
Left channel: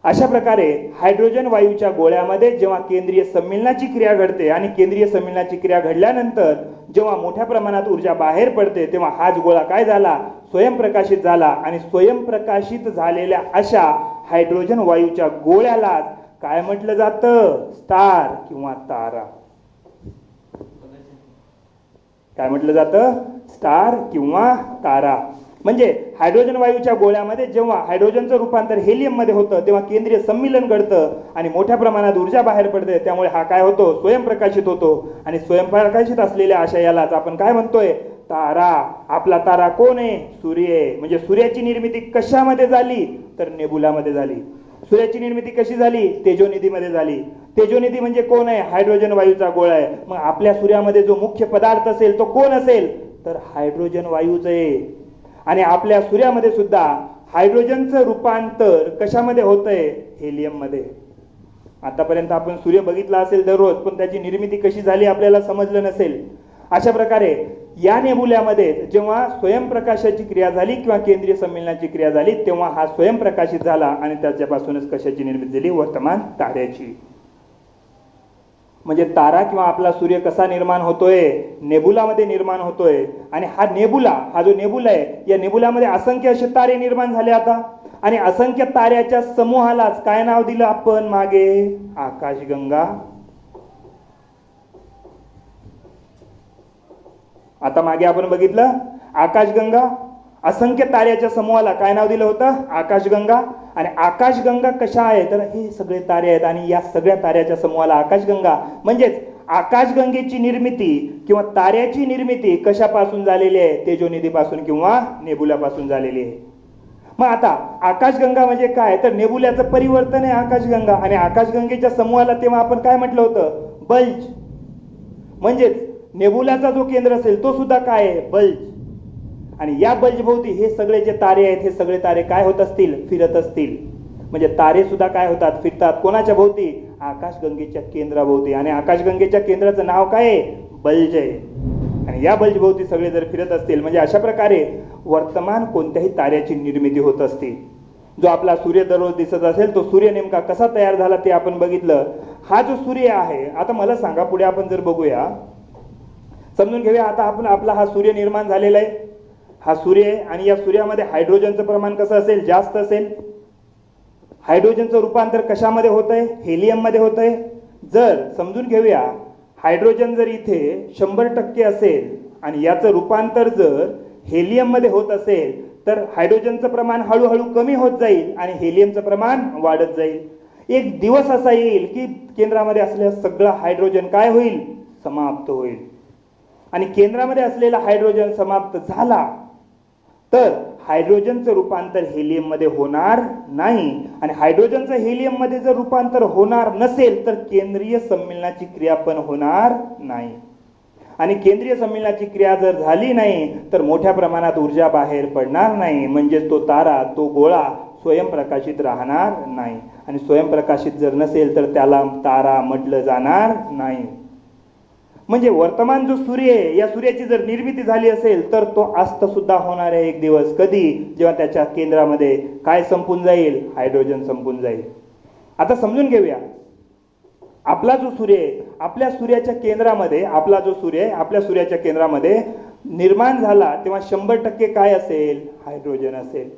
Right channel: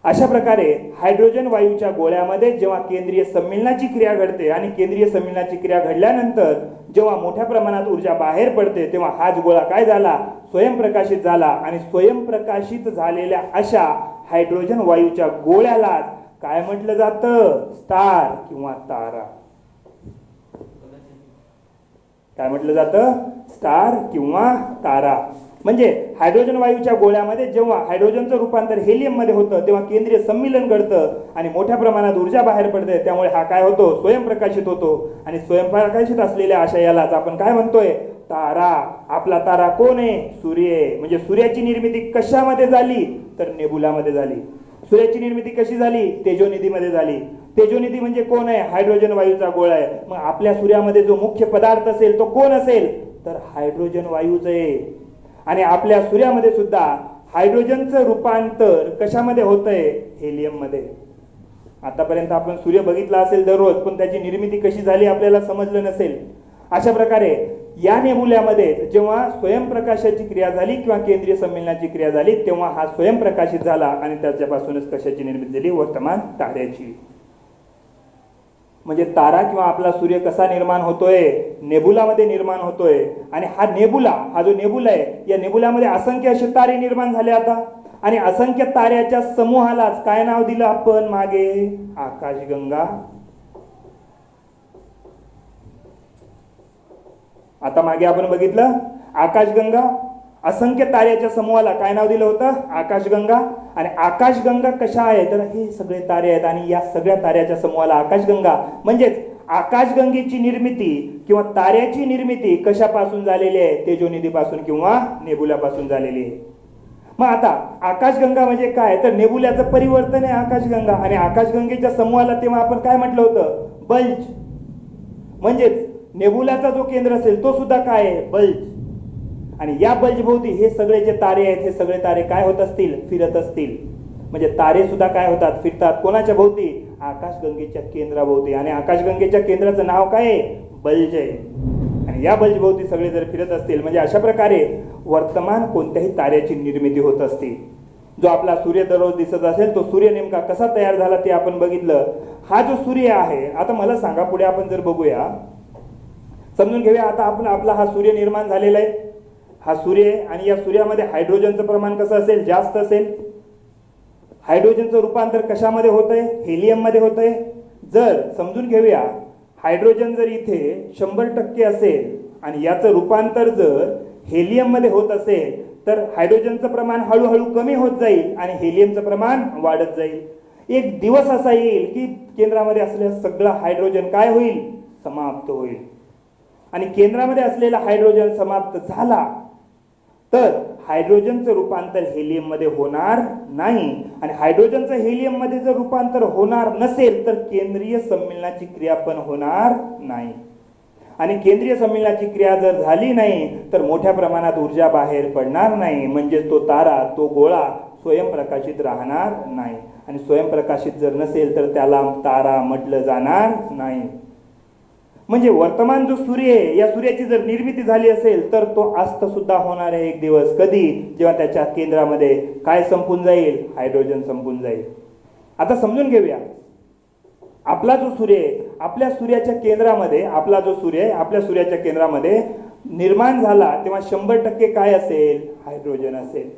अशा प्रकारे हायड्रोजन वायूच्या गोळ्यामध्ये जेव्हा केंद्रीय संमीलनाची क्रिया घडते आणि केंद्रीय संमीलनाची क्रिया घडल्यानंतर जेव्हा मोठ्या प्रमाणात ऊर्जा बाहेर पडते तेव्हा हाच गोळा काय झाला, स्वयंप्रकाशित झाला. आणि स्वयंप्रकाशित झालेल्या अशा हायड्रोजन वायूच्या गोळ्याला काय म्हटलं जातं, स्टार किंवा तारा. काय म्हटलं जातं, स्टार किंवा तारा. म्हणजे हायड्रोजन वायूच्या गोळ्यामध्ये जेव्हा हायड्रोजनचं रूपांतर हेलियम मध्ये होतं तेव्हा केंद्रीय संमीलन घडतं आणि मोठ्या प्रमाणात ऊर्जा बाहेर पडते. त्यामुळे हा काय होतो, स्वयंप्रकाशित होतो. आणि स्वयंप्रकाशित असलेल्या अशा यालाच आपण काय म्हणतोय, तारा. आपला तारा कोण आहे, सूर्य आहे. म्हणजे सूर्याची निर्मिती कशामध्ये झाली, तर नेबुलामध्ये झाली. सूर्याची निर्मिती कशी झाली, तेजोनिधीमध्ये झाली. तेजोनिधी म्हणजे कोण आहे, हायड्रोजन वायूचा गोळा आहे. मग आपल्या सूर्यामध्ये जो मुख्य पदार्थ असेल तो कोण असेल, तर हायड्रोजन वायूच आहे. आणि आपल्या सूर्यामध्ये सुद्धा हायड्रोजनचं रूपांतर कशामध्ये होतंय, हेलियम मध्ये. आतापर्यंत आपण सूर्य बघितला असेल दररोज, पण त्याची निर्मिती कशी झाली आपल्याला समजलं नसेल. अशा प्रकारे या नेबुल्यामध्ये जेव्हा स्वयंप्रकाशाची क्रिया झाली किंवा केंद्रीय संमीलनाची क्रिया झाली तेव्हा हा स्वयंप्रकाशित झाला आणि त्याच्यापासूनच कशाची निर्मिती झाली, वर्तमान ताऱ्याची. म्हणजे तारा किंवा आपला सूर्य कसा निर्माण होतोय, नेबुलामध्ये निर्माण होतोय. आणि हा नेबुला, हा जो नेबुला आहे, या नेबुलामध्ये असंख्य असे तारे निर्माण झाले आता. आणि असंख्य ताऱ्याच्या समूहालाच काय नाव दिलं आपण मागे, आकाशगंगा. आता मागे आपण बघितलं आकाशगंगा, असंख्य ताऱ्याच्या समूहाला काय नाव दिलं होतं, आकाशगंगा. आणि आकाशगंगा कशा आहे, तर हे सगळे तारे आहेत आणि या सगळ्या ताऱ्याच्या समूहाला आकाशगंगा. म्हणजेच आकाशगंगेची निर्मिती किंवा ताऱ्याची निर्मिती कशापासून झालेली आहे, तेजोनिधीपासून किंवा नेबुलापासून झालेली आहे. मग आता आकाशगंगा म्हणजे काय, तर नेबुल्याचं परिवर्तन आहे आकाशगंगा. आणि आकाशगंगेच्या समूहाला तेव्हा आपण काय म्हटलं होतं, बल्ज. म्हणजेच नेबुलाचा जो केंद्र असेल तो सुद्धा काय आहे, बल्ज. आणि या बल्जभोवती हे सगळे जे तारे आहेत, हे सगळे तारे काय होत असतील, फिरत असतील. म्हणजे तारे सुद्धा काय होतात, फिरतात. कोणाच्या भोवती, आकाशगंगेच्या केंद्राभोवती. आणि आकाशगंगेच्या केंद्राचं नाव काय आहे, बल्ज आहे. आणि या बल्ज भोवती सगळे जर फिरत असतील म्हणजे अशा प्रकारे वर्तमान कोणत्याही ताऱ्याची निर्मिती होत असते. जो आपला सूर्य दररोज दिसत असेल तो सूर्य नेमका कसा तयार झाला ते आपण बघितलं. हा जो सूर्य आहे, आता मला सांगा, पुढे आपण जर बघूया, समजून घेऊया. आता आपण आपला हा सूर्य निर्माण झालेला आहे, हा सूर्य आहे. आणि या सूर्यामध्ये हायड्रोजनचं प्रमाण कसं असेल, जास्त असेल. हायड्रोजनचं रूपांतर कशामध्ये होतंय, हेलियम मध्ये होतंय. जर समजून घेऊया, हायड्रोजन जर इथे 100% असेल आणि याचं रूपांतर जर हेलियम मध्ये होत असेल तर हायड्रोजनचं प्रमाण हळूहळू कमी होत जाईल आणि हेलियमचं प्रमाण वाढत जाईल. एक दिवस असा येईल की केंद्रामध्ये असलेलं सगळं हायड्रोजन काय होईल, समाप्त होईल. आणि केंद्रामध्ये असलेला हायड्रोजन समाप्त झाला तर हायड्रोजनचं रूपांतर हेलियम मध्ये होणार नाही. आणि हायड्रोजनचं हेलियम मध्ये जर रूपांतर होणार नसेल तर केंद्रीय संमीलनाची क्रिया पण होणार नाही. आणि केंद्रीय संमीलनाची क्रिया जर झाली नाही तर मोठ्या प्रमाणात ऊर्जा बाहेर पडणार नाही. म्हणजे तो तारा, तो गोळा स्वयंप्रकाशित राहणार नाही. आणि स्वयंप्रकाशित जर नसेल तर त्याला तारा म्हटलं जाणार नाही. म्हणजे वर्तमान जो सूर्य आहे, या सूर्याची जर निर्मिती झाली असेल तर तो अस्त सुद्धा होणार आहे एक दिवस. कधी, जेव्हा त्याच्या केंद्रामध्ये काय संपून जाईल, हायड्रोजन संपून जाईल. आता समजून घेऊया, आपला जो सूर्य आहे, आपल्या सूर्याच्या केंद्रामध्ये, आपला जो सूर्य आहे आपल्या सूर्याच्या केंद्रामध्ये निर्माण झाला तेव्हा 100% काय असेल, हायड्रोजन असेल.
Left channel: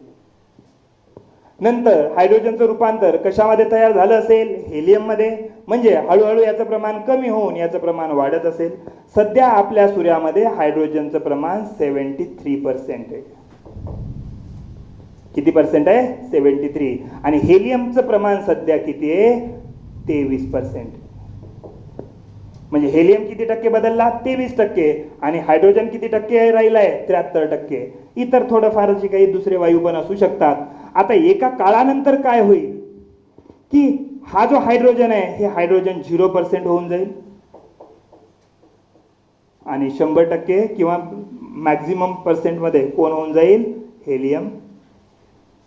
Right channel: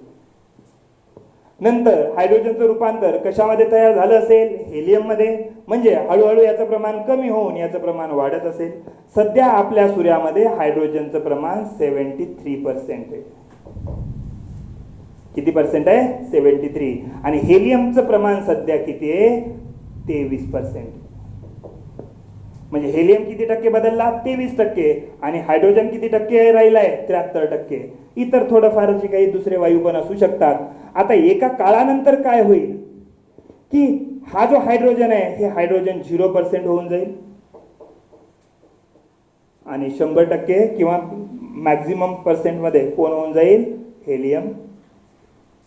नंतर हायड्रोजनचं रूपांतर कशामध्ये तयार झालं असेल, हेलियम मध्ये. म्हणजे हळूहळू याचं प्रमाण कमी होऊन याचं प्रमाण वाढत असेल. सध्या आपल्या सूर्यामध्ये हायड्रोजनचं प्रमाण 73% आहे. किती पर्सेंट आहे, 73. आणि हेलियमचं प्रमाण सध्या किती आहे, 23%. म्हणजे हेलियम किती टक्के बदलला, 23%. आणि हायड्रोजन किती टक्के राहिलाय, 73%. इतर थोडंफारचे काही दुसरे वायू पण असू शकतात. आता एका काळानंतर काय होईल की हा जो हायड्रोजन आहे हे हायड्रोजन 0% होऊन जाईल आणि 100% किंवा मॅक्झिमम पर्सेंट मध्ये कोण होऊन जाईल, हेलियम.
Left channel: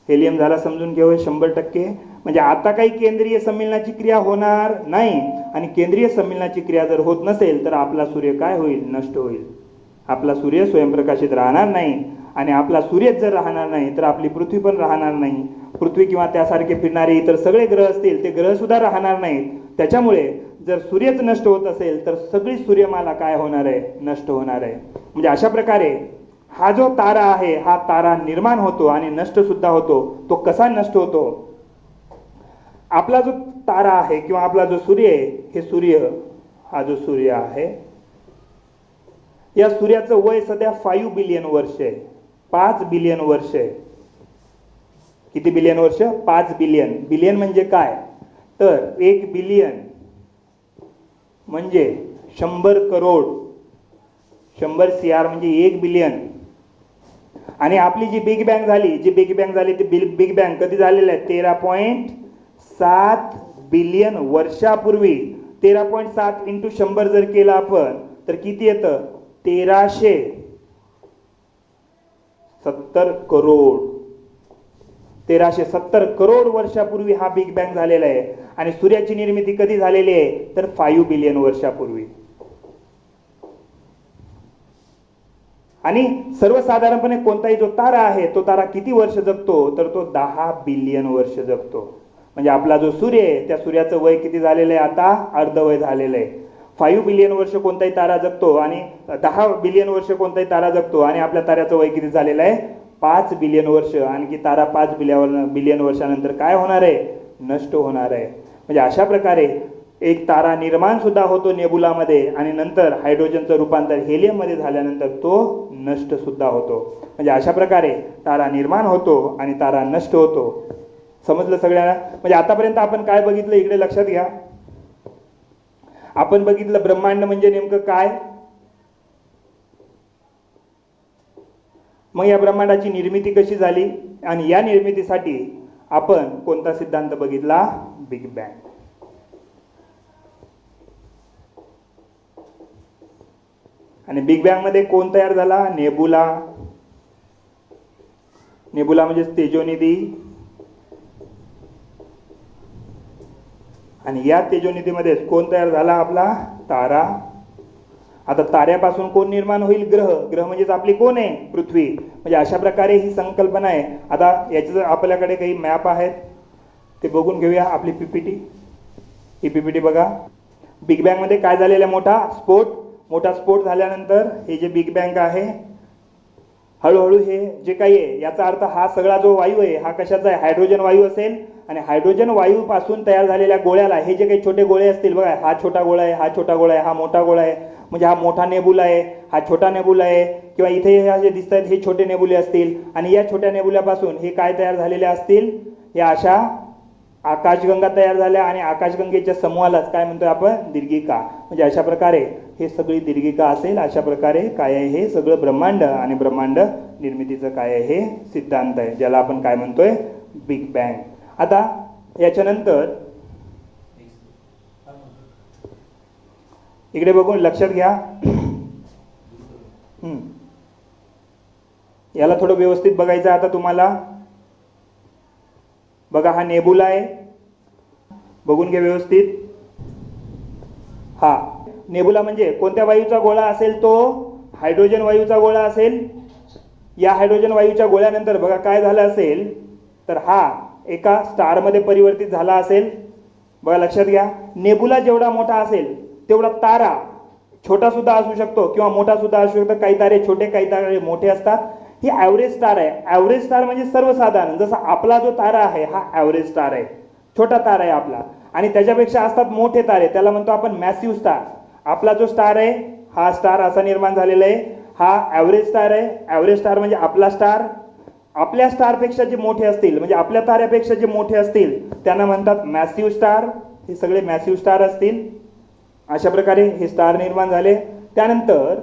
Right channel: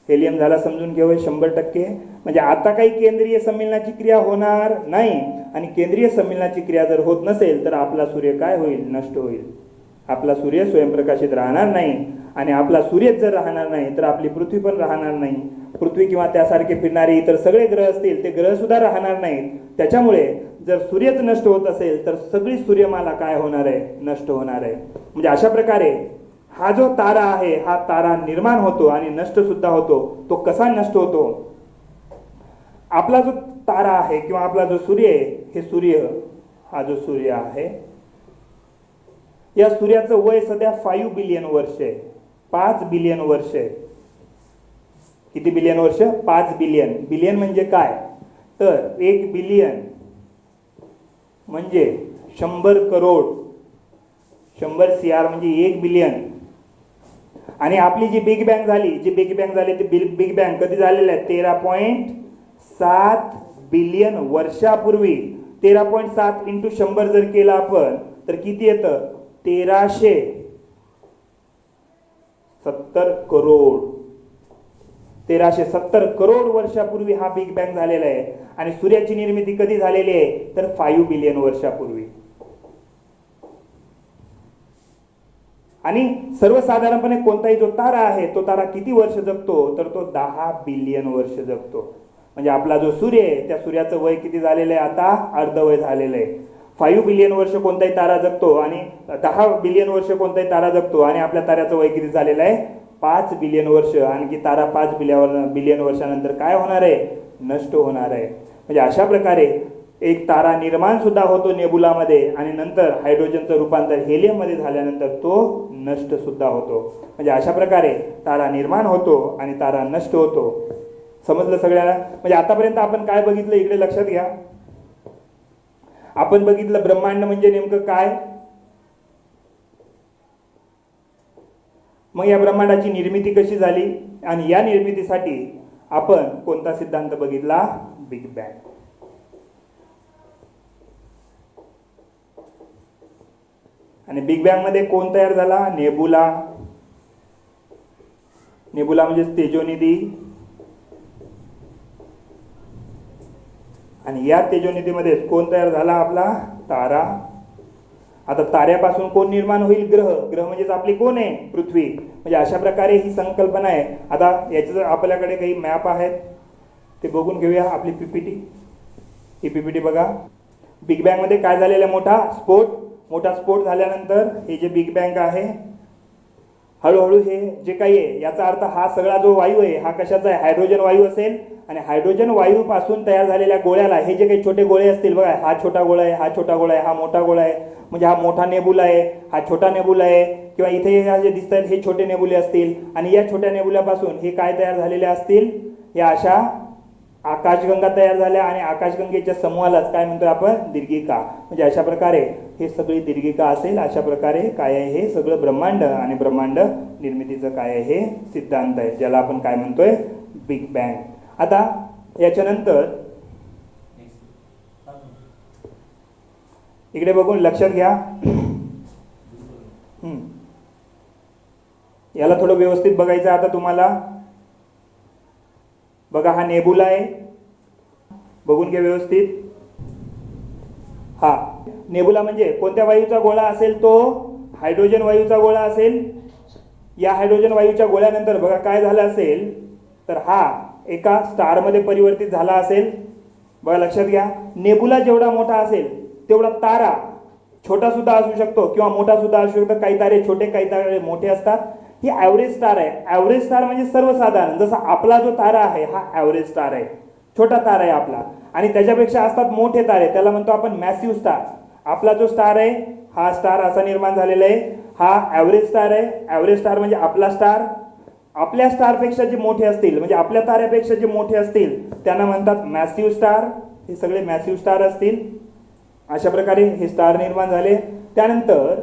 हेलियम झाला समजून घेऊया 100%. म्हणजे आता काही केंद्रीय संमीलनाची क्रिया होणार नाही. आणि केंद्रीय संमीलनाची क्रिया जर होत नसेल तर आपला सूर्य काय होईल, नष्ट होईल. आपला सूर्य स्वयंप्रकाशित राहणार नाही. आणि आपला सूर्यच जर राहणार नाही तर आपली पृथ्वी पण राहणार नाही. पृथ्वी किंवा त्यासारखे फिरणारे इतर सगळे ग्रह असतील ते ग्रह सुद्धा राहणार नाहीत. त्याच्यामुळे जर सूर्यच नष्ट होत असेल तर सगळी सूर्यमाला काय होणार आहे, नष्ट होणार आहे. म्हणजे अशा प्रकारे हा जो तारा आहे हा तारा निर्माण होतो आणि नष्ट सुद्धा होतो. तो कसा नष्ट होतो? आपला जो तारा आहे किंवा आपला जो सूर्य आहे, हे सूर्य, हा जो सूर्य आहे या सूर्याचं वय सध्या 5 बिलियन वर्ष आहे. 5 बिलियन वर्ष आहे. किती बिलियन वर्ष? 5 बिलियन. बिलियन म्हणजे काय? तर 1 बिलियन म्हणजे 100 करोड. 100 CR म्हणजे 1 बिलियन. आणि आपली जी बिग बँग झाली, ती बिग बँग कधी झालेली आहे? 13.7 बिलियन वर्षापूर्वी. 13.7 इंटू 100 जर केलं आपण तर किती येतं? 1370 करोड. 1370 करोड वर्षापूर्वी हा बिग बँग झालेला आहे. आणि सूर्याची निर्मिती कधी झालेली आहे? तर 5 बिलियन वर्षापूर्वी. आणि सर्वसाधारणपणे कोणताही जो तारा आहे तो तारा किती वर्ष जगतो? तर तो 10 बिलियन वर्ष जगतो. म्हणजे आपला जो सूर्य आहे त्या सूर्याचं वय किती झालेलं आहे? आता अर्धवय झालेलं आहे. 5 बिलियन वर्ष कोणताही तारा जगतो आणि 10 बिलियन वर्ष कोणताही तारा जगतो आणि आपल्या ताऱ्याचं वय किती झालेलं आहे? 5 बिलियन वर्ष. आणखी तारा 5 बिलियन वर्षानंतर काय होणार आहे? नष्ट होणार आहे. म्हणजे अशा प्रकारे एक तारा निर्माण सुद्धा होतो नेबुलामध्ये आणि नंतर हायड्रोजनचं रूपांतर हेलियममध्ये झाल्यानंतर तो नष्ट सुद्धा होतो. म्हणजे अशा प्रकारे तारा निर्माण होतो आणि तारा नष्ट होतो. समजलं सगळ्यांना? म्हणजे आतापर्यंत आपण काय बघितलं इकडे लक्षात घ्या. आपण बघितलं ब्रह्मांड म्हणजे नेमकं काय. मग या ब्रह्मांडाची निर्मिती कशी झाली आणि या निर्मितीसाठी आपण कोणता सिद्धांत बघितला? Big bang. आणि बिग बँग मध्ये कोण तयार झाला? नेबुला. नेबुला म्हणजे तेजोनिधी. आणि या तेजोनिधीमध्ये कोण तयार झाला? आपला तारा. आता ताऱ्यापासून कोण निर्माण होईल? ग्रह. ग्रह म्हणजेच आपली कोण आहे? पृथ्वी. म्हणजे अशा प्रकारे ही संकल्पना आहे. आता याचे जर आपल्याकडे काही मॅप आहेत ते बघून घेऊया. आपली पीपीटी, ही पीपीटी बघा. बिग बँग मध्ये काय झालेला? मोठा स्फोट झाल्यानंतर हे जे बिग बँग आहे हळूहळू हे जे काही आहे याचा अर्थ हा सगळा जो वायू आहे हा कशाचा आहे? हायड्रोजन वायू असेल. आणि हायड्रोजन वायू पासून तयार झालेल्या गोळ्याला हे जे काही छोटे गोळे असतील बघा, हा छोटा गोळा आहे, हा छोटा गोळा आहे, हा मोठा गोळा आहे, म्हणजे हा मोठा नेबुला आहे, हा छोटा नेबुला आहे, किंवा इथे हे जे दिसत आहेत हे छोटे नेबुले असतील. आणि या छोट्या नेबुल्यापासून हे काय तयार झालेले असतील? या अशा आकाशगंगा तयार झाल्या आणि आकाशगंगेच्या समूहालाच काय म्हणतो आपण? दीर्घिका. म्हणजे अशा प्रकारे हे सगळी दीर्घिका असेल. अशा प्रकारे काय आहे? हे सगळं ब्रह्मांड आणि ब्रह्मांड निर्मितीचं काय आहे? हे सिद्धांत आहे, ज्याला आपण काय म्हणतोय? Big bang. आता याच्यानंतर इकडे बघून लक्षात घ्या. याला थोडं व्यवस्थित बघायचं आता तुम्हाला. बघा हा नेबुला आहे, बघून घ्या व्यवस्थित. हा नेबुला म्हणजे कोणत्या वायूचा गोळा असेल? तो हायड्रोजन वायूचा गोळा असेल. या हायड्रोजन वायूच्या गोळ्यानंतर बघा काय झालं असेल? तर हा एका स्टार मध्ये परिवर्तित झाला असेल. बघा लक्षात घ्या. नेबुला जेवढा मोठा असेल तेवढा तारा छोटा सुद्धा असू शकतो किंवा मोठा सुद्धा असू शकतो. काही तारे छोटे, काही तारे मोठे असतात. ही ॲव्हरेज स्टार आहे. ॲव्हरेज स्टार म्हणजे सर्वसाधारण. जसा आपला जो तारा आहे हा ॲव्हरेज स्टार आहे, छोटा तारा आहे आपला. आणि त्याच्यापेक्षा असतात मोठे तारे, त्याला म्हणतो आपण मॅसिव्ह स्टार. आपला जो स्टार आहे हा स्टार असा निर्माण झालेला आहे, हा ॲव्हरेज स्टार आहे. ॲव्हरेज स्टार म्हणजे आपला स्टार. आपल्या स्टारपेक्षा जे मोठे असतील म्हणजे आपल्या ताऱ्यापेक्षा जे मोठे असतील त्यांना म्हणतात मॅसिव्ह स्टार. हे सगळे मॅसिव्ह स्टार असतील. अशा प्रकारे हे स्टार निर्माण झाले. त्यानंतर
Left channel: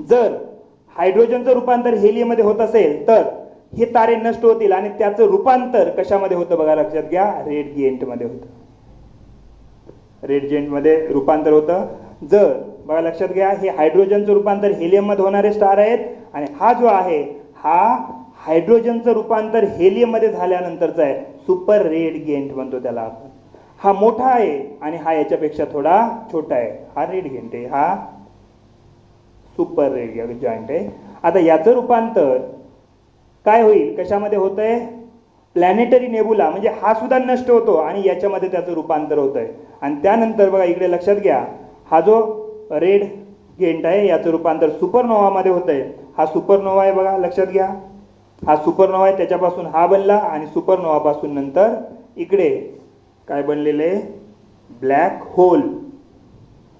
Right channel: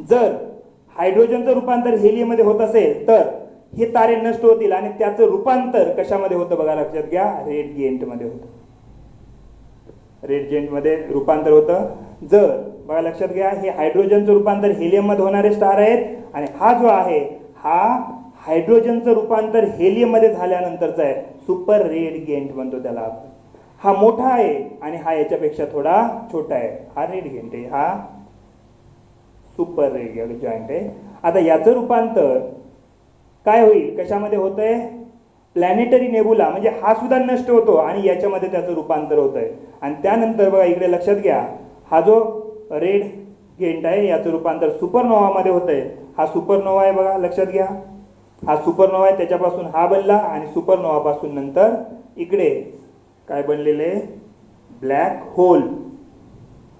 जर हायड्रोजनचं रूपांतर हेलियममध्ये होत असेल तर हे तारे नष्ट होतील आणि त्याचं रूपांतर कशामध्ये होतं? बघा लक्षात घ्या. रेड जिएंट मध्ये होतं. रेड जिएंट मध्ये रूपांतर होतं. जर बघा लक्षात घ्या, हे हायड्रोजनचं रूपांतर हेलियम मध्ये होणारे स्टार आहेत आणि हा जो आहे हा हायड्रोजनचं रूपांतर हेलियम मध्ये झाल्यानंतरचा आहे. सुपर रेड जिएंट म्हणतो त्याला आपण. हा मोठा आहे आणि हा याच्यापेक्षा थोडा छोटा आहे. हा रेड जिएंट आहे, हा सुपर रेड जॉइंट आहे. आता याचं रूपांतर काय होईल, कशामध्ये होतंय, प्लॅनेटरी नेबुला, म्हणजे हा सुद्धा नष्ट होतो आणि याच्यामध्ये त्याचं रूपांतर होतंय. आणि त्यानंतर बघा इकडे लक्षात घ्या, हा जो रेड गेंट आहे याचं रूपांतर सुपरनोवामध्ये होतंय. हा सुपरनोवा आहे बघा, लक्षात घ्या, हा सुपरनोवा आहे, त्याच्यापासून हा बनला आणि सुपरनोवापासून नंतर इकडे काय बनलेले, ब्लॅक होल.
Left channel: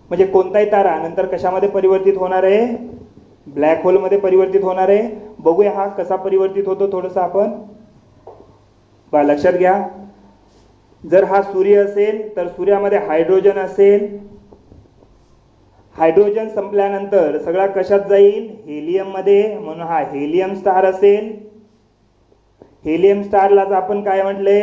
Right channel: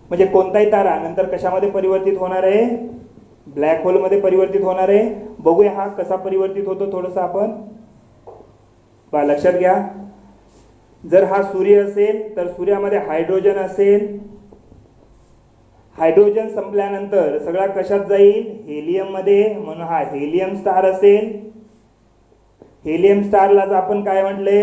म्हणजे कोणताही तारा नंतर कशामध्ये परिवर्तित होणार आहे, ब्लॅक होलमध्ये परिवर्तित होणार आहे. बघूया हा कसा परिवर्तित होतो थोडंसं आपण लक्षात घ्या. जर हा सूर्य असेल तर सूर्यामध्ये हायड्रोजन असेल, हायड्रोजन संपल्यानंतर सगळा कशात जाईल, हेलियम मध्ये, म्हणून हा हेलियम स्टार असेल. हेलियम स्टारलाच आपण काय म्हटले,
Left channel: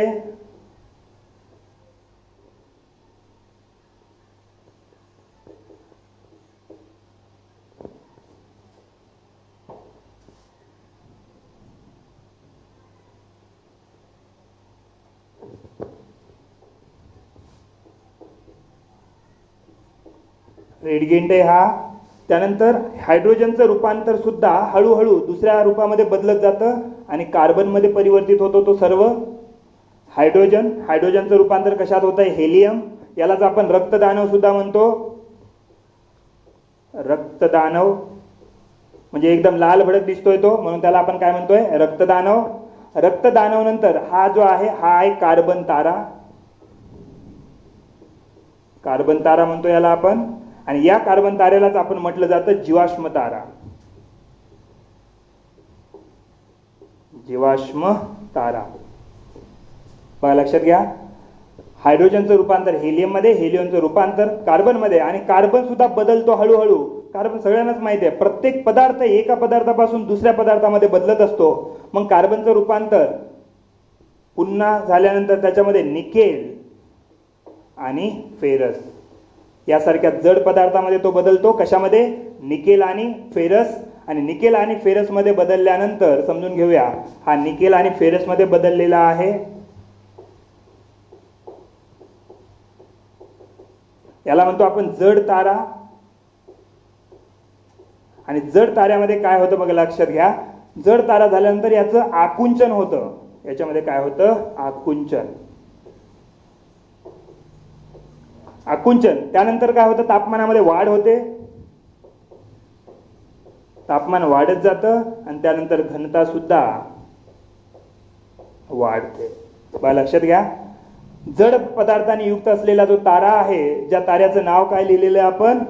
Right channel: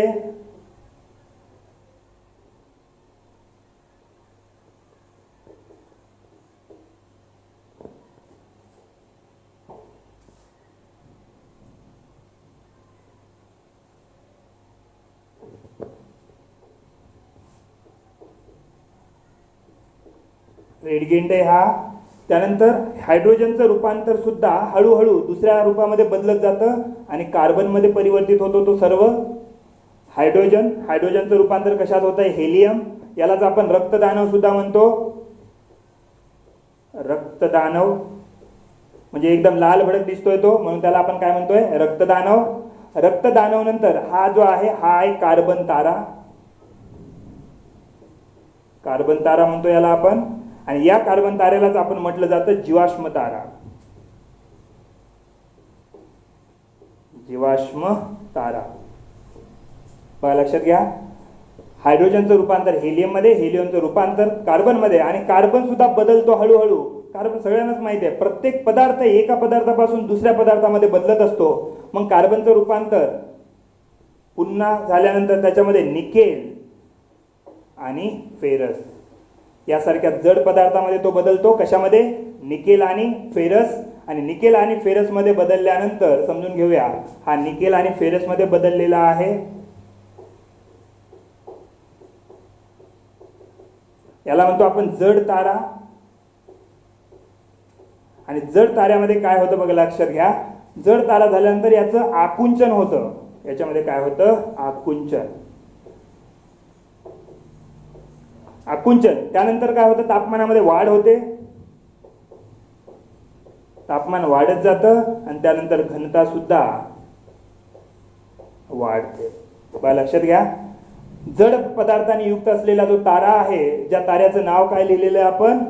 रेडगेंट आहे हा. त्यानंतर हायड्रोजनचं रूपांतर सुद्धा हळूहळू दुसऱ्या रूपामध्ये बदलत जातं आणि कार्बनमध्ये परिवर्तित होतो तो सर्व हायड्रोजन. हायड्रोजनचं रूपांतर कशात होतं, हेलियम. यालाच आपण रक्तदानव सुद्धा म्हणतो. रक्तदानव म्हणजे एकदम लाल भडक दिसतोय तो, म्हणून त्याला आपण काय म्हणतोय, रक्तदानव. रक्तदानव नंतर हा जो आहे हा आहे कार्बन तारा. कार्बन तारा म्हणतो याला आपण. आणि या कार्बन तारेलाच आपण म्हटलं जातं जीवाश्म तारा. जीवाश्म तारा बघा लक्षात घ्या. हायड्रोजनचं रूपांतर हेलियम मध्ये, हेलियमचं रूपांतर कार्बन मध्ये, आणि कार्बन सुद्धा बदलतो हळूहळू. कार्बन सगळ्यांनाच माहिती आहे, प्रत्येक पदार्थ एका पदार्थापासून दुसऱ्या पदार्थामध्ये बदलत असतो. मग कार्बनचं रूपांतर पुन्हा झाल्यानंतर त्याच्यामध्ये निकेल आणि फेरस यासारख्या जड पदार्थामध्ये तो बदलतो. कशामध्ये, निकेल आणि फेरस. आणि निकेल आणि फेरस मध्ये बदलल्यानंतर समजून घेऊया, हा निकेल आणि फेरस मध्ये बदललेला आहे. याला म्हणतो आपण जड तारा. आणि जड ताऱ्यामध्ये काय होतं बघा लक्षात घ्या, जड तारा झाल्यानंतर याचं आकुंचन होतं. याच्यामध्ये काय होतं, आकुंचन. आकुंचन त्यानंतर काय होतं, तापमानामध्ये वाढ होते. तापमान वाढत जातं आणि त्यानंतर घनता सुद्धा वाढते. बघा लक्षात घ्या, जड पदार्थांनी युक्त असलेला जो तारा आहे, ज्या ताऱ्याचं नाव काय लिहिलेलं आहे आपण,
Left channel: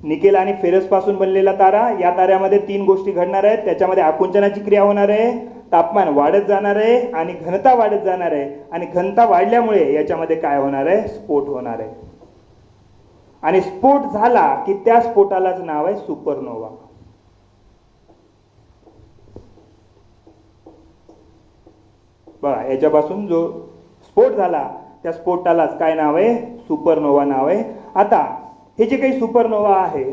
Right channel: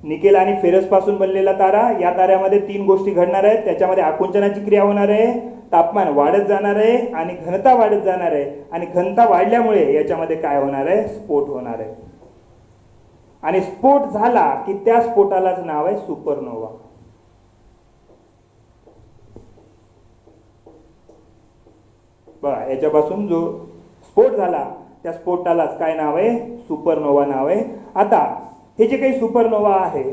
निकेल आणि फेरस पासून बनलेला तारा. या ताऱ्यामध्ये 3 गोष्टी घडणार आहेत. त्याच्यामध्ये आकुंचनाची क्रिया होणार आहे, तापमान वाढत जाणार आहे आणि घनता वाढत जाणार आहे. आणि घनता वाढल्यामुळे याच्यामध्ये काय होणार आहे, स्फोट होणार आहे. आणि स्फोट झाला की त्या स्फोटालाच नाव आहे सुपरनोवा. बघा याच्यापासून जो स्फोट झाला त्या स्फोटालाच काय नाव आहे, सुपरनोवा नाव आहे. आता हे जे काही सुपरनोवा आहे,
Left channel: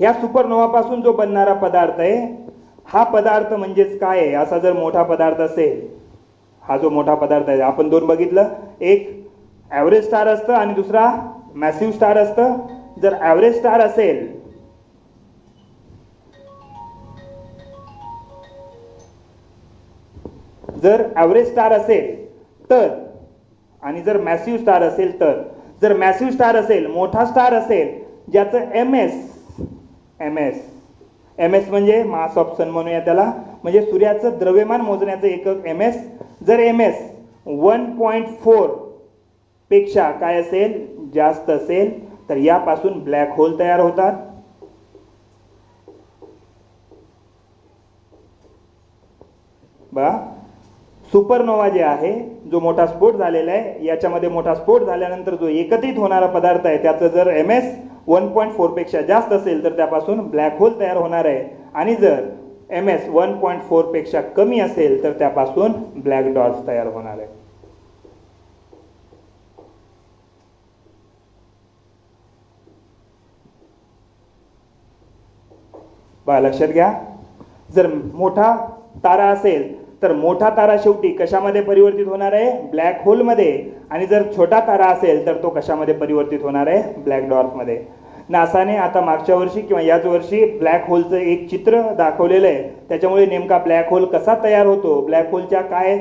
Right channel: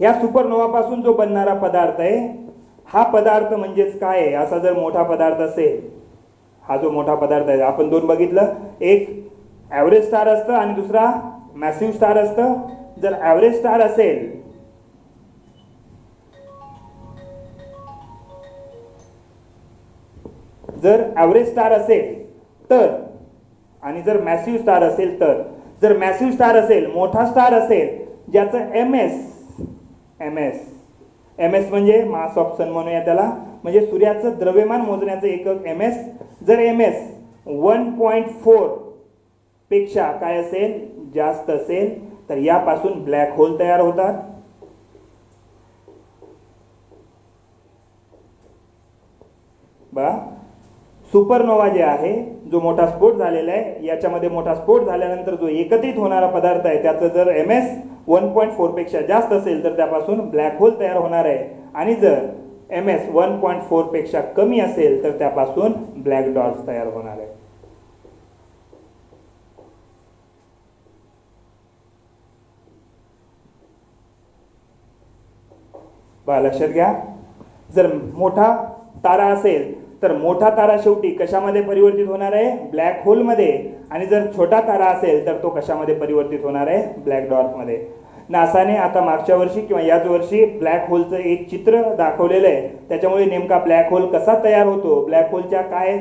या सुपरनोवा पासून जो बनणारा पदार्थ आहे, हा पदार्थ म्हणजेच काय आहे, असा जर मोठा पदार्थ असेल, हा जो मोठा पदार्थ आहे, आपण 2 बघितलं, एक ॲव्हरेज स्टार असतं आणि दुसरा मॅसिव्ह स्टार असतं. जर ॲव्हरेज स्टार असेल, जर ॲव्हरेज स्टार असेल तर, आणि जर मॅसिव्ह स्टार असेल तर, जर मॅसिव्ह स्टार असेल, मोठा स्टार असेल, ज्याचं एम एस म्हणजे मास ऑफ सन म्हणूया त्याला, म्हणजे सूर्याचं द्रव्यमान मोजण्याचं एकक MS. जर MS 1.4 पेक्षा काय असेल, जास्त असेल, तर यापासून ब्लॅक होल तयार होतात. बघा सुपरनोवा जे आहे, जो मोठा स्फोट झालेला आहे, याच्यामध्ये मोठा स्फोट झाल्यानंतर जो एकत्रित होणारा पदार्थ आहे, त्याचं जर MS 1.4 पेक्षा जास्त असेल तर त्यापासून ब्लॅक होल तयार होणार आहे. आणि जर MS 1.4 पेक्षा कमी असेल तर त्यापासून ब्लॅक डॉट्स तयार होणार आहे. बघा लक्षात घ्या, जर मोठा तारा असेल तर मोठा तारा शेवटी कशामध्ये परिवर्तित होणार आहे, ब्लॅक होल मध्ये. आणि जर छोटा तारा असेल तर तो कशामध्ये परिवर्तित होणार आहे, ब्लॅक डॉर्क मध्ये. नासाने आता मागच्या वर्षी किंवा याच वर्षी ब्लॅक होलचं एक चित्र दाखवलेलं आहे. त्याच्यामुळे नेमका ब्लॅक होल कसा तयार होतो, ब्लॅक होलच्या काय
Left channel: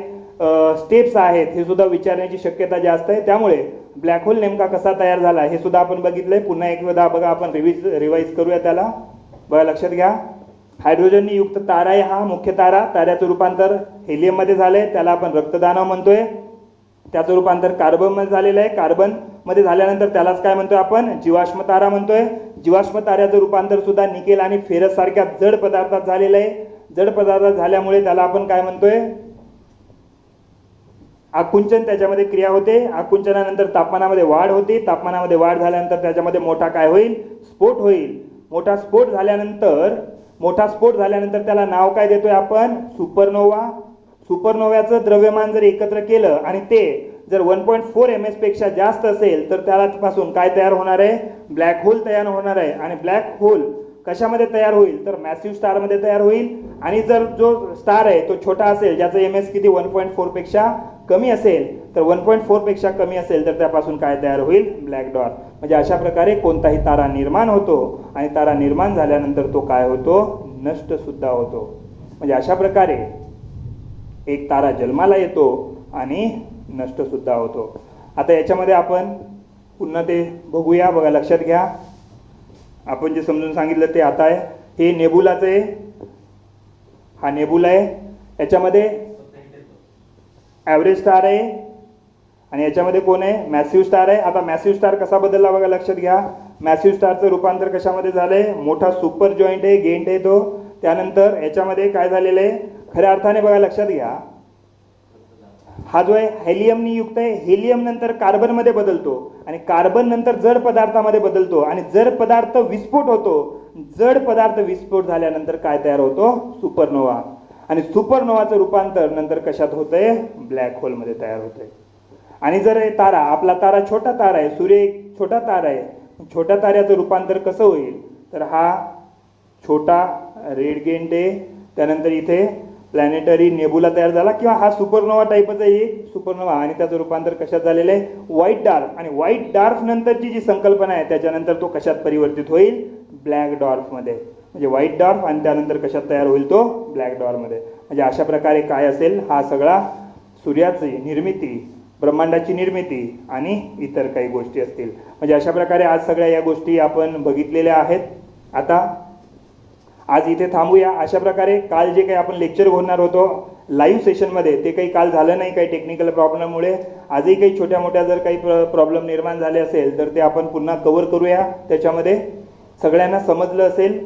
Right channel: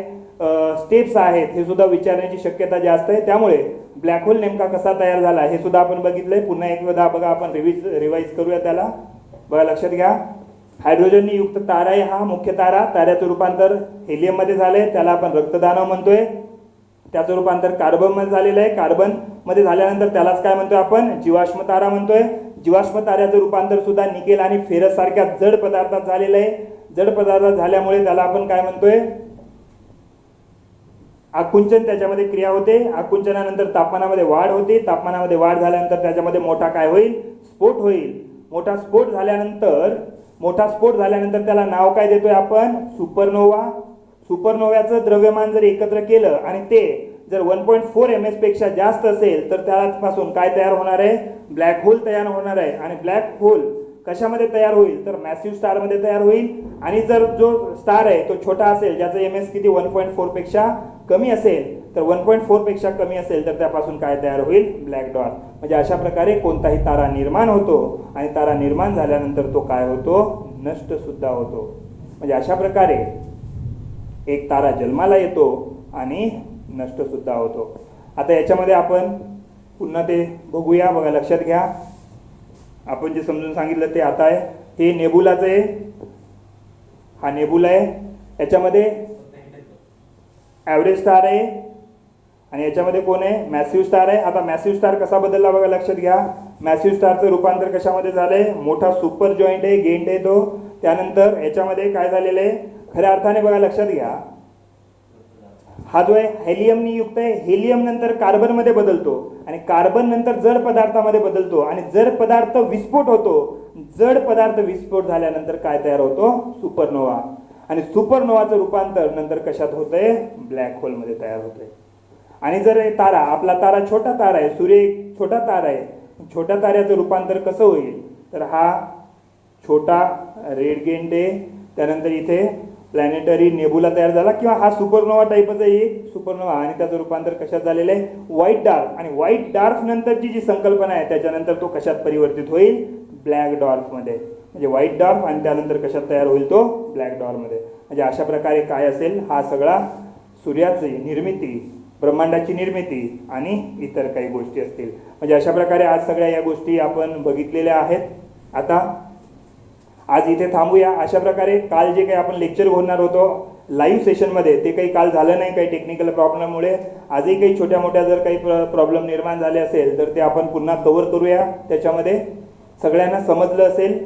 स्टेप्स आहेत हे सुद्धा विचारण्याची शक्यता जास्त आहे. त्यामुळे ब्लॅक होल नेमका कसा तयार झाला हे सुद्धा आपण बघितलंय. पुन्हा एकदा बघा, आपण रिवाइज करूया त्याला. बघा, लक्षात घ्या, हायड्रोजनने युक्त तारा आहे हा मुख्य तारा. ताऱ्याचं रूपांतर हेलियम मध्ये झालंय, त्याला आपण रक्तदानव म्हणतोय. त्याचं रूपांतर कार्बन मध्ये झालेलं आहे. कार्बन मध्ये झाल्यानंतर त्यालाच काय म्हणतोय आपण, जीवाश्म तारा म्हणतोय. जीवाश्म ताऱ्याचं रूपांतर सुद्धा निकेल आणि फेरस सारख्या जड पदार्थात झालेलं आहे. जड पदार्थात झाल्यामुळे त्याला आपण काय म्हणतोय, आकुंचन त्याच्यामध्ये क्रिया होते. आकुंचनानंतर तापमानामध्ये वाढ होते. तापमानामध्ये वाढ झाल्यानंतर त्याच्यामध्ये मोठा काय होईल, स्फोट होईल. मोठा स्फोट झाल्यानंतर त्याला नाव काय देतोय आपण, सुपरनोवा. सुपरनोव्याचं द्रव्यमान जर एकत्र केलं आणि ते जर 1.4 ms पेक्षा जास्त असेल तर त्यापासून काय तयार होणार आहे, ब्लॅक होल तयार होणार आहे. आणि ब्लॅक होल कशामध्ये तयार होईल, तर मॅसिव्ह स्टार मध्ये तयार होईल. आणि जर जो स्टार आहे तो छोटा असेल, ज्याचं ms किती 1.4 पेक्षा कमी असेल, तर 1.4 पेक्षा कमी असेल तर त्यापासून काय तयार होईल, ब्लॅक डॉर्फ. म्हणजे अशा प्रकारे कोणताही तारा निर्माण होतो आणि तारा निर्माण झाल्यानंतर तो काय होतो, नष्ट सुद्धा होतो. म्हणजे अशा प्रकारे एक तारा जन्माला येतो आणि नष्ट सुद्धा होतो. आता याच्यामध्ये आपण पुन्हा ते बघूया. बघा, लक्षात घ्या, आपण जे समजून सांगितलं ते आता आहे. हे नेबुलाचं आहे, हा नेबुला आहे. याच्यामध्ये ॲव्हरेज स्टार आहे आणि याच्यामध्ये कोण आहे, मॅसिव्ह स्टार आहे. आता मॅसिव्ह स्टार कसा बदलला बघा, लक्षात घ्या. मॅसिव्ह स्टारचं रूपांतर कशामध्ये झालंय, मोठा सुपर जॉईंट आहे, गेंट आहे तो. त्यानंतर याच्यामध्ये काय झालेलं आहे, खऱ्या अर्थाने बघा, लक्षात घ्या, हा जो आहे हेलियमनी युक्त आहे. हेलियम नंतर कार्बन मध्ये बदलतो आणि कार्बन नंतर जड पदार्थामध्ये बदलतो आणि जड पदार्थ विस्फोट होतो. जड पदार्थ विस्फोट झाल्यानंतर काय तयार होतो, सुपरनोवा. आणि सुपरनोवाचं रूपांतर नंतर कशात होतंय, ब्लॅक होल मध्ये तयार होतंय. आणि जर हे तारा, आपला तारा छोटा तारा आहे, सूर्य एक छोटा तारा आहे, छोट्या ताऱ्याचं रूपांतर कसं होईल, तर हा छोटा रेड गेंट आहे. त्यानंतर इथे प्लॅनेटरी नेबुला तयार झाला किंवा हा सुपरनोवा टाईपच आहे एक सुपरनोवा. आणि त्याचं रूपांतर कशात झालेलं आहे, व्हाईट डार्क. आणि व्हाईट डार्क नंतरची जी संकल्पना आहे त्याच्यानंतर तो कशात परिवर्तित होईल, ब्लॅक डॉर्फ मध्ये. म्हणजे व्हाईट डॉर्फ आणि त्यानंतर कशात तयार होईल, तो ब्लॅक डॉर्फ मध्ये. म्हणजे अशा प्रकारे काय असेल, हा सगळा सूर्याची निर्मिती, ब्रह्मांडाची निर्मिती आणि इतर काही गोष्टी असतील. म्हणजे अशा प्रकारे आज सगळ्या या गोष्टी आपण बघितलेल्या आहेत. आता आज इथे थांबूया. अशा प्रकारे काल जे काही आपण लेक्चर होणार होतो लाईव्ह सेशनमध्ये ते काही काल झालं नाही, काही टेक्निकल प्रॉब्लेममुळे. आजही काही छोट्या मोठ्या जर काही प्रॉब्लेम निर्माण झाले असेल तर ते आपण पुन्हा कव्हर करूया. त्याच्यामध्ये सगळ्यांना समजलं असेल.